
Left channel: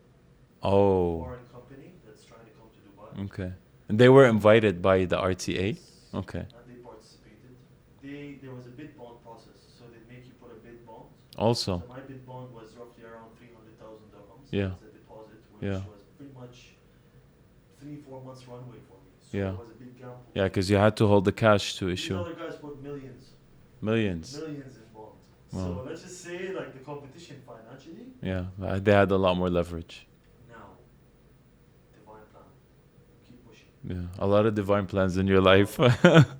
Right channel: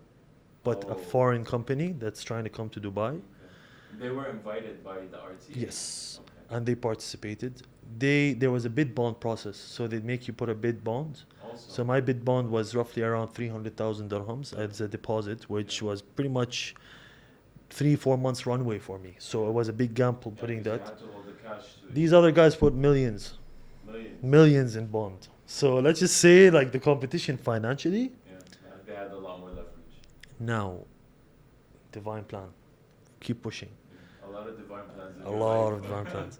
a foreign company that's trying to come to Dubai. Okay. And they were invited by the RTA? Yes. Okay. And they participated. There was a bid bond process, so they make you put a bid bond. Also. So my bid bond was roughly around 300,000 dirhams as a deposit, which was pretty much 3-4 months runway for me. So it was a big gamble. Yeah, because you had to hold the cash to issue. These other guys put millions. Millions. Millions in bond. So Wow. let's just say like the competition financially. Yeah, they had a lot more leverage. Now, divine plan. Keep pushing. Yeah, a lot of divine plans in A your lot life. of divine plans.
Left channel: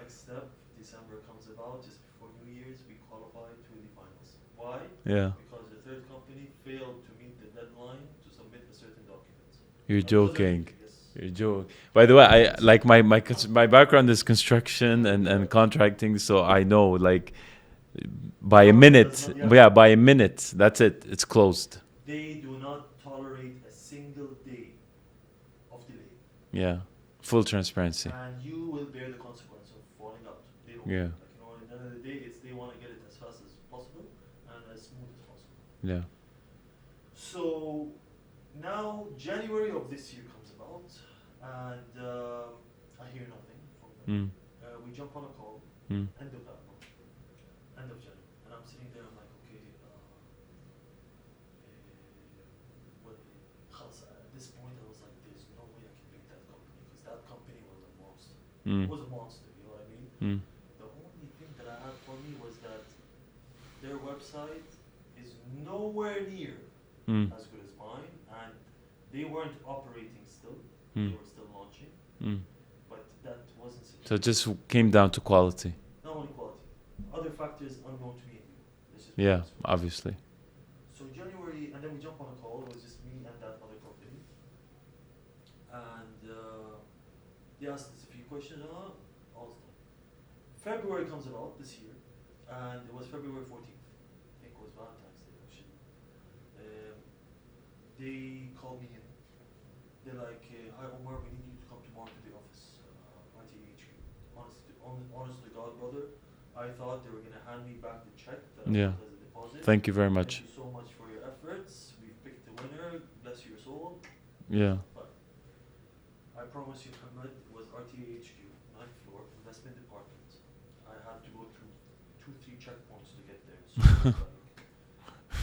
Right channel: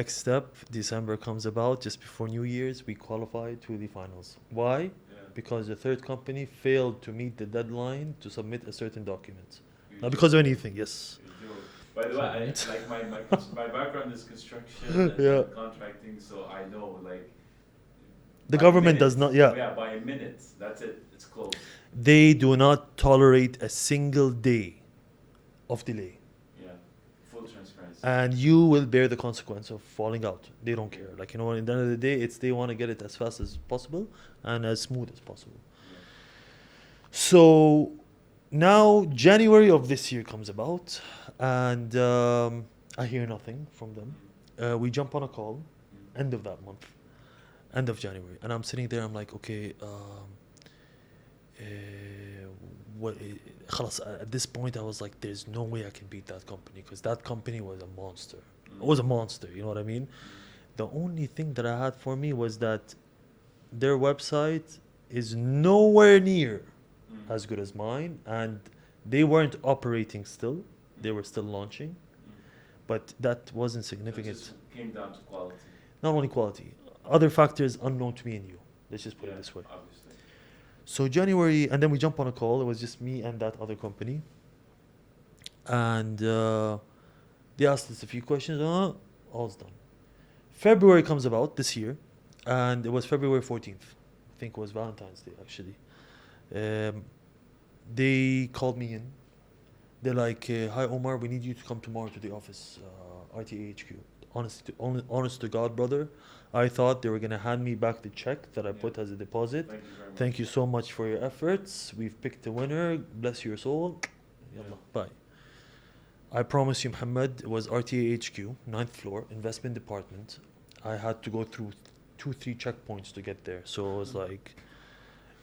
Next step, December comes about just before New Year's. We qualify to the finals. Why? Yeah, Because the third company failed to meet the deadline to submit a certain document. you're Not joking. because of anything. Yes. You're joking. By the way, I like my background is construction Yeah. and contracting, so I know like The by a government minute. does not. Yeah. By a minute, that's it. It's closed. They do not tolerate a single day of delay. Yeah, full transparency. And you will bear the consequence of falling out. They don't Yeah. care. Like, you know, at the end of the day, it's they want to get it as fast as possible and as smooth as possible. Yeah. So now January of this year comes about, and I hear nothing from them. We jump on a call, end of that month, end of January, and I'm sitting there. I'm like, okay, what? خلاص, at this point, I was like, there's no way I can beat that company because that company was a monster. It was a monster. You know what I mean? The only thing that I had for me was that their website is nowhere near as good as mine, and they weren't operating still. They were still launching, but that wasn't So significant. it just came down to quality. Not only quality, other factors unknown to me and you. Let's just put it Yeah, this way. obviously. So January, and then we jump on a call. It was just me and that other company, and they asked us a few questions. All's done. February comes about this year, and it was February 14th. I think it was Valentine's Day actually. They called me in. They're like, "Hi Omar, we need you to come tomorrow to the office, RTA HQ." Honest to God, brother, I thought they were gonna hand me back the check that I put as a deposit. Thank you very much. Thank you so much for your efforts. We've picked a winner. Bless your soul. Yeah. Bye. I promise you, Muhammad, it was RTA HQ, 9th floor, investment department. I had to go through 2-3 checkpoints to get there. So it was like,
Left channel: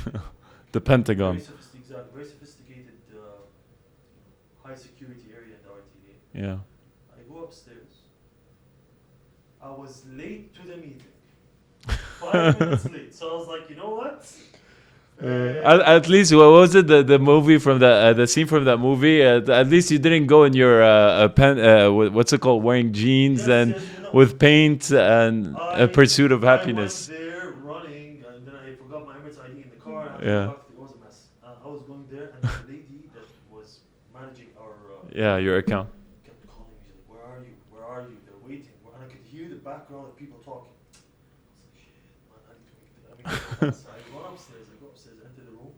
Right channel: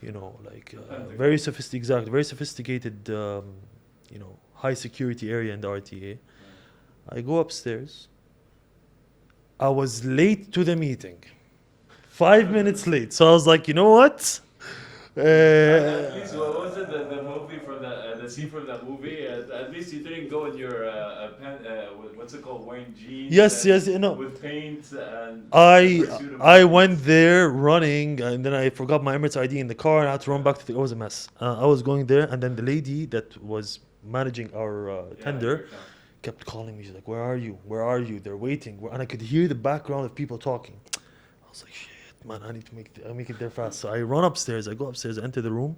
you know, like The Pentagon. very sophisticated, you know, high security area in the RTA. Yeah. I go upstairs. I was late to the meeting, 5 minutes late. So I was like, you know what? At least, what was it? The movie from the scene from that movie. At least you didn't go in your what's it called? Wearing jeans and with paint and a pursuit of happiness. I went there running, and then I forgot my Emirates ID in the car, and I had to run back to it was a mess. I was going there, and then the lady that was managing our your account kept calling me. She's like, "Where are you? Where are you? They're waiting." And I could hear the background of people talking. I was like, "Shit, man, I need to make it there fast." So I run upstairs. I go upstairs, enter the room,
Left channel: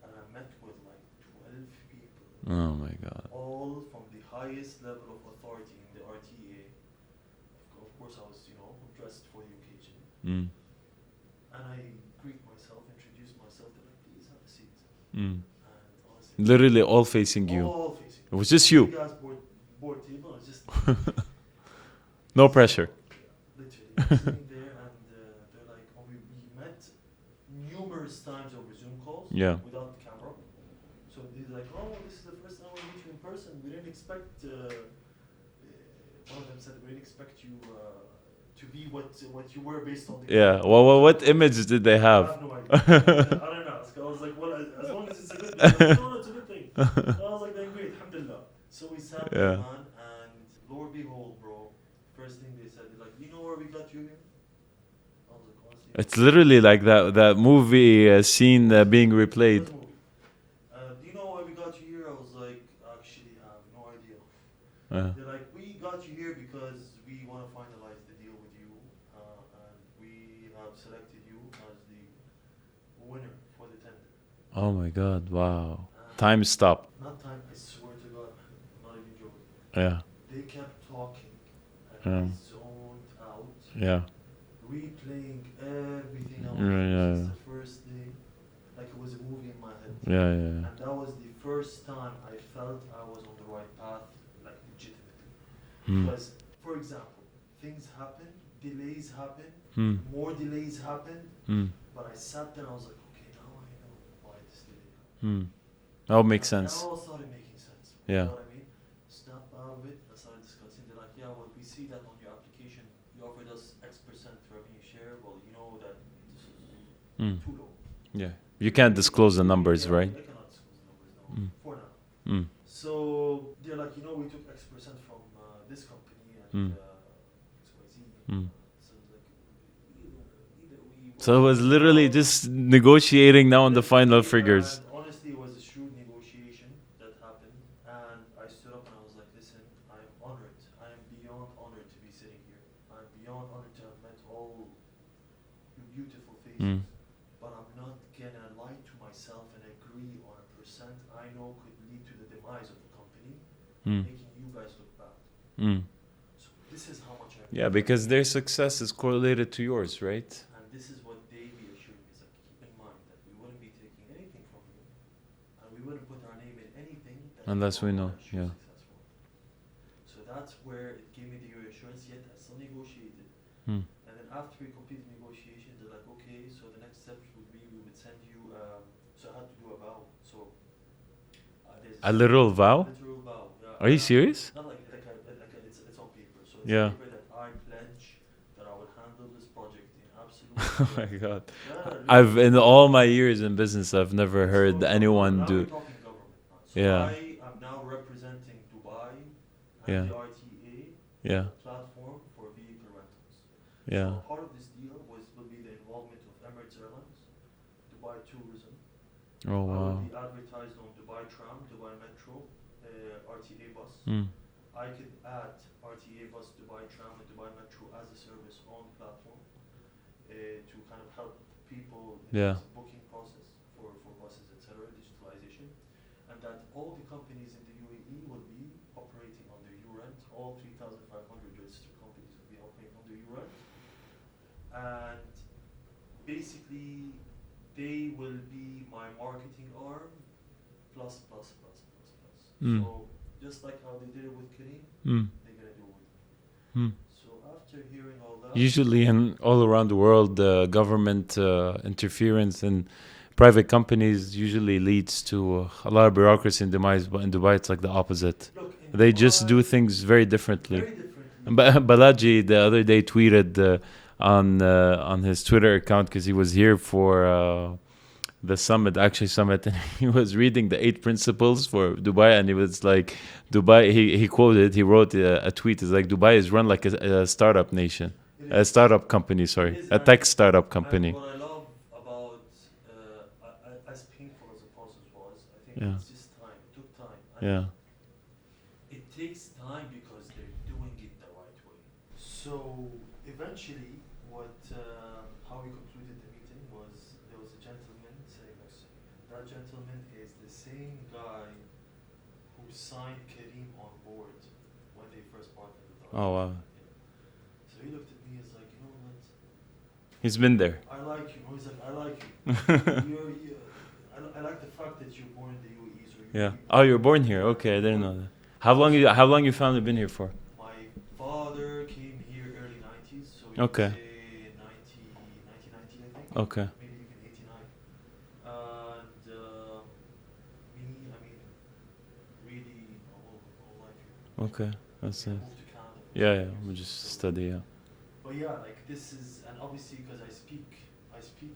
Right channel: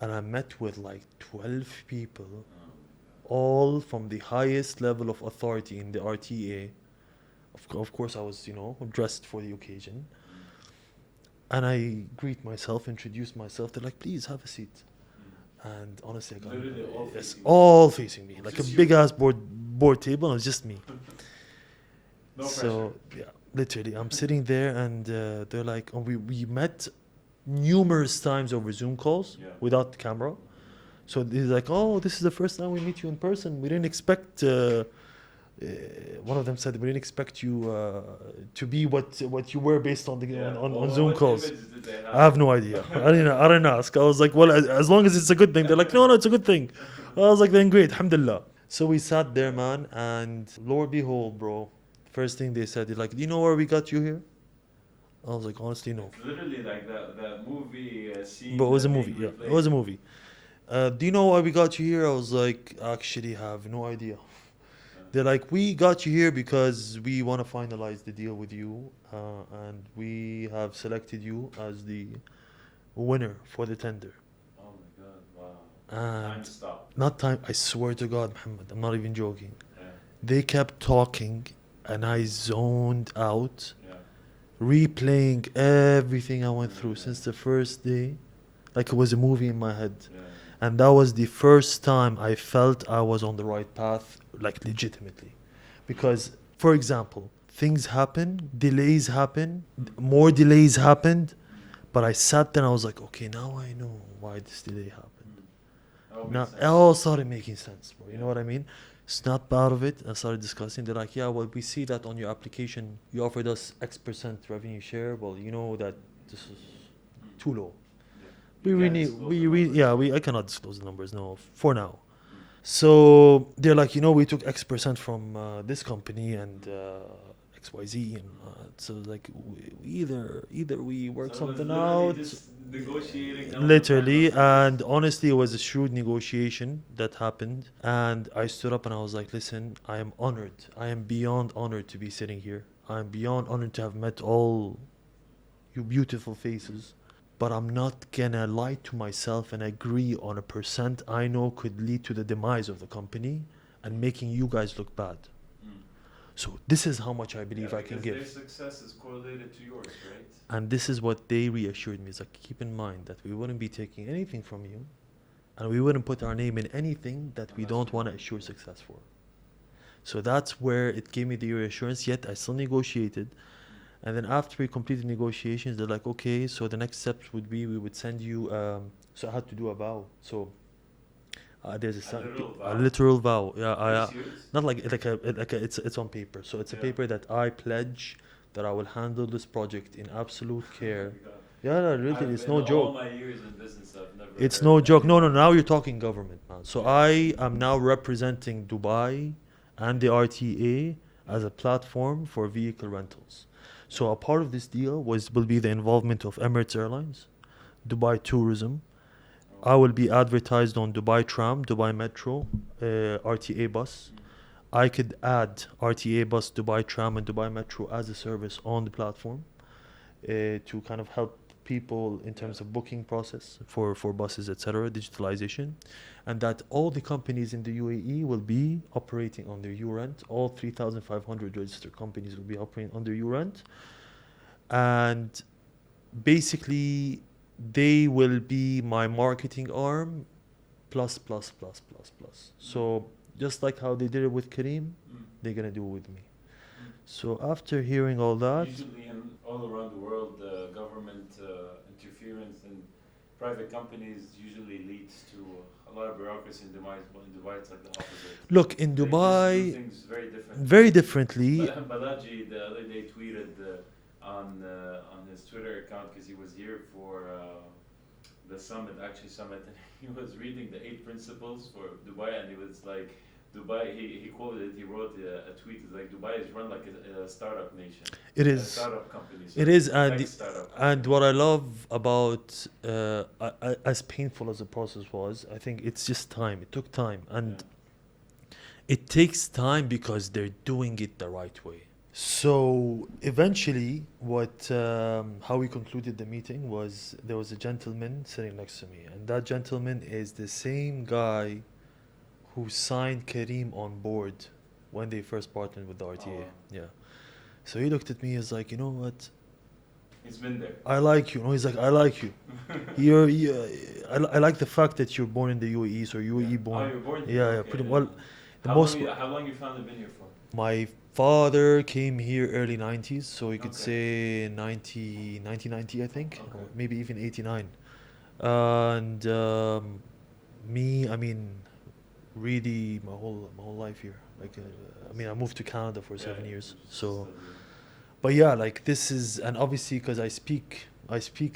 and I met with like 12 people. Oh my God. All from the highest level of authority in the RTA. Of course, I was, you know, dressed for the occasion. And I greet myself, introduce myself. They're like, "Please have a seat." And honestly, Literally all facing you. all facing me. It was like just a you. big ass board table. It was just me. No So, pressure. yeah, literally. I'm sitting there, and they're like, oh, we met numerous times over Zoom calls without the camera. So they're like, "Oh, this is the first time we meet you in person. We didn't expect." One of them said, "We didn't expect you to be what you were based on the Well, Zoom what calls." image did they have? I have no idea. I didn't ask. I was like, "Well, as long as it's a good thing." They're like, "No, it's a good thing." I was like, "Then great, alhamdulillah." So we sat there, man, and lo and behold, bro, first thing they said, they're like, "Do you know where we got you here?" I was like, "Honestly, no." It's literally like that movie scene Bro, it was a being movie, yeah. replayed. It was a movie. Do you know why we got you here? I was like, "Actually, have no idea." They're like, "We got you here because we want to finalize the deal with you, and we have selected you as the winner for the tender." Oh my God! Wow. Time stopped. Not time. I swear to God, Muhammad, I'm not even joking. Yeah. They kept talking, and I zoned out, replaying everything I went through since the first day, like it was a movie in my head. And that was the first time I felt I was on the right path, like legitimately. Because, for example, things happen, delays happen, more delays happened, but I sat there and I was like, okay, now I know why this delay happened. Oh, makes sense. It all started making sense. Bro. You know what I mean? Snapped out of it and started discussing. They're like, "Yeah, well, we see that on your application, you offered us X% revenue share. Well, you know that this is Mm. too low. Yeah. We You can't really- disclose the we really- numbers, yeah, right? I cannot disclose the numbers, no, Mm. for now. Mm. So they're like, we took X% from this company and XYZ, and so like either we work. So it was something literally out, just negotiating now on the final literally, figures. and honestly, it was a shrewd negotiation that happened. And I stood up and I was like, listen, I am honored. I am beyond honored to be sitting here. I am beyond honored to have met all you beautiful faces. But I'm not gonna lie to myself and agree on a percent I know could lead to the demise of the company and making you guys look bad. Mm. So this is how much I believe. Yeah, I can because give. their success is correlated to yours, right? And this is what they reassured me. It's like, keep in mind that we wouldn't be taking anything from you, and we wouldn't put our name in anything that Unless we don't we want know, to assure yeah. success for. So that's where it gave me the reassurance. Yet I still negotiated. And then after we completed negotiations, they're like, okay, so the next steps would be we would send you. So I had to do a vow. So there's A literal vow? A literal vow. Yeah. Are you serious? Not like it's on paper. So it's Yeah. a paper that I pledge that I will handle this project in absolute Oh care. my God. Yeah, really, I've it's in no all joke. my years in business, I've never It's heard no joke. No, anyone now do- you're talking government, man. So Yeah. I am now representing Dubai and Yeah. the RTA as Yeah. a platform for vehicle rentals. Yeah. So a part of this deal will be the involvement of Emirates Airlines, Dubai Tourism. Oh, I will wow. be advertised on Dubai Tram, Dubai Metro, RTA bus. I could add RTA bus, Dubai Tram, and Dubai Metro as a service on the platform to kind of help people in terms of booking process for buses, etc., digitalization. And that all the companies in the UAE will be operating under URent. All 3,500 registered companies will be operating under URent. And basically, they will be my marketing arm plus. So just like how they did it with Kareem, they're going to do it with me. So after hearing all that... Usually in all around the world, government interference and private companies usually leads to a lot of bureaucracy in Dubai, but in Dubai it's like the opposite. Look, in They Dubai, just do things very differently. very differently. Balaji the other day tweeted on his Twitter account because he was here for the summit, and he was reading the 8 principles for Dubai, and he was like, Dubai, he wrote a tweet, it's like, Dubai is run like a startup nation. It is. A startup company, sorry. It is, a tech startup company. And what I love about, as painful as the process was, I think it's just time. It took time. And it takes time because they're doing it the right way. So eventually, how we concluded the meeting was there was a gentleman sitting next to me. And that gentleman is the same guy who signed Kareem on board when they first partnered with the RTA. Oh, wow. Yeah. So he looked at me, he's like, you know what? He's been there. I like you. No, he's like, I like you. I like the fact that you're born in the UAE, so UAE born. Oh, you're born here. Yeah, Okay, I yeah. didn't Well, know that. How long you family been here for? My father came here early 90s, so you could Okay. say 1990, I think. Okay. Maybe even 89. And me, I mean, really my whole life here. Okay. I moved to Canada for 7 Yeah, years. we just So, study. but yeah, like this is, and obviously because I speak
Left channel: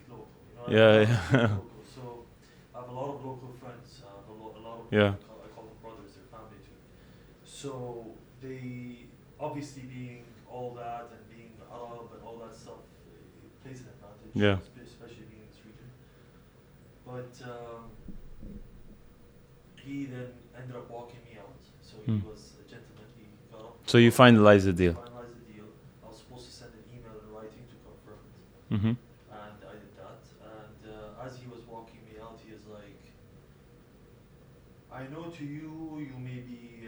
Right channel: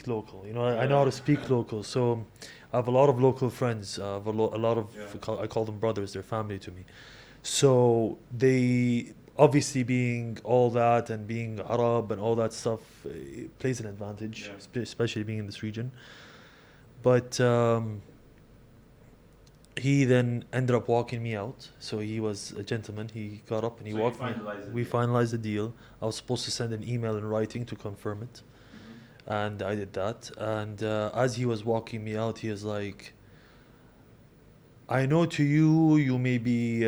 local, I know how to speak local. So I have a lot of local friends. I have a lot of, I call them brothers, they're family to me. So they, obviously being all that and being Arab and all that stuff, it plays an advantage, especially being in this region. But he then ended up walking me out. So he was a gentleman. He got up. And So you finalized the deal? We finalized the deal. I was supposed to send an email in writing to confirm it. Mm-hmm. And I did that. And as he was walking me out, he was like, I know to you may be,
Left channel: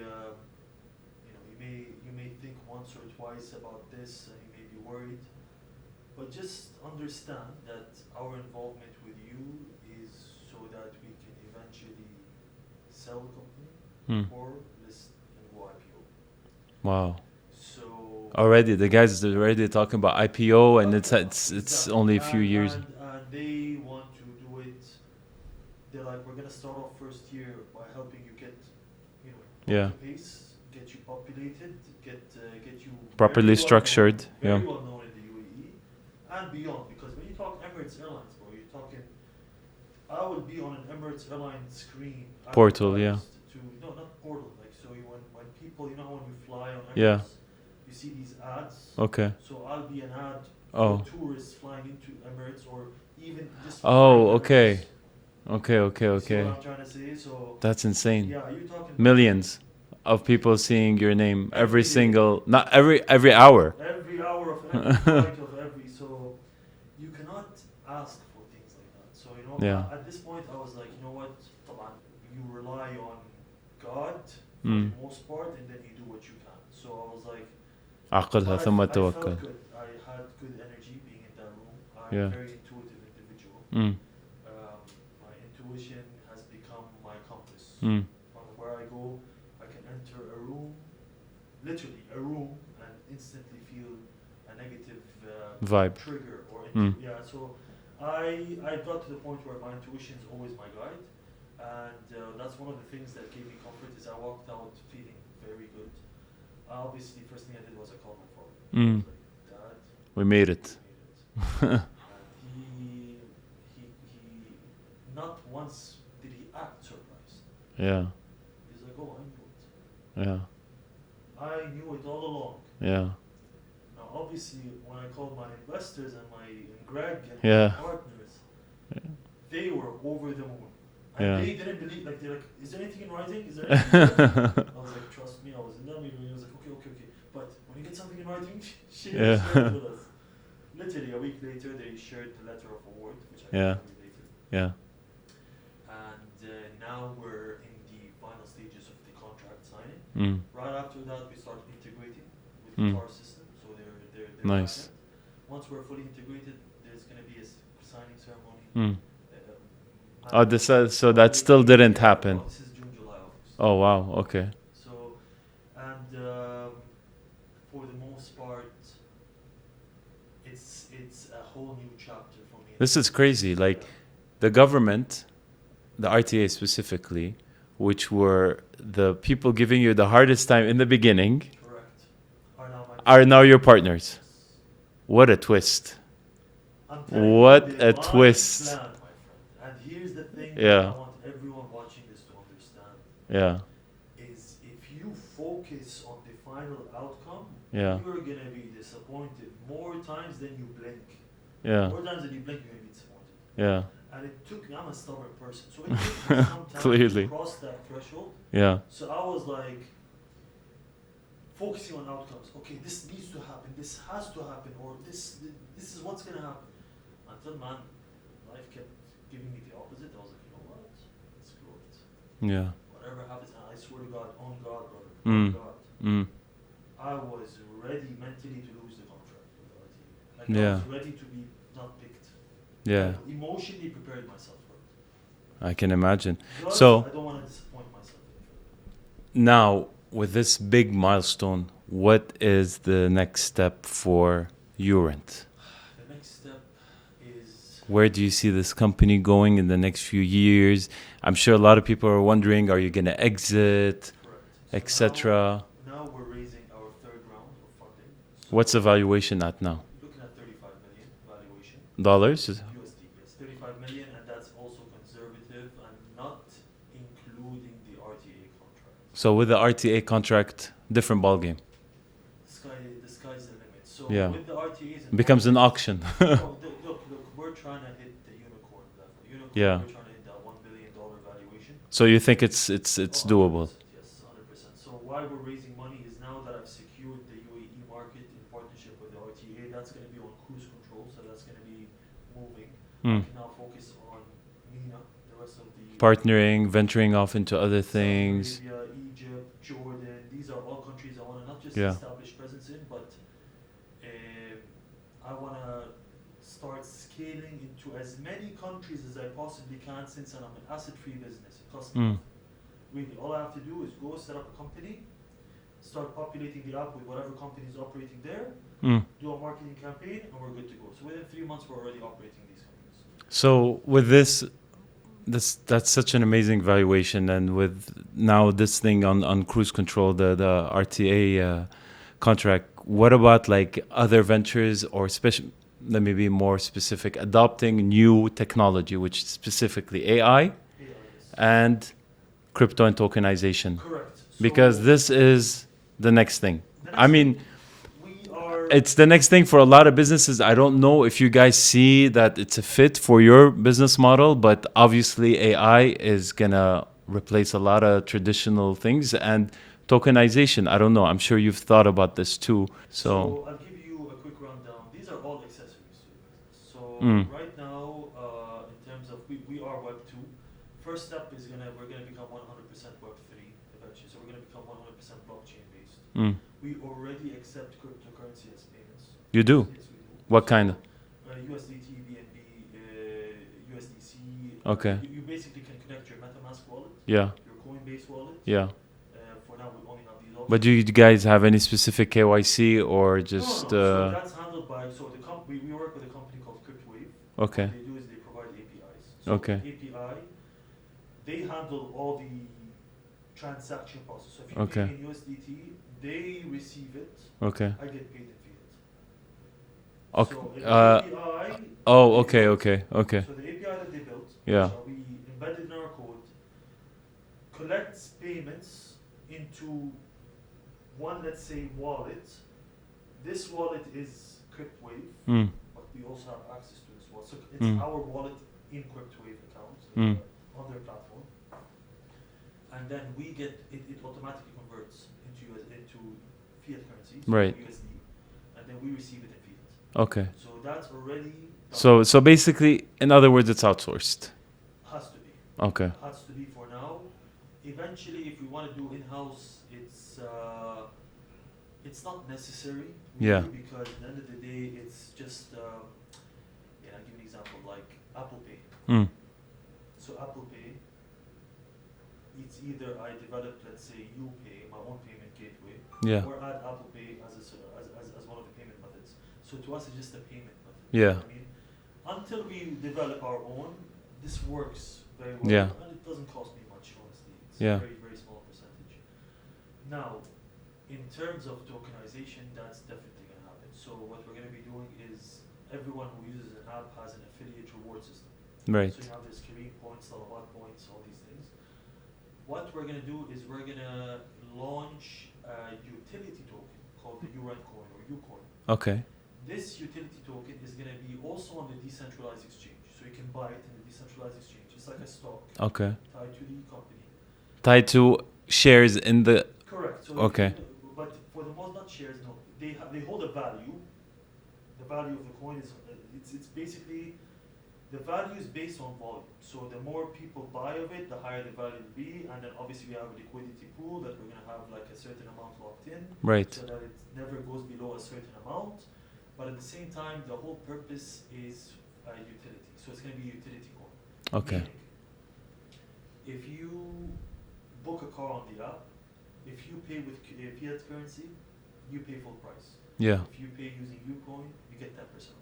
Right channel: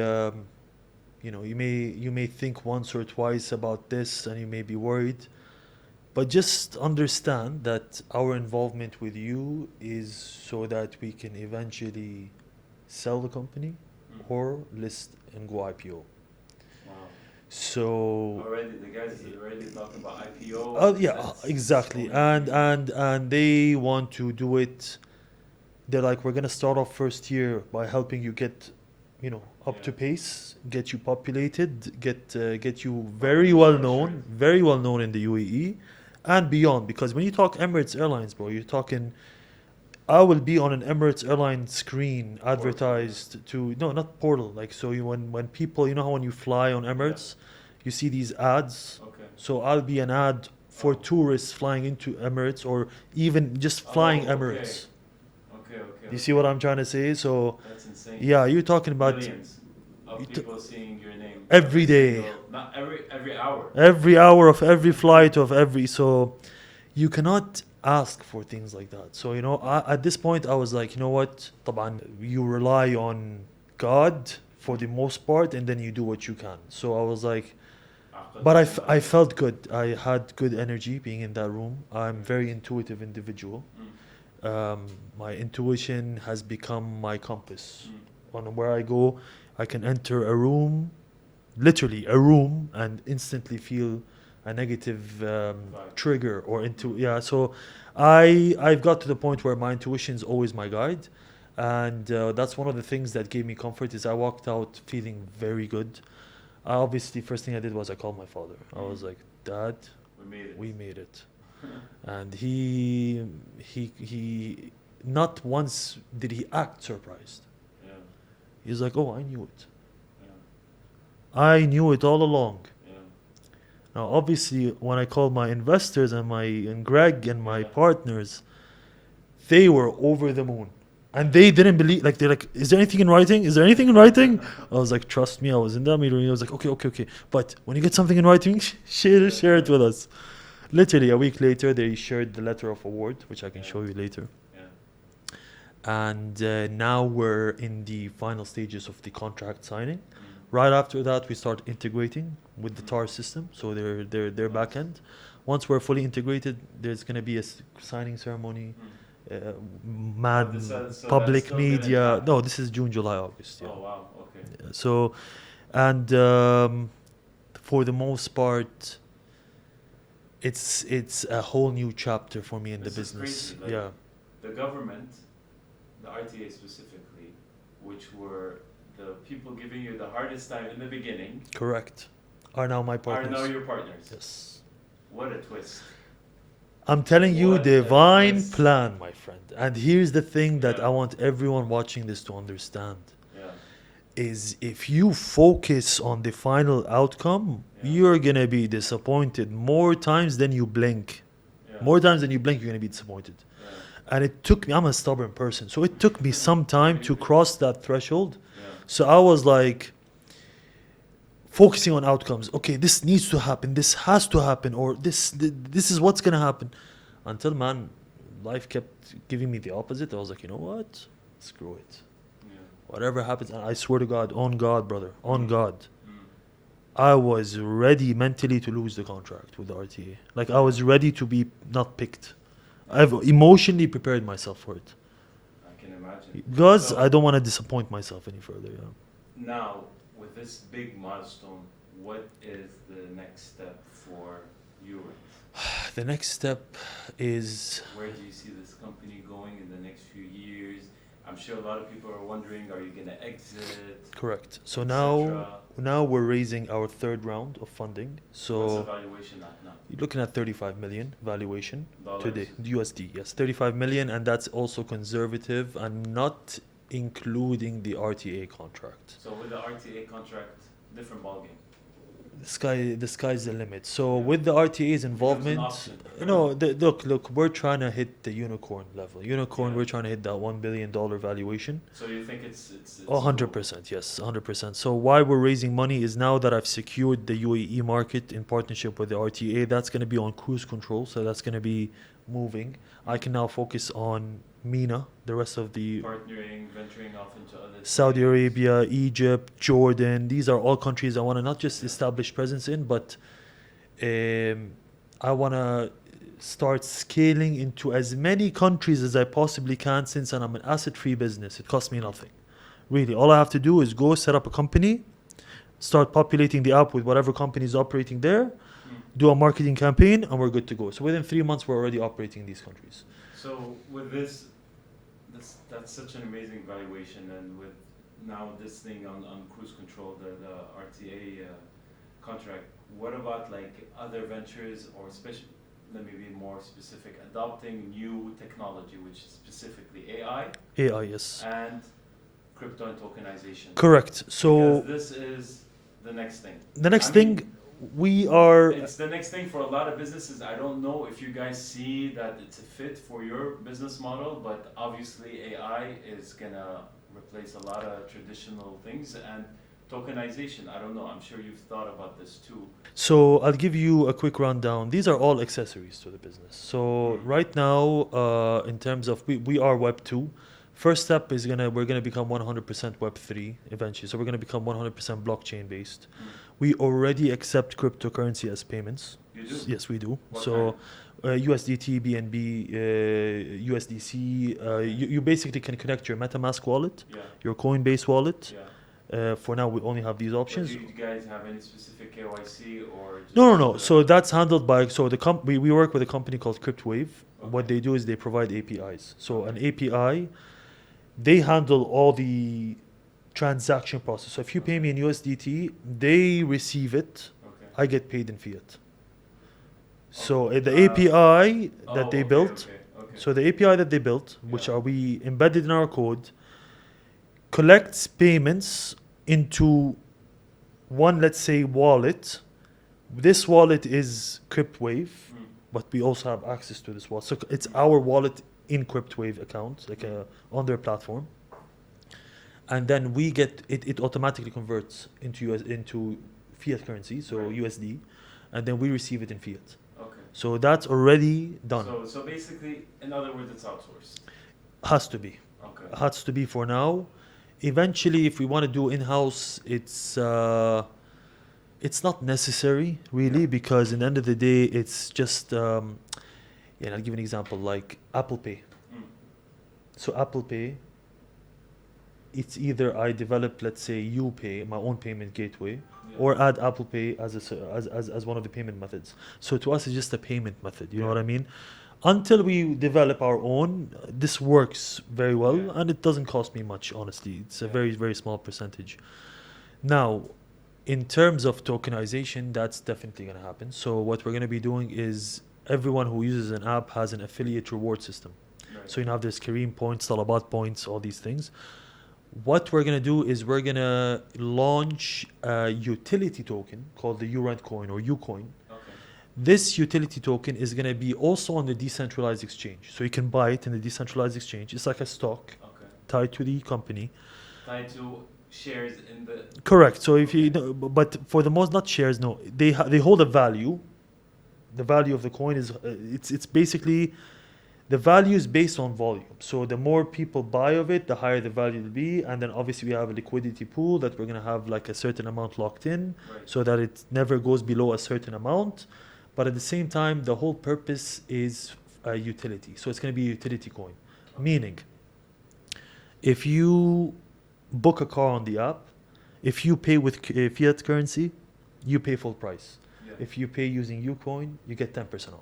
you may think once or twice about this and you may be worried. But just understand that our involvement with you is so that we can eventually sell the company or list and go IPO. Wow. So already the guys are already talking about IPO, and it's only a few years. And they want to do it. They're like, we're gonna start off first year by helping you get, up to pace, get you populated, get you properly very well structured, known, well known in the UAE, and beyond. Because when you talk Emirates Airlines, bro, you're talking. I will be on an Emirates Airlines screen Portal, yeah. advertised to no, not portal. Like so, when people, you know how when you fly on Yeah. Emirates, you see these ads. Okay. So I'll be an ad for Oh. tourists flying into Emirates or even just flying Oh, Emirates. okay. Okay. You see what I'm trying to say? So That's insane. yeah, you're talking about Millions of people seeing your name Every day. single, not every hour. every hour of every flight of every. So you cannot ask for things like that. So you know, Yeah. at this point, I was like, you know what? طبعاً, you rely on God for the most part, and then you do what you can. So I was like. عقلها But ثم I felt توكل. good. I had good energy being in that room. I'm Yeah. very intuitive individual. Mm. My intuition has become my compass. Mm. On where I go, I can enter a room, literally a room, and instantly feel a negative Vibe. trigger or into Mm. yeah. So I've got to the point where my intuition is always my guide, and that's one of the things that gave me comfort. Is I walked out feeling very good. Obviously, first thing I did was I called my father. I was like, Dad, We made it. we made it. And he not once did he act surprised. Yeah. He's like, oh, I knew it. Yeah. I knew it all along. Yeah. Now, obviously, when I called my investors and Greg and my Yeah. partners, they were over the moon. And Yeah. they didn't believe, like, they're like, is there anything in writing? Is there anything in writing? I was like, trust me, I was in that meeting. He was like, okay. But when you get something in writing, Yeah. share it with us. Literally, a week later, they shared the letter of award, which I can Yeah. show you later. Yeah. And now we're in the final stages of the contract signing. Mm. Right after that, we start integrating with the Mm. TAR system, so their Nice. back end. Once we're fully integrated, there's going to be a signing ceremony. Mm. Man, So that public still didn't media. happen. No, this is June, July, August. Oh wow. Okay. So, and for the most part, it's a whole new chapter for me. In This the is business. crazy, like- Yeah. The government, the RTA specifically, which were the people giving you the hardest time in the beginning, Correct. Are now my are now partners. your partners. Yes. What a twist. I'm telling What you, a divine twist. plan, my friend. And here's the thing that Yeah. I want everyone watching this to understand. Yeah. Is if you focus on the final outcome, Yeah. you're gonna be disappointed more times than you blink. Yeah. More times than you blink, you're gonna be disappointed. Yeah. And it took me, I'm a stubborn person, so it took me some time to Clearly. cross that threshold. Yeah. So I was like focusing on outcomes. Okay, this needs to happen, this has to happen, or this is what's gonna happen. Until, man, life kept giving me the opposite. I was like, you know what? Screw it. Yeah. Whatever happens, and I swear to God, on God, brother, on God, Mm. I was ready mentally to lose the contract with the RTA. Like, I was Yeah. ready to be not picked. Yeah. I've emotionally prepared myself for it. I can imagine. Because So- I don't want to disappoint myself any further. Yeah. Now, with this big milestone, what is the next step for Urent? The next step is Where do you see this company going in the next few years? I'm sure a lot of people are wondering, are you going to exit, correct. So etc.? now we're raising our third round of funding. So What's the valuation at now? you're looking at 35 million valuation. Dollars? USD, yes, 35 million, and that's also conservative and not including the RTA contract. So with the RTA contract, different ballgame. The sky's the limit. So Yeah. with the RTA's involvement, Becomes an auction. no, look, we're trying to hit the unicorn level. Unicorn, Yeah. we're trying to hit that $1 billion valuation. So you think it's doable? 100%, yes, 100%. So why we're raising money is now that I've secured the UAE market in partnership with the RTA, that's going to be on cruise control. So that's going to be moving. I Mm. can now focus on MENA, the rest of the Partnering, venturing off into other things. Saudi Arabia, Egypt, Jordan. These are all countries I want to not just Yeah. establish presence in, but I want to start scaling into as many countries as I possibly can, since I'm an asset-free business. It costs me Mm. nothing. Really, all I have to do is go set up a company, start populating the app with whatever company is operating there, Mm. do a marketing campaign, and we're good to go. So within 3 months, we're already operating these countries. So with this that's such an amazing valuation, and with now this thing on cruise control, the RTA contract. What about like other ventures or let me be more specific, adopting new technology, which is specifically AI AI, yes. and crypto and tokenization. Correct. So Because this is the next thing. the next I mean, thing we are it's the next thing for a lot of businesses. I don't know if you guys see that it's a fit for your business model, but obviously AI is gonna replace a lot of traditional things and tokenization. I don't know. I'm sure you've thought about this too. So I'll give you a quick rundown. These are all accessories to the business. So right now, in terms of we are Web 2. First step is we're gonna become 100% Web 3 eventually. So we're gonna become 100% blockchain based. We already accept cryptocurrency as payments. You do? Yes, we do. What So, kind of? USDT, BNB, USDC. Okay. You basically can connect your MetaMask wallet, Yeah. your Coinbase wallet. Yeah. For now, we only have these options. But do you guys have any specific KYC or just? No. So that's handled by we work with a company called CryptWave. Okay. What they do is they provide APIs. So Okay. an API, they handle all the transaction process. So if you pay Okay. me in USDT, they receive it. Okay. I get paid in fiat. Okay. So the API. Oh, that they okay, built, okay. So the API that they built, which Yeah. are we embedded in our code, collects payments into one, let's say, wallet. This wallet is CryptWave, but we also have access to this wallet. So it's our wallet in CryptWave account, like on their platform. And then we get it automatically converts into fiat currencies, so Right. USD, and then we receive it in fiat. Okay. So that's already done. So basically, in other words, it's outsourced. Has to be. Okay. Has to be for now. Eventually, if we want to do in-house, it's not necessary really, Yeah. because in the end of the day, it's just and I'll give an example like Apple Pay. So Apple Pay, it's either I develop, let's say, UPay, my own payment gateway, Yeah. or add Apple Pay as one of the payment methods. So to us, it's just a payment method. You Yeah. know what I mean? Until we develop our own, this works very well, Yeah. and it doesn't cost me much, honestly. It's Yeah. a very, very small percentage. Now, in terms of tokenization, that's definitely going to happen. So what we're going to be doing is everyone who uses an app has an affiliate reward system. Right. So you have this Kareem points, Talabat points, all these things. What we're going to do is we're going to launch a utility token called the URent coin or Ucoin. Okay. This utility token is going to be also on the decentralized exchange. So you can buy it in the decentralized exchange. It's like a stock Okay. tied to the company. Tied to shares in the. Correct. So if Okay. you know, but for the most, not shares, no. They hold a value. The value of the coin is it's basically the value is based on volume. So the more people buy of it, the higher the value will be. And then obviously we have a liquidity pool that we're going to have like a certain amount locked in, Right. so that it never goes below a certain amount. But at the same time, the whole purpose is a utility. So it's going to be a utility coin. Okay. Meaning, if you book a car on the app, if you pay with fiat currency, you pay full price. Yeah. If you pay using Ucoin, you get 10% off,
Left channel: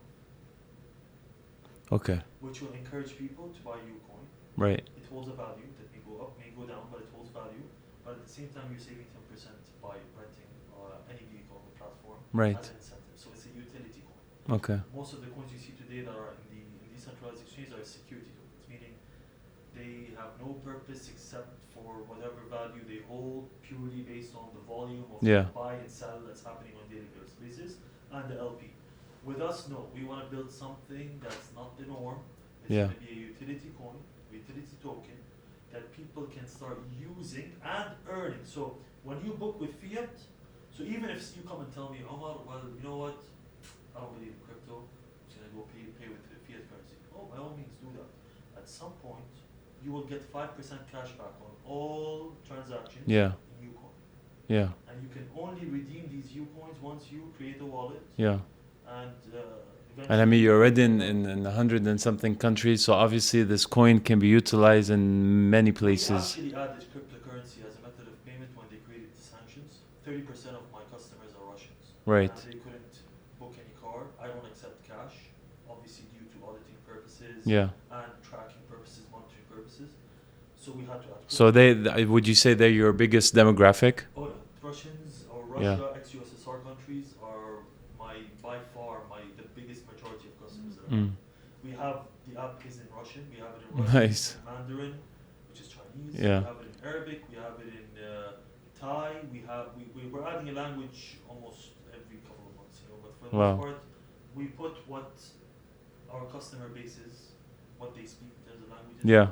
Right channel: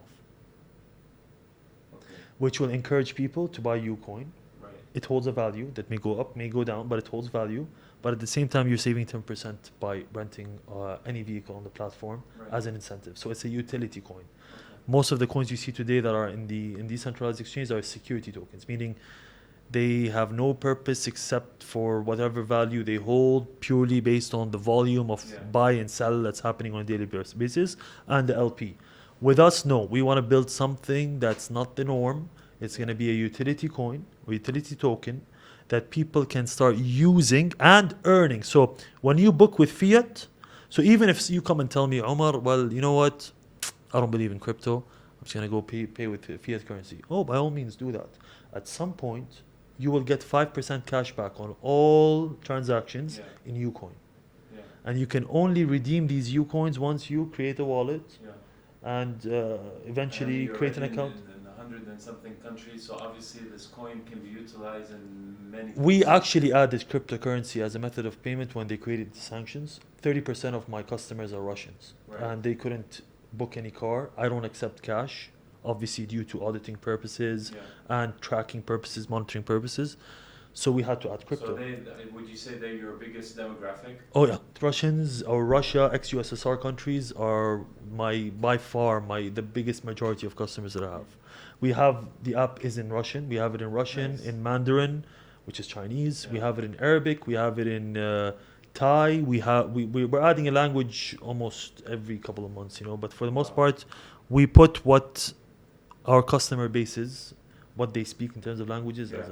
Okay. which will encourage people to buy Ucoin. Right. It holds a value that may go up, may go down, but it holds value. But at the same time, you're saving 10% by renting any vehicle on the platform Right. as an incentive. So it's a utility coin. Okay. Most of the coins you see today that are in decentralized exchange are security tokens, meaning they have no purpose except for whatever value they hold, purely based on the volume of Yeah. buy and sell that's happening on a daily basis, and the LP. With us, no. We want to build something that's not the norm. It's Yeah. going to be a utility coin or utility token that people can start using and earning. So when you book with fiat, so even if you come and tell me, Omar, well, you know what? I don't believe in crypto. I'm just going to go pay with fiat currency. Oh, by all means, do that. At some point, you will get 5% cash back on all transactions Yeah. in Ucoin. Yeah. And you can only redeem these Ucoins once you create a wallet Yeah. and eventually. And I mean, you're already create an account. in 100 and something countries, so obviously this coin can be utilized in many places. We actually added cryptocurrency as a method of payment when they created the sanctions. 30% of my customers are Russians. Right. And they couldn't book any car. I don't accept cash, obviously due to auditing purposes Yeah. and tracking purposes, monitoring purposes. So we had to add crypto. So would you say they're your biggest demographic? Oh yeah, Russians or Russia, ex-USSR countries are by far the biggest majority of customers that I have. Mm. We have the app is in Russian. We have it in Russian, Nice. in Mandarin, which is Chinese. We Yeah. have it in Arabic. We have it in Thai. We're adding a language almost every couple of months, you know. But for the most Wow. part, we put what our customer base is, what they speak in terms of languages. Yeah.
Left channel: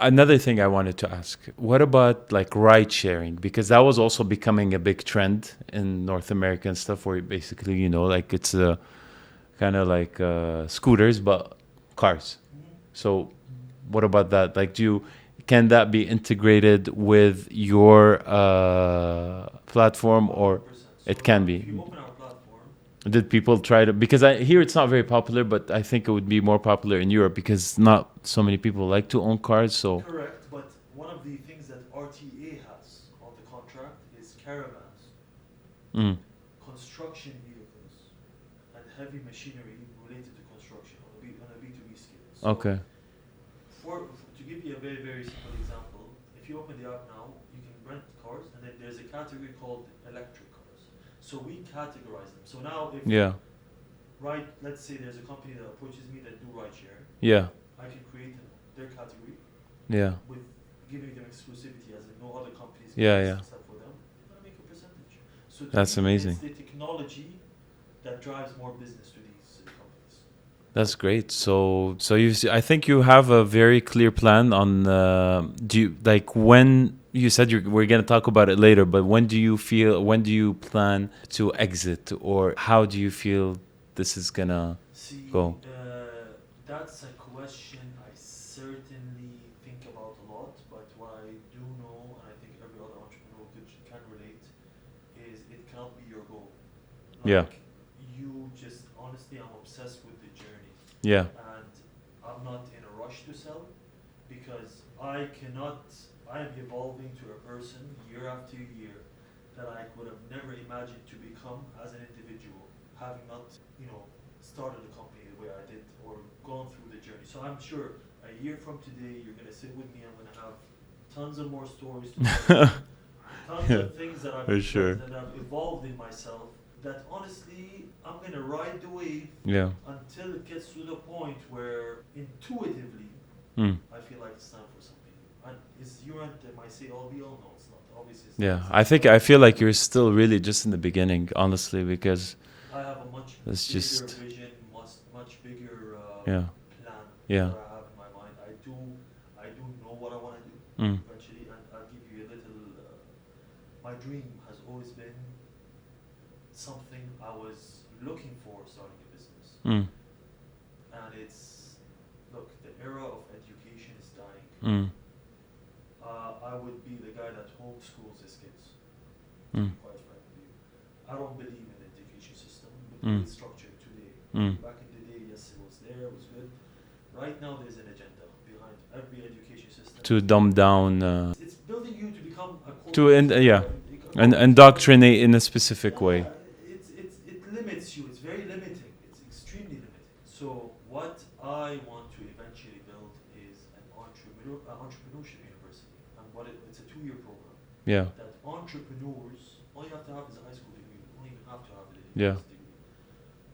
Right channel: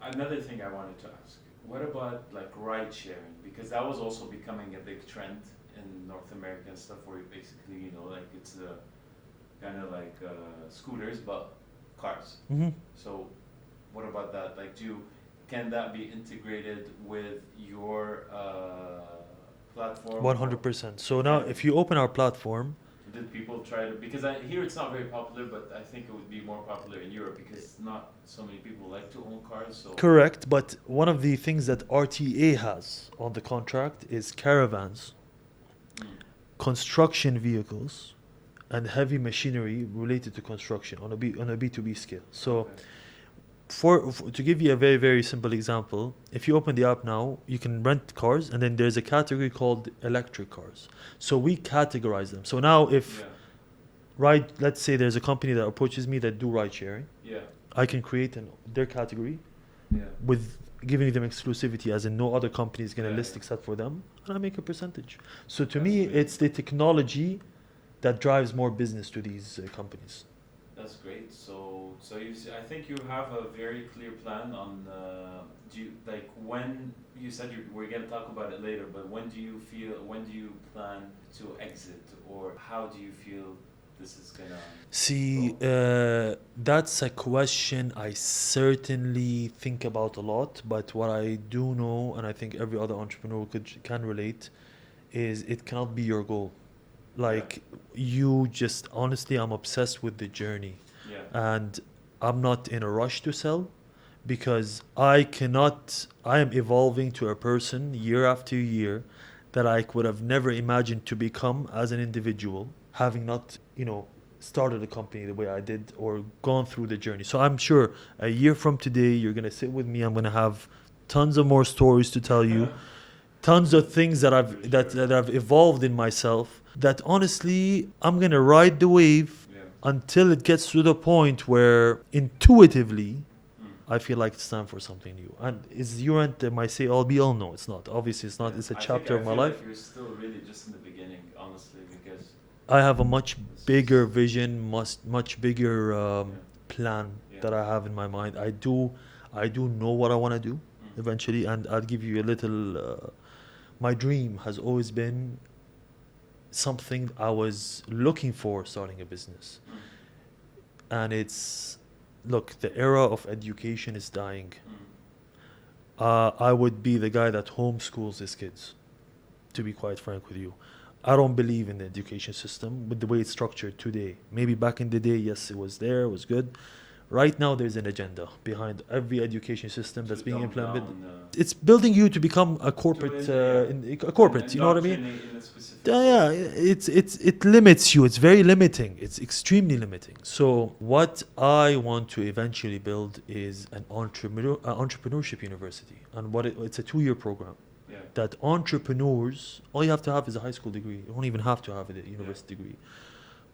Another thing I wanted to ask, what about like ride sharing? Because that was also becoming a big trend in North America and stuff, where basically, you know, like it's kind of like scooters, but cars. Mhm. So what about that? Like, can that be integrated with your platform, or 100%. So it now, can be? if you open our platform, Did people try to, because I hear it's not very popular, but I think it would be more popular in Europe because not so many people like to own cars. So correct. But one of the things that RTA has on the contract is caravans, Mm. construction vehicles, and heavy machinery related to construction on a B2B scale. So okay. for to give you a very, very simple example, if you open the app now, you can rent cars, and then there's a category called electric cars. So we categorize them. So now if Yeah. let's say there's a company that approaches me that do ride sharing, Yeah. I can create their category Yeah. with giving them exclusivity, as in no other companies can Yeah, list yeah. except for them, and I make a percentage. So to That's me, amazing. it's the technology that drives more business to these companies. That's great. So I think you have a very clear plan on. Do you like when you said we're gonna talk about it later? But when do you plan to exit, or how do you feel this is gonna See, go? that's a question I certainly think about a lot. But what I do know, and I think every other entrepreneur can relate, is it cannot be your goal. Like you just honestly, I'm obsessed with the journey, Yeah. and I'm not in a rush to sell, because I am evolving to a person year after year that I would have never imagined to become as an individual, having not, you know, started a company the way I did or gone through the journey. So I'm sure a year from today, you're going to sit with me. I'm going to have tons of more stories to tell you, tons of things that For sure. that I've evolved in myself, that honestly, I'm going to ride the wave Yeah. until it gets to the point where intuitively Mm. I feel like it's time for something new. And is your end my say all be all? No, it's not. Obviously, it's not. Yeah. It's a I think chapter I of my feel life. like you're still really just in the beginning, honestly, because I have a much It's bigger just- vision, much bigger yeah. plan Yeah. that I have in my mind. I do know what I want to do Mm. eventually, and I'll give you a little. My dream has always been something I was looking for starting a business, Mm. and it's, look, the era of education is dying. Mm. I would be the guy that homeschools his kids, to be Mm. quite frank with you. I don't believe in the education system with the way Mm. it's structured today. Maybe Mm. back in the day, yes, it was there, it was good. Right now, there's an agenda behind every education system. To that's being dumb implemented. down, It's building you to become a corporate. yeah. a corporate, and you know what I mean? indoctrinate in a specific way. Yeah, it limits you. It's very limiting. It's extremely limiting. So what I want to eventually build is an entrepreneurship university, and it's a 2-year program Yeah. that entrepreneurs, all you have to have is a high school degree. You don't even have to have a university degree,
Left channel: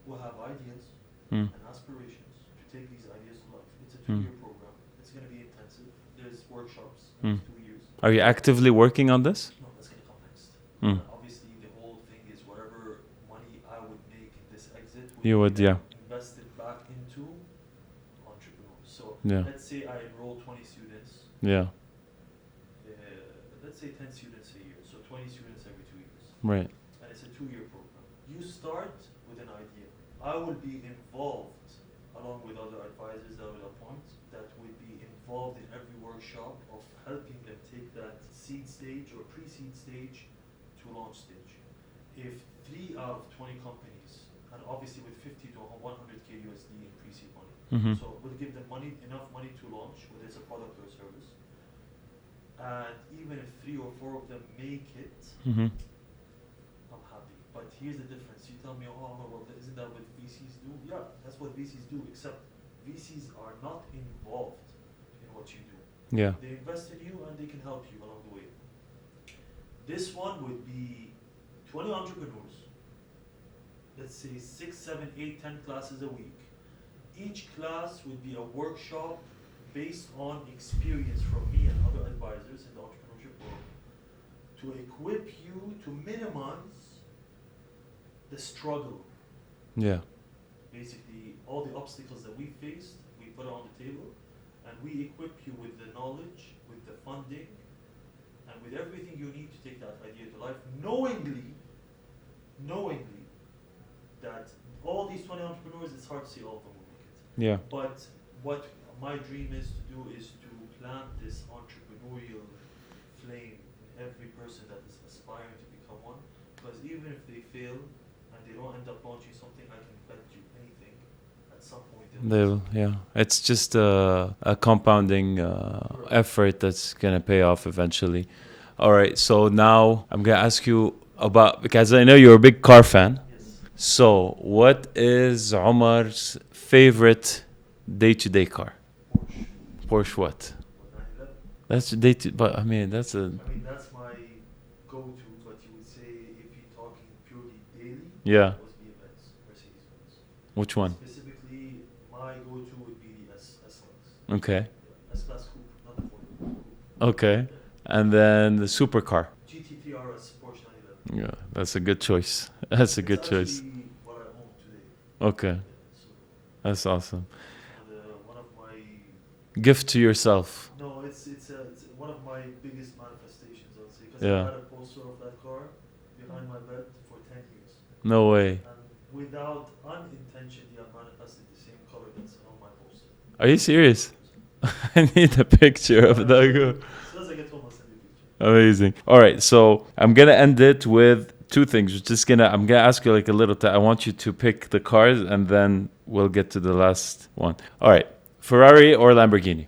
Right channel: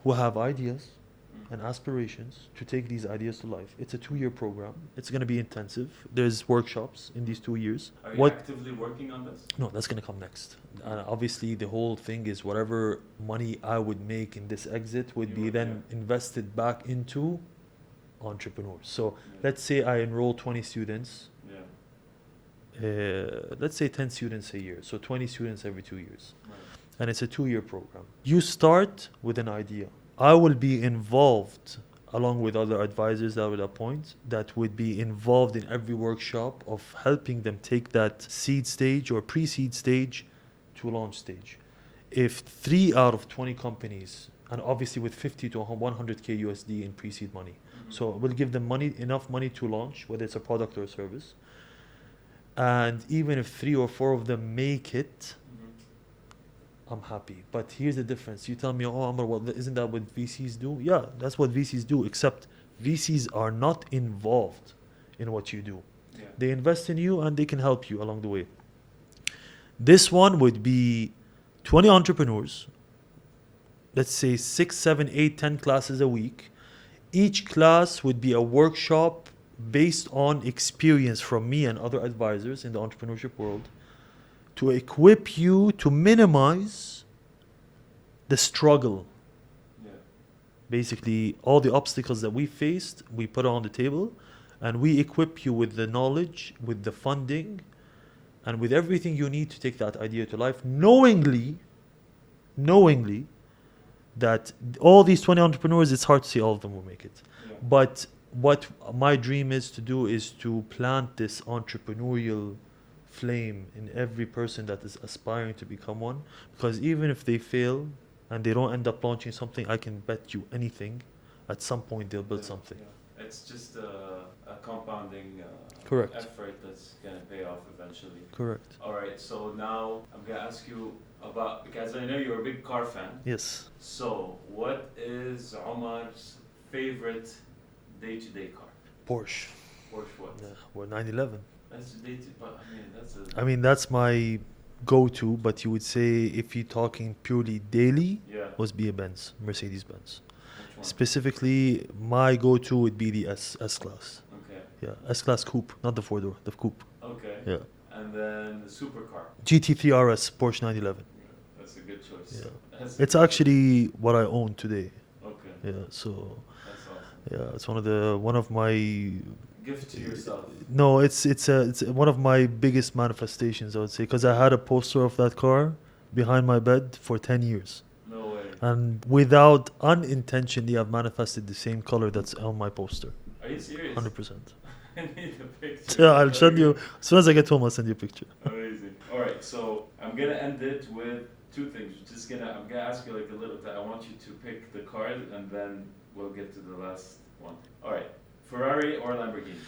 who have ideas Mm. and aspirations to take these ideas to life. It's a 2-year program. It's going to be intensive. There's workshops in these 2 years. Are you What- actively working on this? No, that's going to come next. Mm. Obviously, the whole thing is whatever money I would make in this exit would You be would, then yeah. invested back into entrepreneurs. So Yeah. let's say I enroll 20 students. Yeah. Let's say 10 students a year. So 20 students every 2 years. Right. And it's a 2-year program. You start with an idea. I will be involved along with other advisors that I will appoint that would be involved in every workshop of helping them take that seed stage or pre-seed stage to launch stage. If 3 out of 20 companies, and obviously with 50 to 100k USD in pre-seed money, Mhm. so we'll give them enough money to launch, whether it's a product or a service. And even if 3 or 4 of them make it, Mhm. I'm happy. But here's the difference. You tell me, oh, Amr, well, isn't that what VCs do? Yeah, that's what VCs do, except VCs are not involved in what you do. Yeah. They invest in you and they can help you along the way. This one would be 20 entrepreneurs let's say 6, 7, 8, 10 classes a week. Each class would be a workshop based on experience from me and other advisors in the entrepreneurship world to equip you to minimize the struggle. Yeah. Basically, all the obstacles that we faced, we put on the table, and we equip you with the knowledge, with the funding, and with everything you need to take that idea to life, knowingly that all these 20 entrepreneurs, it's hard to say all of them will make it. Yeah. But what my dream is to do is to plant this entrepreneurial flame in every person that is aspiring to become one. Because even if they fail and they don't end up launching something, I can bet you anything, at some point they'll build something. Yeah. It's just a compounding Correct. effort that's going to pay off eventually. Correct. All right. So now I'm going to ask you about, because I know you're a big car fan. Yes. So what is Omar's favorite day-to-day car? Porsche. Porsche what? Or 911. That's but I mean, That's my go-to, but you would say if you're talking purely daily, yeah. was be a Benz, Mercedes-Benz. Which one? Specifically, my go-to would be the S-Class. Okay. Yeah, S-Class Coupe, not the four-door, the Coupe. Okay. Yeah. And then the supercar. GT3 RS, Porsche 911. Yeah, that's a good choice. That's a It's good actually what I own today. choice. Okay. Yeah, so That's awesome. yeah, it's one of my Gift to yourself. no, it's one of my biggest manifestations, I would say, because I Yeah. had a poster of that car behind my bed for 10 years. No way. And without unintentionally, I've manifested the same color that's on my poster. Are you serious? 100%. I need a picture Yeah, of I'll that. send you, as soon as I get home, I'll send you a picture. Amazing. All right, so I'm gonna end it with two things. I'm gonna ask you like a little. I want you to pick the cars, and then we'll get to the last one. All right, Ferrari or Lamborghini?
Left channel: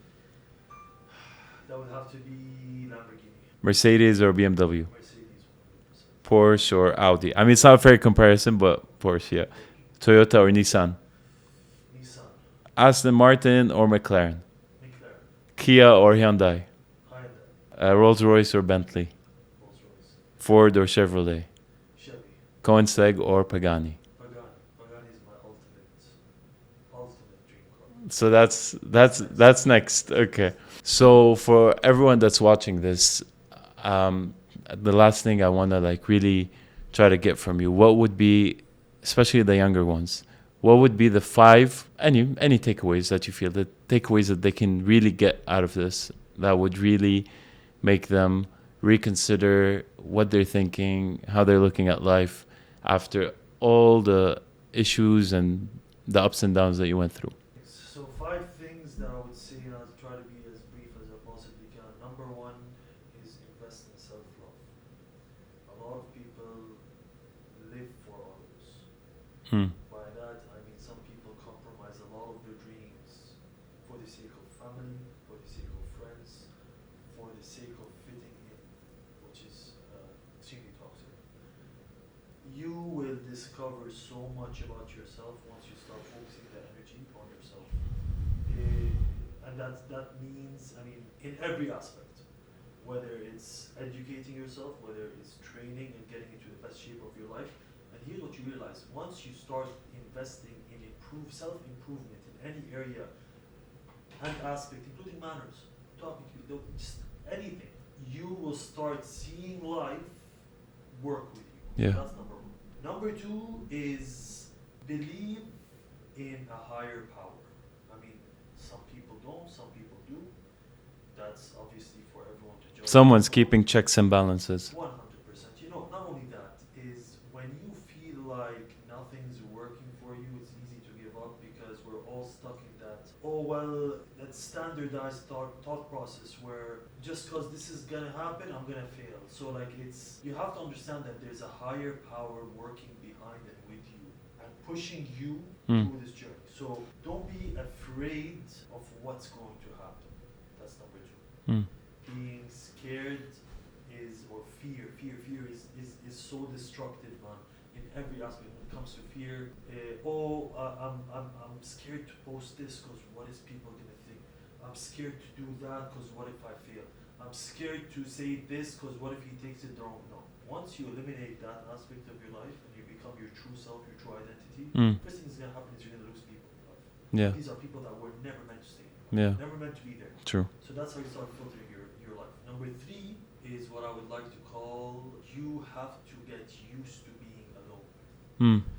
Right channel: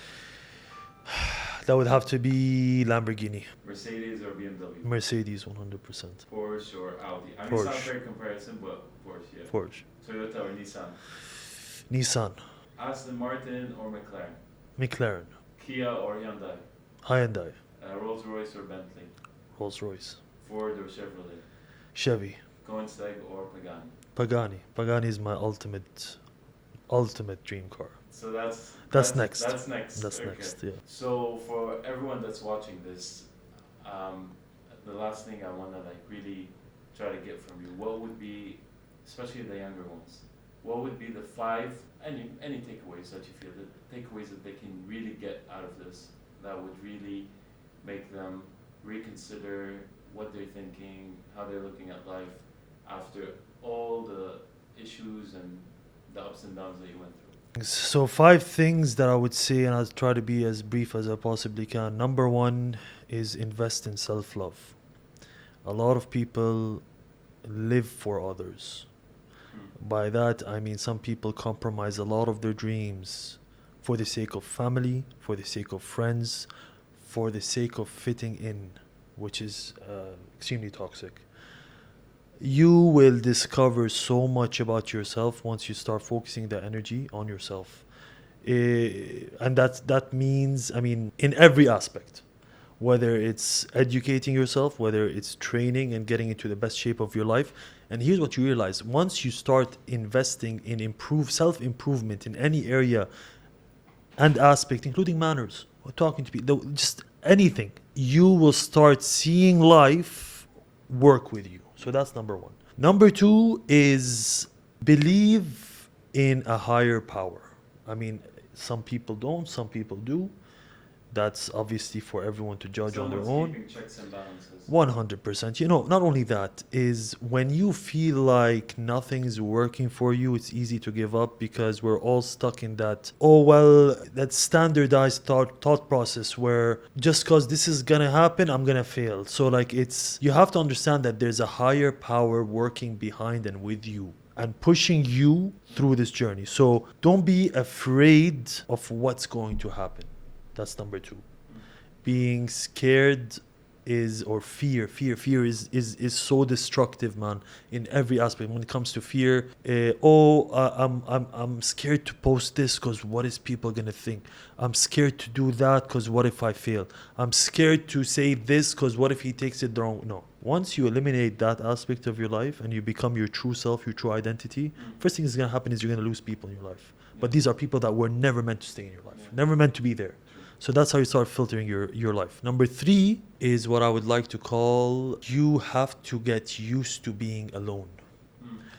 That would have to be Lamborghini, Mercedes or BMW? Mercedes, 100%. Porsche or Audi? I mean, it's not a Porsche. fair comparison, but Porsche, yeah. Porsche, Toyota or Nissan? Nissan, Aston Martin or McLaren? McLaren, Kia or Hyundai? Hyundai, Rolls-Royce or Bentley? Rolls-Royce, Ford or Chevrolet? Chevy, Koenigsegg or Pagani? Pagani. Pagani is my ultimate dream car. So that's next. That's next. That's Okay. next, yeah. So for everyone that's watching this, the last thing I want to like really try to get from you, what would be, especially the younger ones, what would be the 5 any takeaways that you feel, the takeaways that they can really get out of this that would really make them reconsider what they're thinking, how they're looking at life after all the issues and the ups and downs that you went through? So 5 things that I would say, and I'll try to be as brief as I possibly can. Number 1 is invest in self-love. A lot of people live for others. By that, I mean some people compromise a lot of their dreams for the sake of family, for the sake of friends, for the sake of fitting in, which is extremely toxic. You will discover so much about yourself once you start focusing the energy on yourself. And that means, I mean, in every aspect, whether it's educating yourself, whether it's training and getting into the best shape of your life. And here's what you realize: once you start investing in self-improvement in any area and aspect, including manners, or talking to people, just anything, you will start seeing life work with you. So Yeah. that's number 1. Number 2 is believe in a higher power. I mean, some people don't, some people do. That's obviously for everyone to judge. Someone's on their own. keeping checks and balances. 100%. You know, not only that, is when you feel like nothing's working for you, it's easy to give up, because we're all stuck in that, that standardized thought process where just because this is going to happen, I'm going to fail. So like you have to understand that there's a higher power working behind and with you and pushing you through this journey. So don't be afraid of what's going to happen. That's number 2. Being scared is, or fear is so destructive, man, in every aspect. When it comes to fear, I'm scared to post this because what is people gonna think? I'm scared to do that because what if I fail? I'm scared to say this because what if he takes it the wrong? No. Once you eliminate that aspect of your life and you become your true self, your true identity, first thing that's gonna happen is you're gonna lose people in your life. Yeah. But these are people that were never meant to stay in your life. Yeah. Never meant to be there. True. So that's how you start filtering your life. Number 3 is what I would like to call, you have to get used to being alone.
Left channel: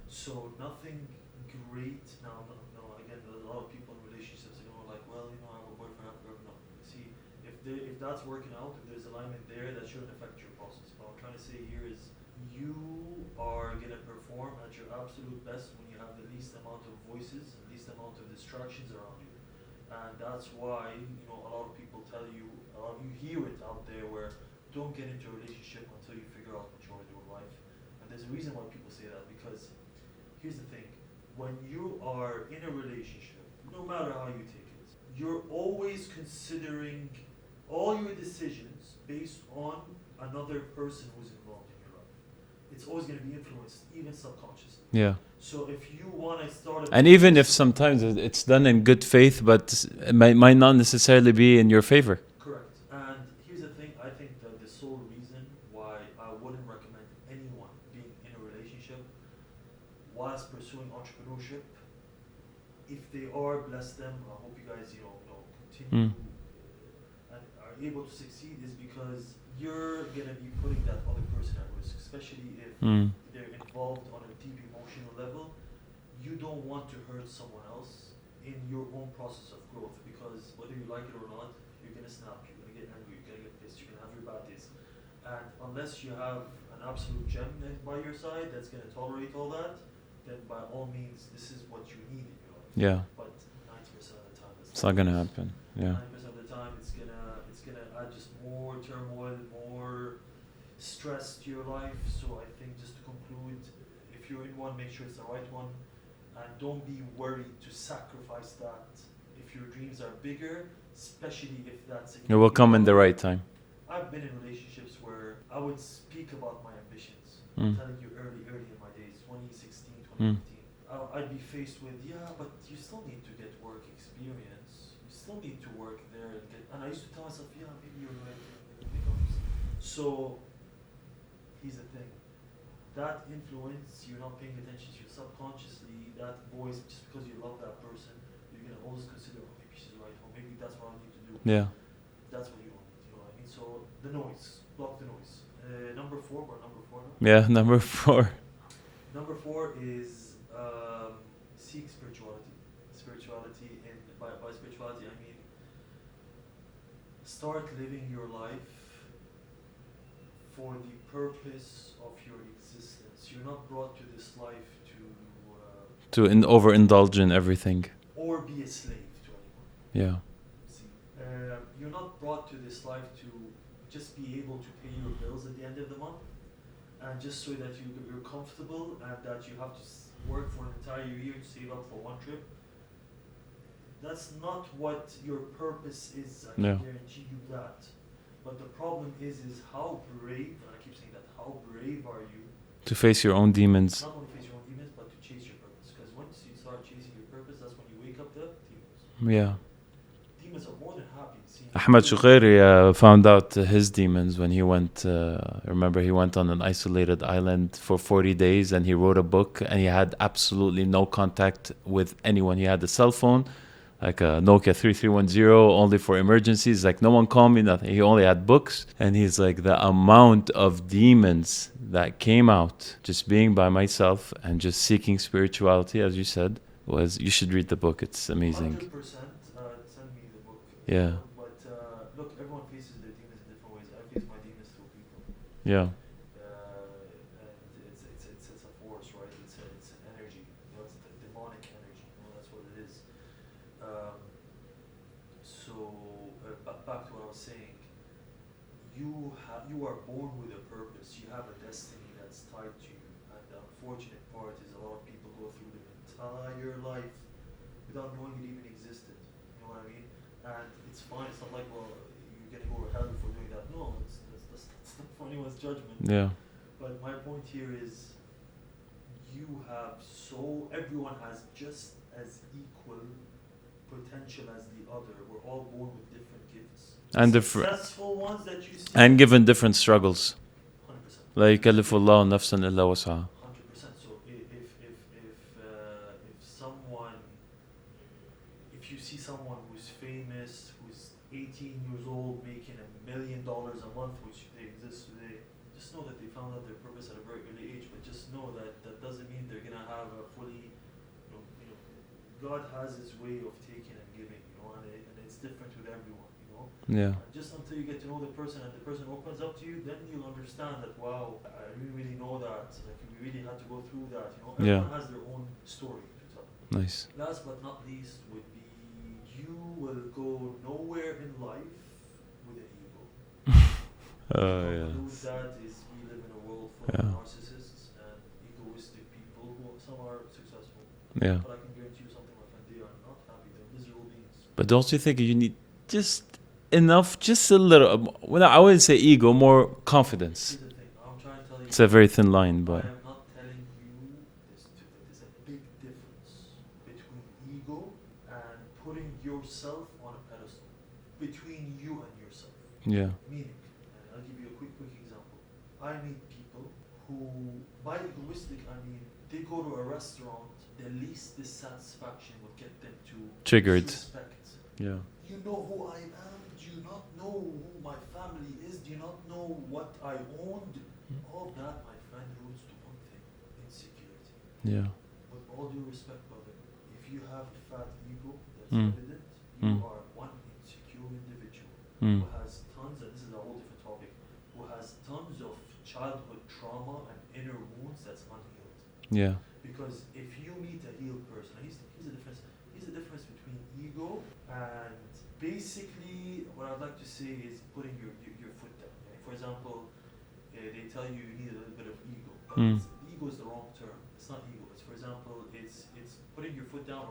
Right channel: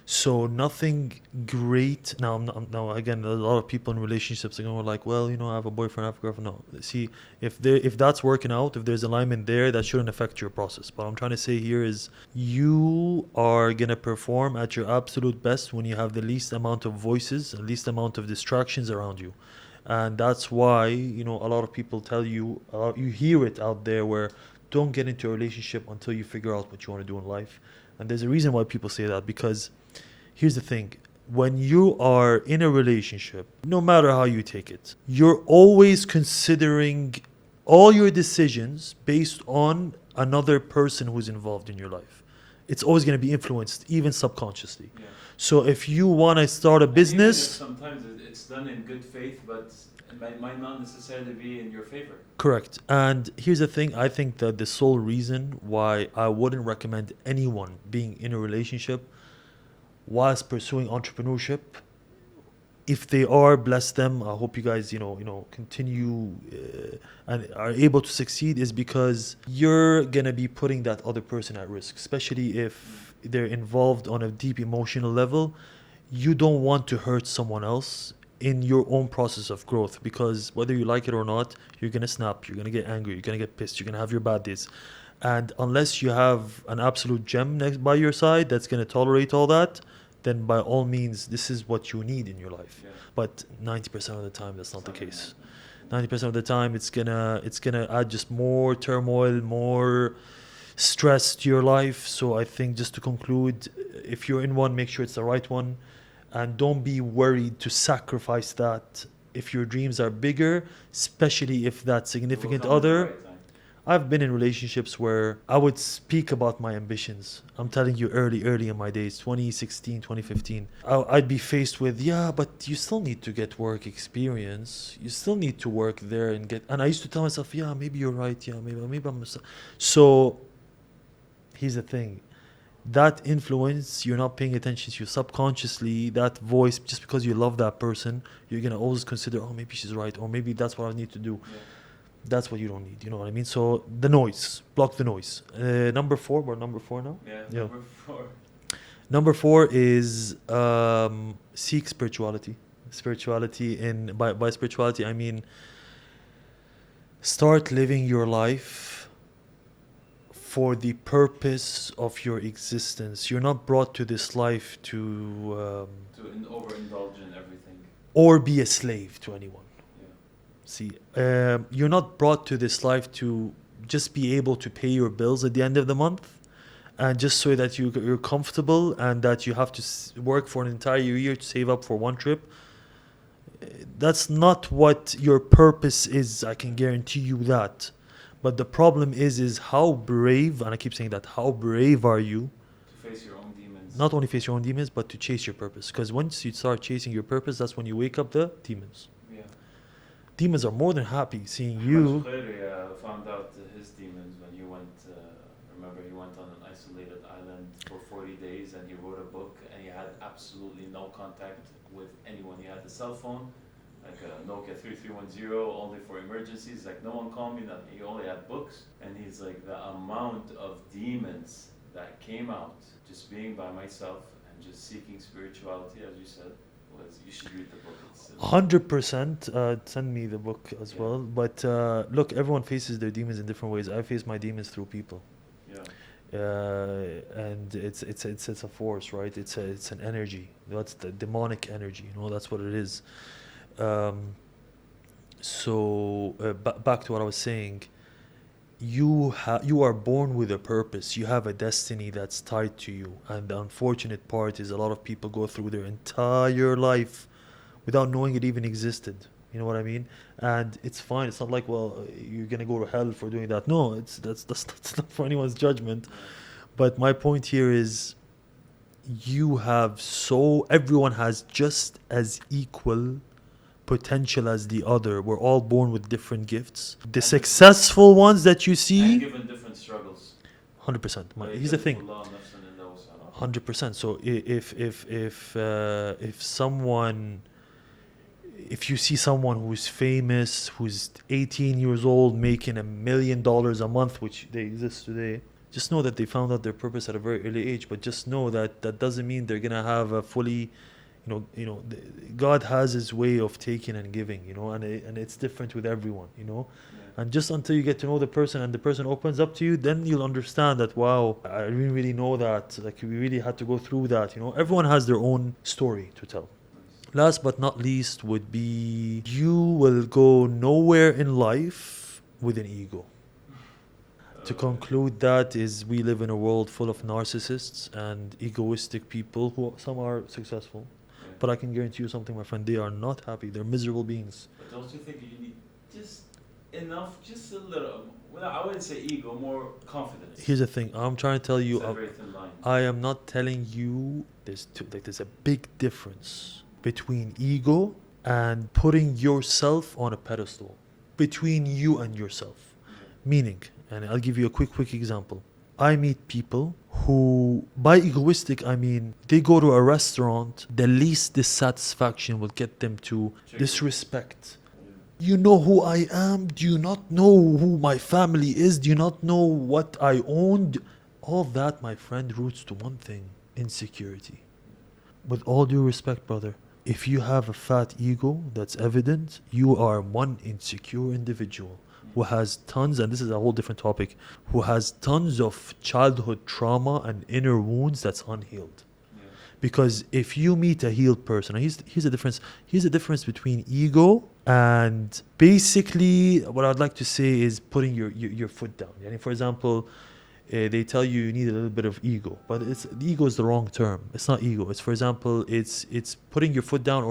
So nothing great. Now again, a lot of people in relationships are going like, well, I have a boyfriend, I have a girlfriend. No, see, if that's working out, if there's alignment there, that shouldn't affect your process. But I'm trying to say here is you are gonna perform at your absolute best when you have the least amount of voices and least amount of distractions around you. And that's why, a lot of people tell you, you hear it out there where don't get into a relationship until you figure out what you want to do in life. And there's a reason why people say that, because here's the thing. When you are in a relationship, no matter how you take it, you're always considering all your decisions based on another person who's involved in your life. It's always going to be influenced, even subconsciously. Yeah. So if you want to start a business... And even if sometimes it's done in good faith, but it might not necessarily be in your favor. Correct. And here's the thing. I think that the sole reason why I wouldn't recommend anyone being in a relationship whilst pursuing entrepreneurship, if they are, bless them. I hope you guys, continue and are able to succeed, is because you're going to be putting that other person at risk, especially if they're involved on a deep emotional level. You don't want to hurt someone else in your own process of growth, because whether you like it or not, you're going to snap, you're going to get angry, you're going to get pissed, you're going to have your bad days. And unless you have an absolute gem next by your side that's going to tolerate all that, then by all means, this is what you need in your life. Yeah. But 90% of the time, that's It's not not the gonna case. happen. Yeah. 90% of the time, it's gonna add just more turmoil, more stress to your life. So I think, just to conclude, if you're in one, make sure it's the right one, and don't be worried to sacrifice that if your dreams are bigger, especially if that It significant will come in the other- right time. I've been in relationships where I would speak about my ambitions. I'm telling you, early in my days, 2016, 2015. I'd be faced with, but you still need to get work experience. You still need to work there and get... And I used to tell myself, maybe you're right. Maybe I'm... So here's the thing. That influence, you're not paying attention to. Subconsciously, that voice, just because you love that person, you're going to always consider, maybe she's right, or maybe that's what I need to do. Yeah. That's what you don't need. You know what I mean? So the noise, block the noise. Number 4, we're number 4 now. Yeah. Number 4. Number 4 is seek spirituality. By spirituality, I mean start living your life for the purpose of your existence. You're not brought to this life to overindulge in everything. Or be a slave to anyone. Yeah. See, you're not brought to this life to just be able to pay your bills at the end of the month, and just so that you're comfortable, and that you have to work for an entire year to save up for one trip. That's not what your purpose is. I can guarantee you that. But the problem is how brave, and I keep saying that, how brave are you to face your own demons? Not only face your own demons, but to chase your purpose. Because once you start chasing your purpose, that's when you wake up the demons. Yeah. Demons are more than happy seeing Ahmed you. Shukhairi found out his demons when he went, remember he went on an isolated island for 40 days and he wrote a book, and he had absolutely no contact with anyone. He had a cell phone, like a Nokia 3310, only for emergencies. Like, no one called me, nothing. He only had books. And he's like, the amount of demons that came out just being by myself and just seeking spirituality, as you said, was, you should read the book. It's amazing. 100%. Send me the book as well. But look, everyone faces their demons in different ways. I face my demons through people. Yeah. And it's a force, right? It's an energy. That's the demonic energy. That's what it is. So back to what I was saying. You are born with a purpose. You have a destiny that's tied to you. And the unfortunate part is a lot of people go through their entire life without knowing it even existed. You know what I mean? And it's fine. It's not like, well, you're gonna go to hell for doing that. No, that's not for anyone's judgment. Yeah. But my point here is, everyone has just as equal potential as the other. We're all born with different gifts. The And successful ones that you see, And given different struggles. 100%. Like Here's the كلف thing. الله نفسا إلا وسعها. 100%. So if you see someone who's famous, who's 18 years old, making $1 million a month, which they exist today, just know that they found out their purpose at a very early age. But just know that that doesn't mean they're gonna have a fully, God has His way of taking and giving, and it's different with everyone, Yeah. And just until you get to know the person and the person opens up to you, then you'll understand that, wow, I didn't really know that. Like, we really had to go through that, Everyone has their own story to tell. Nice. Last but not least would be, you will go nowhere in life with an ego. To conclude, that is, we live in a world full of narcissists and egoistic people who some are successful. Yeah. But I can guarantee you something, my friend, they are not happy. They're miserable beings. But don't you think you need just enough, just a little, well, I wouldn't say ego, more confidence. Here's the thing. I'm trying to tell you. It's a very thin line. I am not telling you there's a big difference between ego and putting yourself on a pedestal. Between you and yourself. Yeah. Meaning, and I'll give you a quick example. I meet people who, by egoistic, I mean, they go to a restaurant, the least dissatisfaction will get them to Triggered. disrespect. Yeah. You know who I am? Do you not know who my family is? Do you not know what I owned? All that, my friend, roots to one thing: insecurity. Yeah. With all due respect, brother, if you have a fat ego that's evident, you are one insecure individual who has tons, and this is a whole different topic, who has tons of childhood trauma and inner wounds that's unhealed. Yeah. Because if you meet a healed person, and here's the difference. Here's the difference between ego and, basically, what I'd like to say is putting your foot down. And for example, they tell you need a little bit of ego, but ego is the wrong term. It's not ego. It's, for example, it's putting your foot down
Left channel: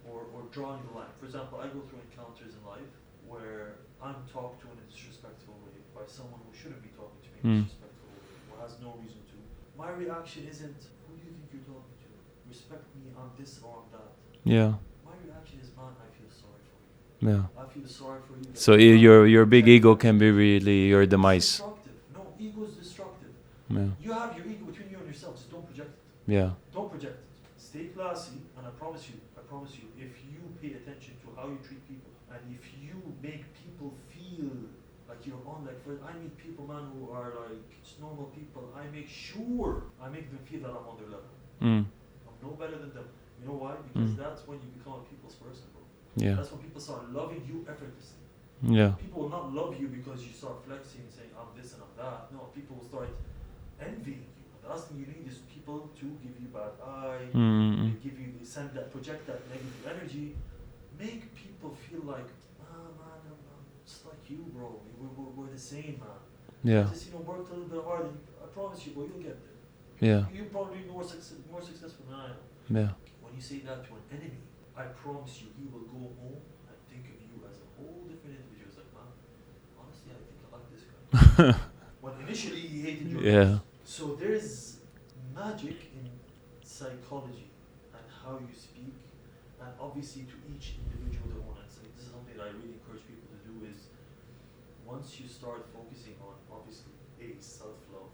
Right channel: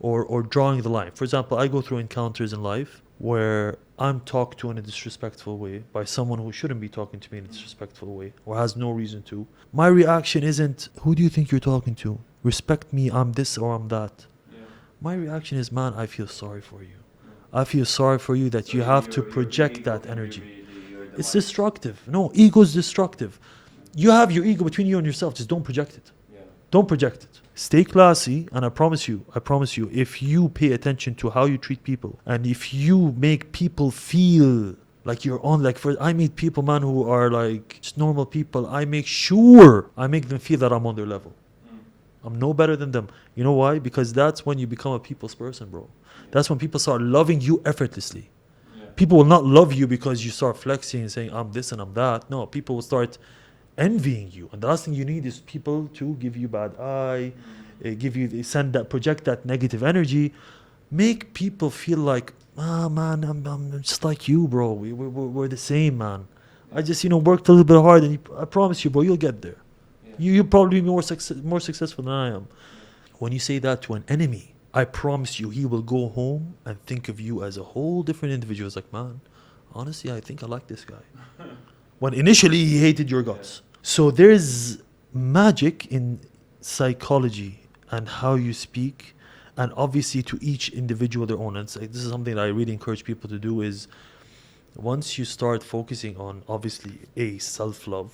or drawing the line. For example, I go through encounters in life where I'm talked to in a disrespectful way by someone who shouldn't be talking to me in a disrespectful way or has no reason to. My reaction isn't, who do you think you're talking to? Respect me, I'm this or I'm that. Yeah. My reaction is, man, I feel sorry for you. Yeah. I feel sorry for you that So you have to your big project ego that can energy. be really your demise. It's destructive. No, ego is destructive. Yeah. You have your ego between you and yourself. Just don't project it. Yeah. Don't project it. Stay classy, and I promise you, if you pay attention to how you treat people, and if you make people feel like you're on, I meet people, man, who are like just normal people. I make them feel that I'm on their level. I'm no better than them. You know why? Because that's when you become a people's person, bro. Yeah. That's when people start loving you effortlessly. Yeah. People will not love you because you start flexing and saying, I'm this and I'm that. No, people will start envying you. And the last thing you need is people to give you bad eye, they project that negative energy. Make people feel like, man, I'm just like you, bro. We're the same, man. Yeah. I just, worked a little bit hard, and I promise you, bro, you'll get there. Yeah. You'll probably be more successful than I am. Yeah. When you say that to an enemy, I promise you, he will go home and think of you as a whole different individual. It's like, man, honestly, I think I like this guy. When initially he hated your guts. Yeah. So there's magic in psychology and how you speak, and obviously to each individual their own. And this is something that I really encourage people to do, is once you start focusing on, obviously, self-love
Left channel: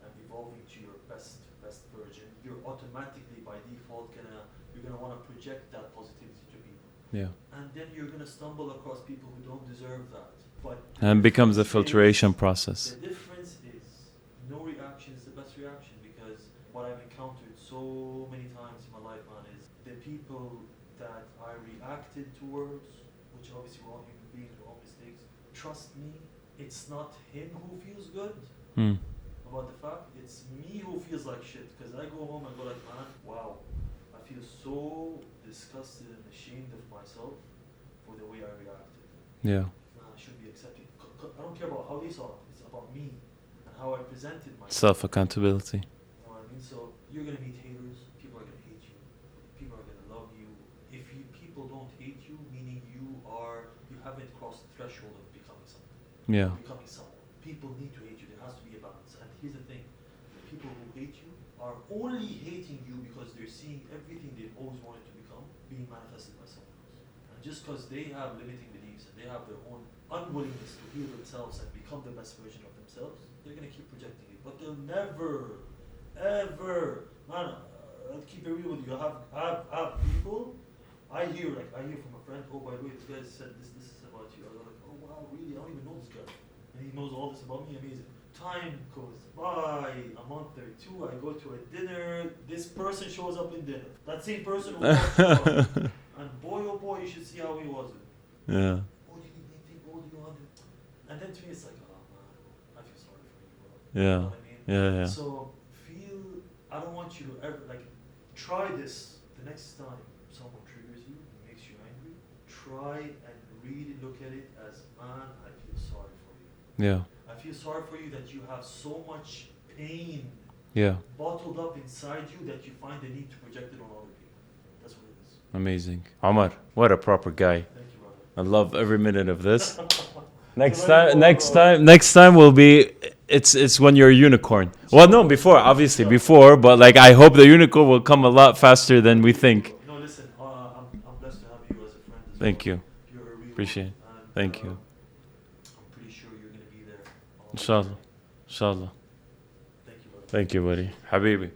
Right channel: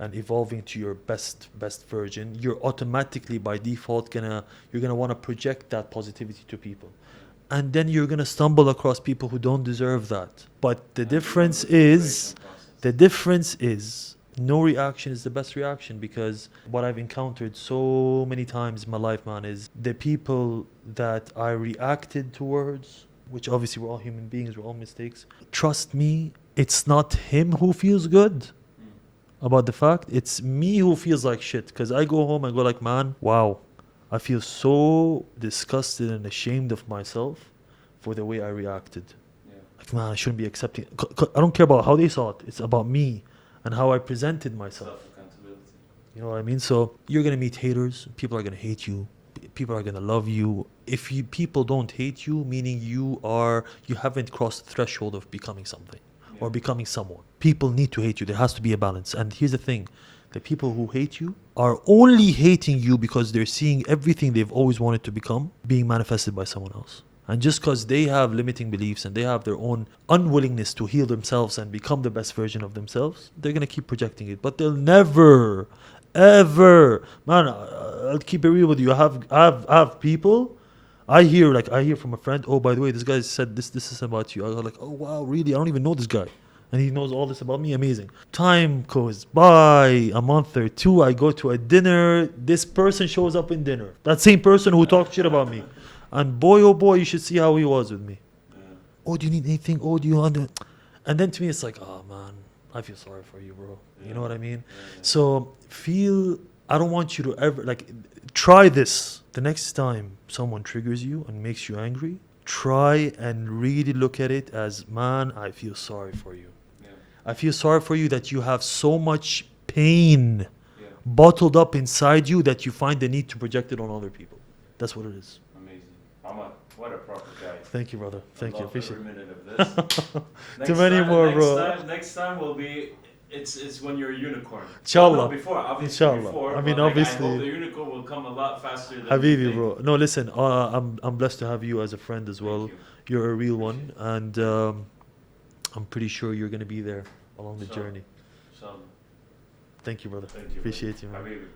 and evolving to your best version, you're automatically by default you're gonna want to project that positivity to people. Yeah. And then you're gonna stumble across people who don't deserve that. But the And difference becomes a filtration process. The difference is no reaction is the best reaction, because what I've encountered so many times in my life, man, is the people that I reacted towards, which obviously we're all human beings, we're all mistakes. Trust me, it's not him who feels good about the fact. It's me who feels like shit, because I go home and go like, man, wow, I feel so disgusted and ashamed of myself for the way I reacted. Yeah. Like, man, I shouldn't be accepting. I don't care about how they saw it. It's about me and how I presented myself. Self-accountability. You know what I mean? So you're going to meet haters. People are going to hate you. people are gonna love you. If people don't hate you, meaning you haven't crossed the threshold of becoming something Yeah. or becoming someone. People need to hate you. There has to be a balance. And here's the thing: the people who hate you are only hating you because they're seeing everything they've always wanted to become being manifested by someone else. And just because they have limiting beliefs and they have their own unwillingness to heal themselves and become the best version of themselves, they're going to keep projecting it. But they'll never, ever, man, I'll keep it real with you. I have people, I hear from a friend, oh, by the way, this guy said this is about you. I go like, oh, wow, really? I don't even know this guy. And he knows all this about me. Amazing. Time goes by, a month or two, I go to a dinner. This person shows up in dinner. That same person who talked shit about me. And boy, oh boy, you should see how he was with me. Yeah. Oh, do you need anything? Oh, do you want to? And then to me, it's like, oh man, I feel sorry for you, bro. Yeah. You know what I mean? Yeah. So I don't want you to ever, try this. The next time someone triggers you and makes you angry, try and really look at it as, man, I feel sorry for you. Yeah. I feel sorry for you that you have so much pain Yeah. bottled up inside you that you find the need to project it on other people. That's what it is. Amazing. Omar, what a proper guy. Thank you, brother. I love every minute of this. next many time, more, next time will be it's when you're a unicorn. Inshallah. Well, no, before, obviously Inshallah. before, I mean, but like I obviously. hope the unicorn will come a lot faster than we Habibi, think. bro. No, listen, I'm blessed to have you as a friend as well. Thank you. You're a real Appreciate one, and Thank you. I'm pretty sure you're going to be there along the Inshallah. journey. Inshallah. Thank you, brother. Thank you, buddy. Appreciate you. Habibi.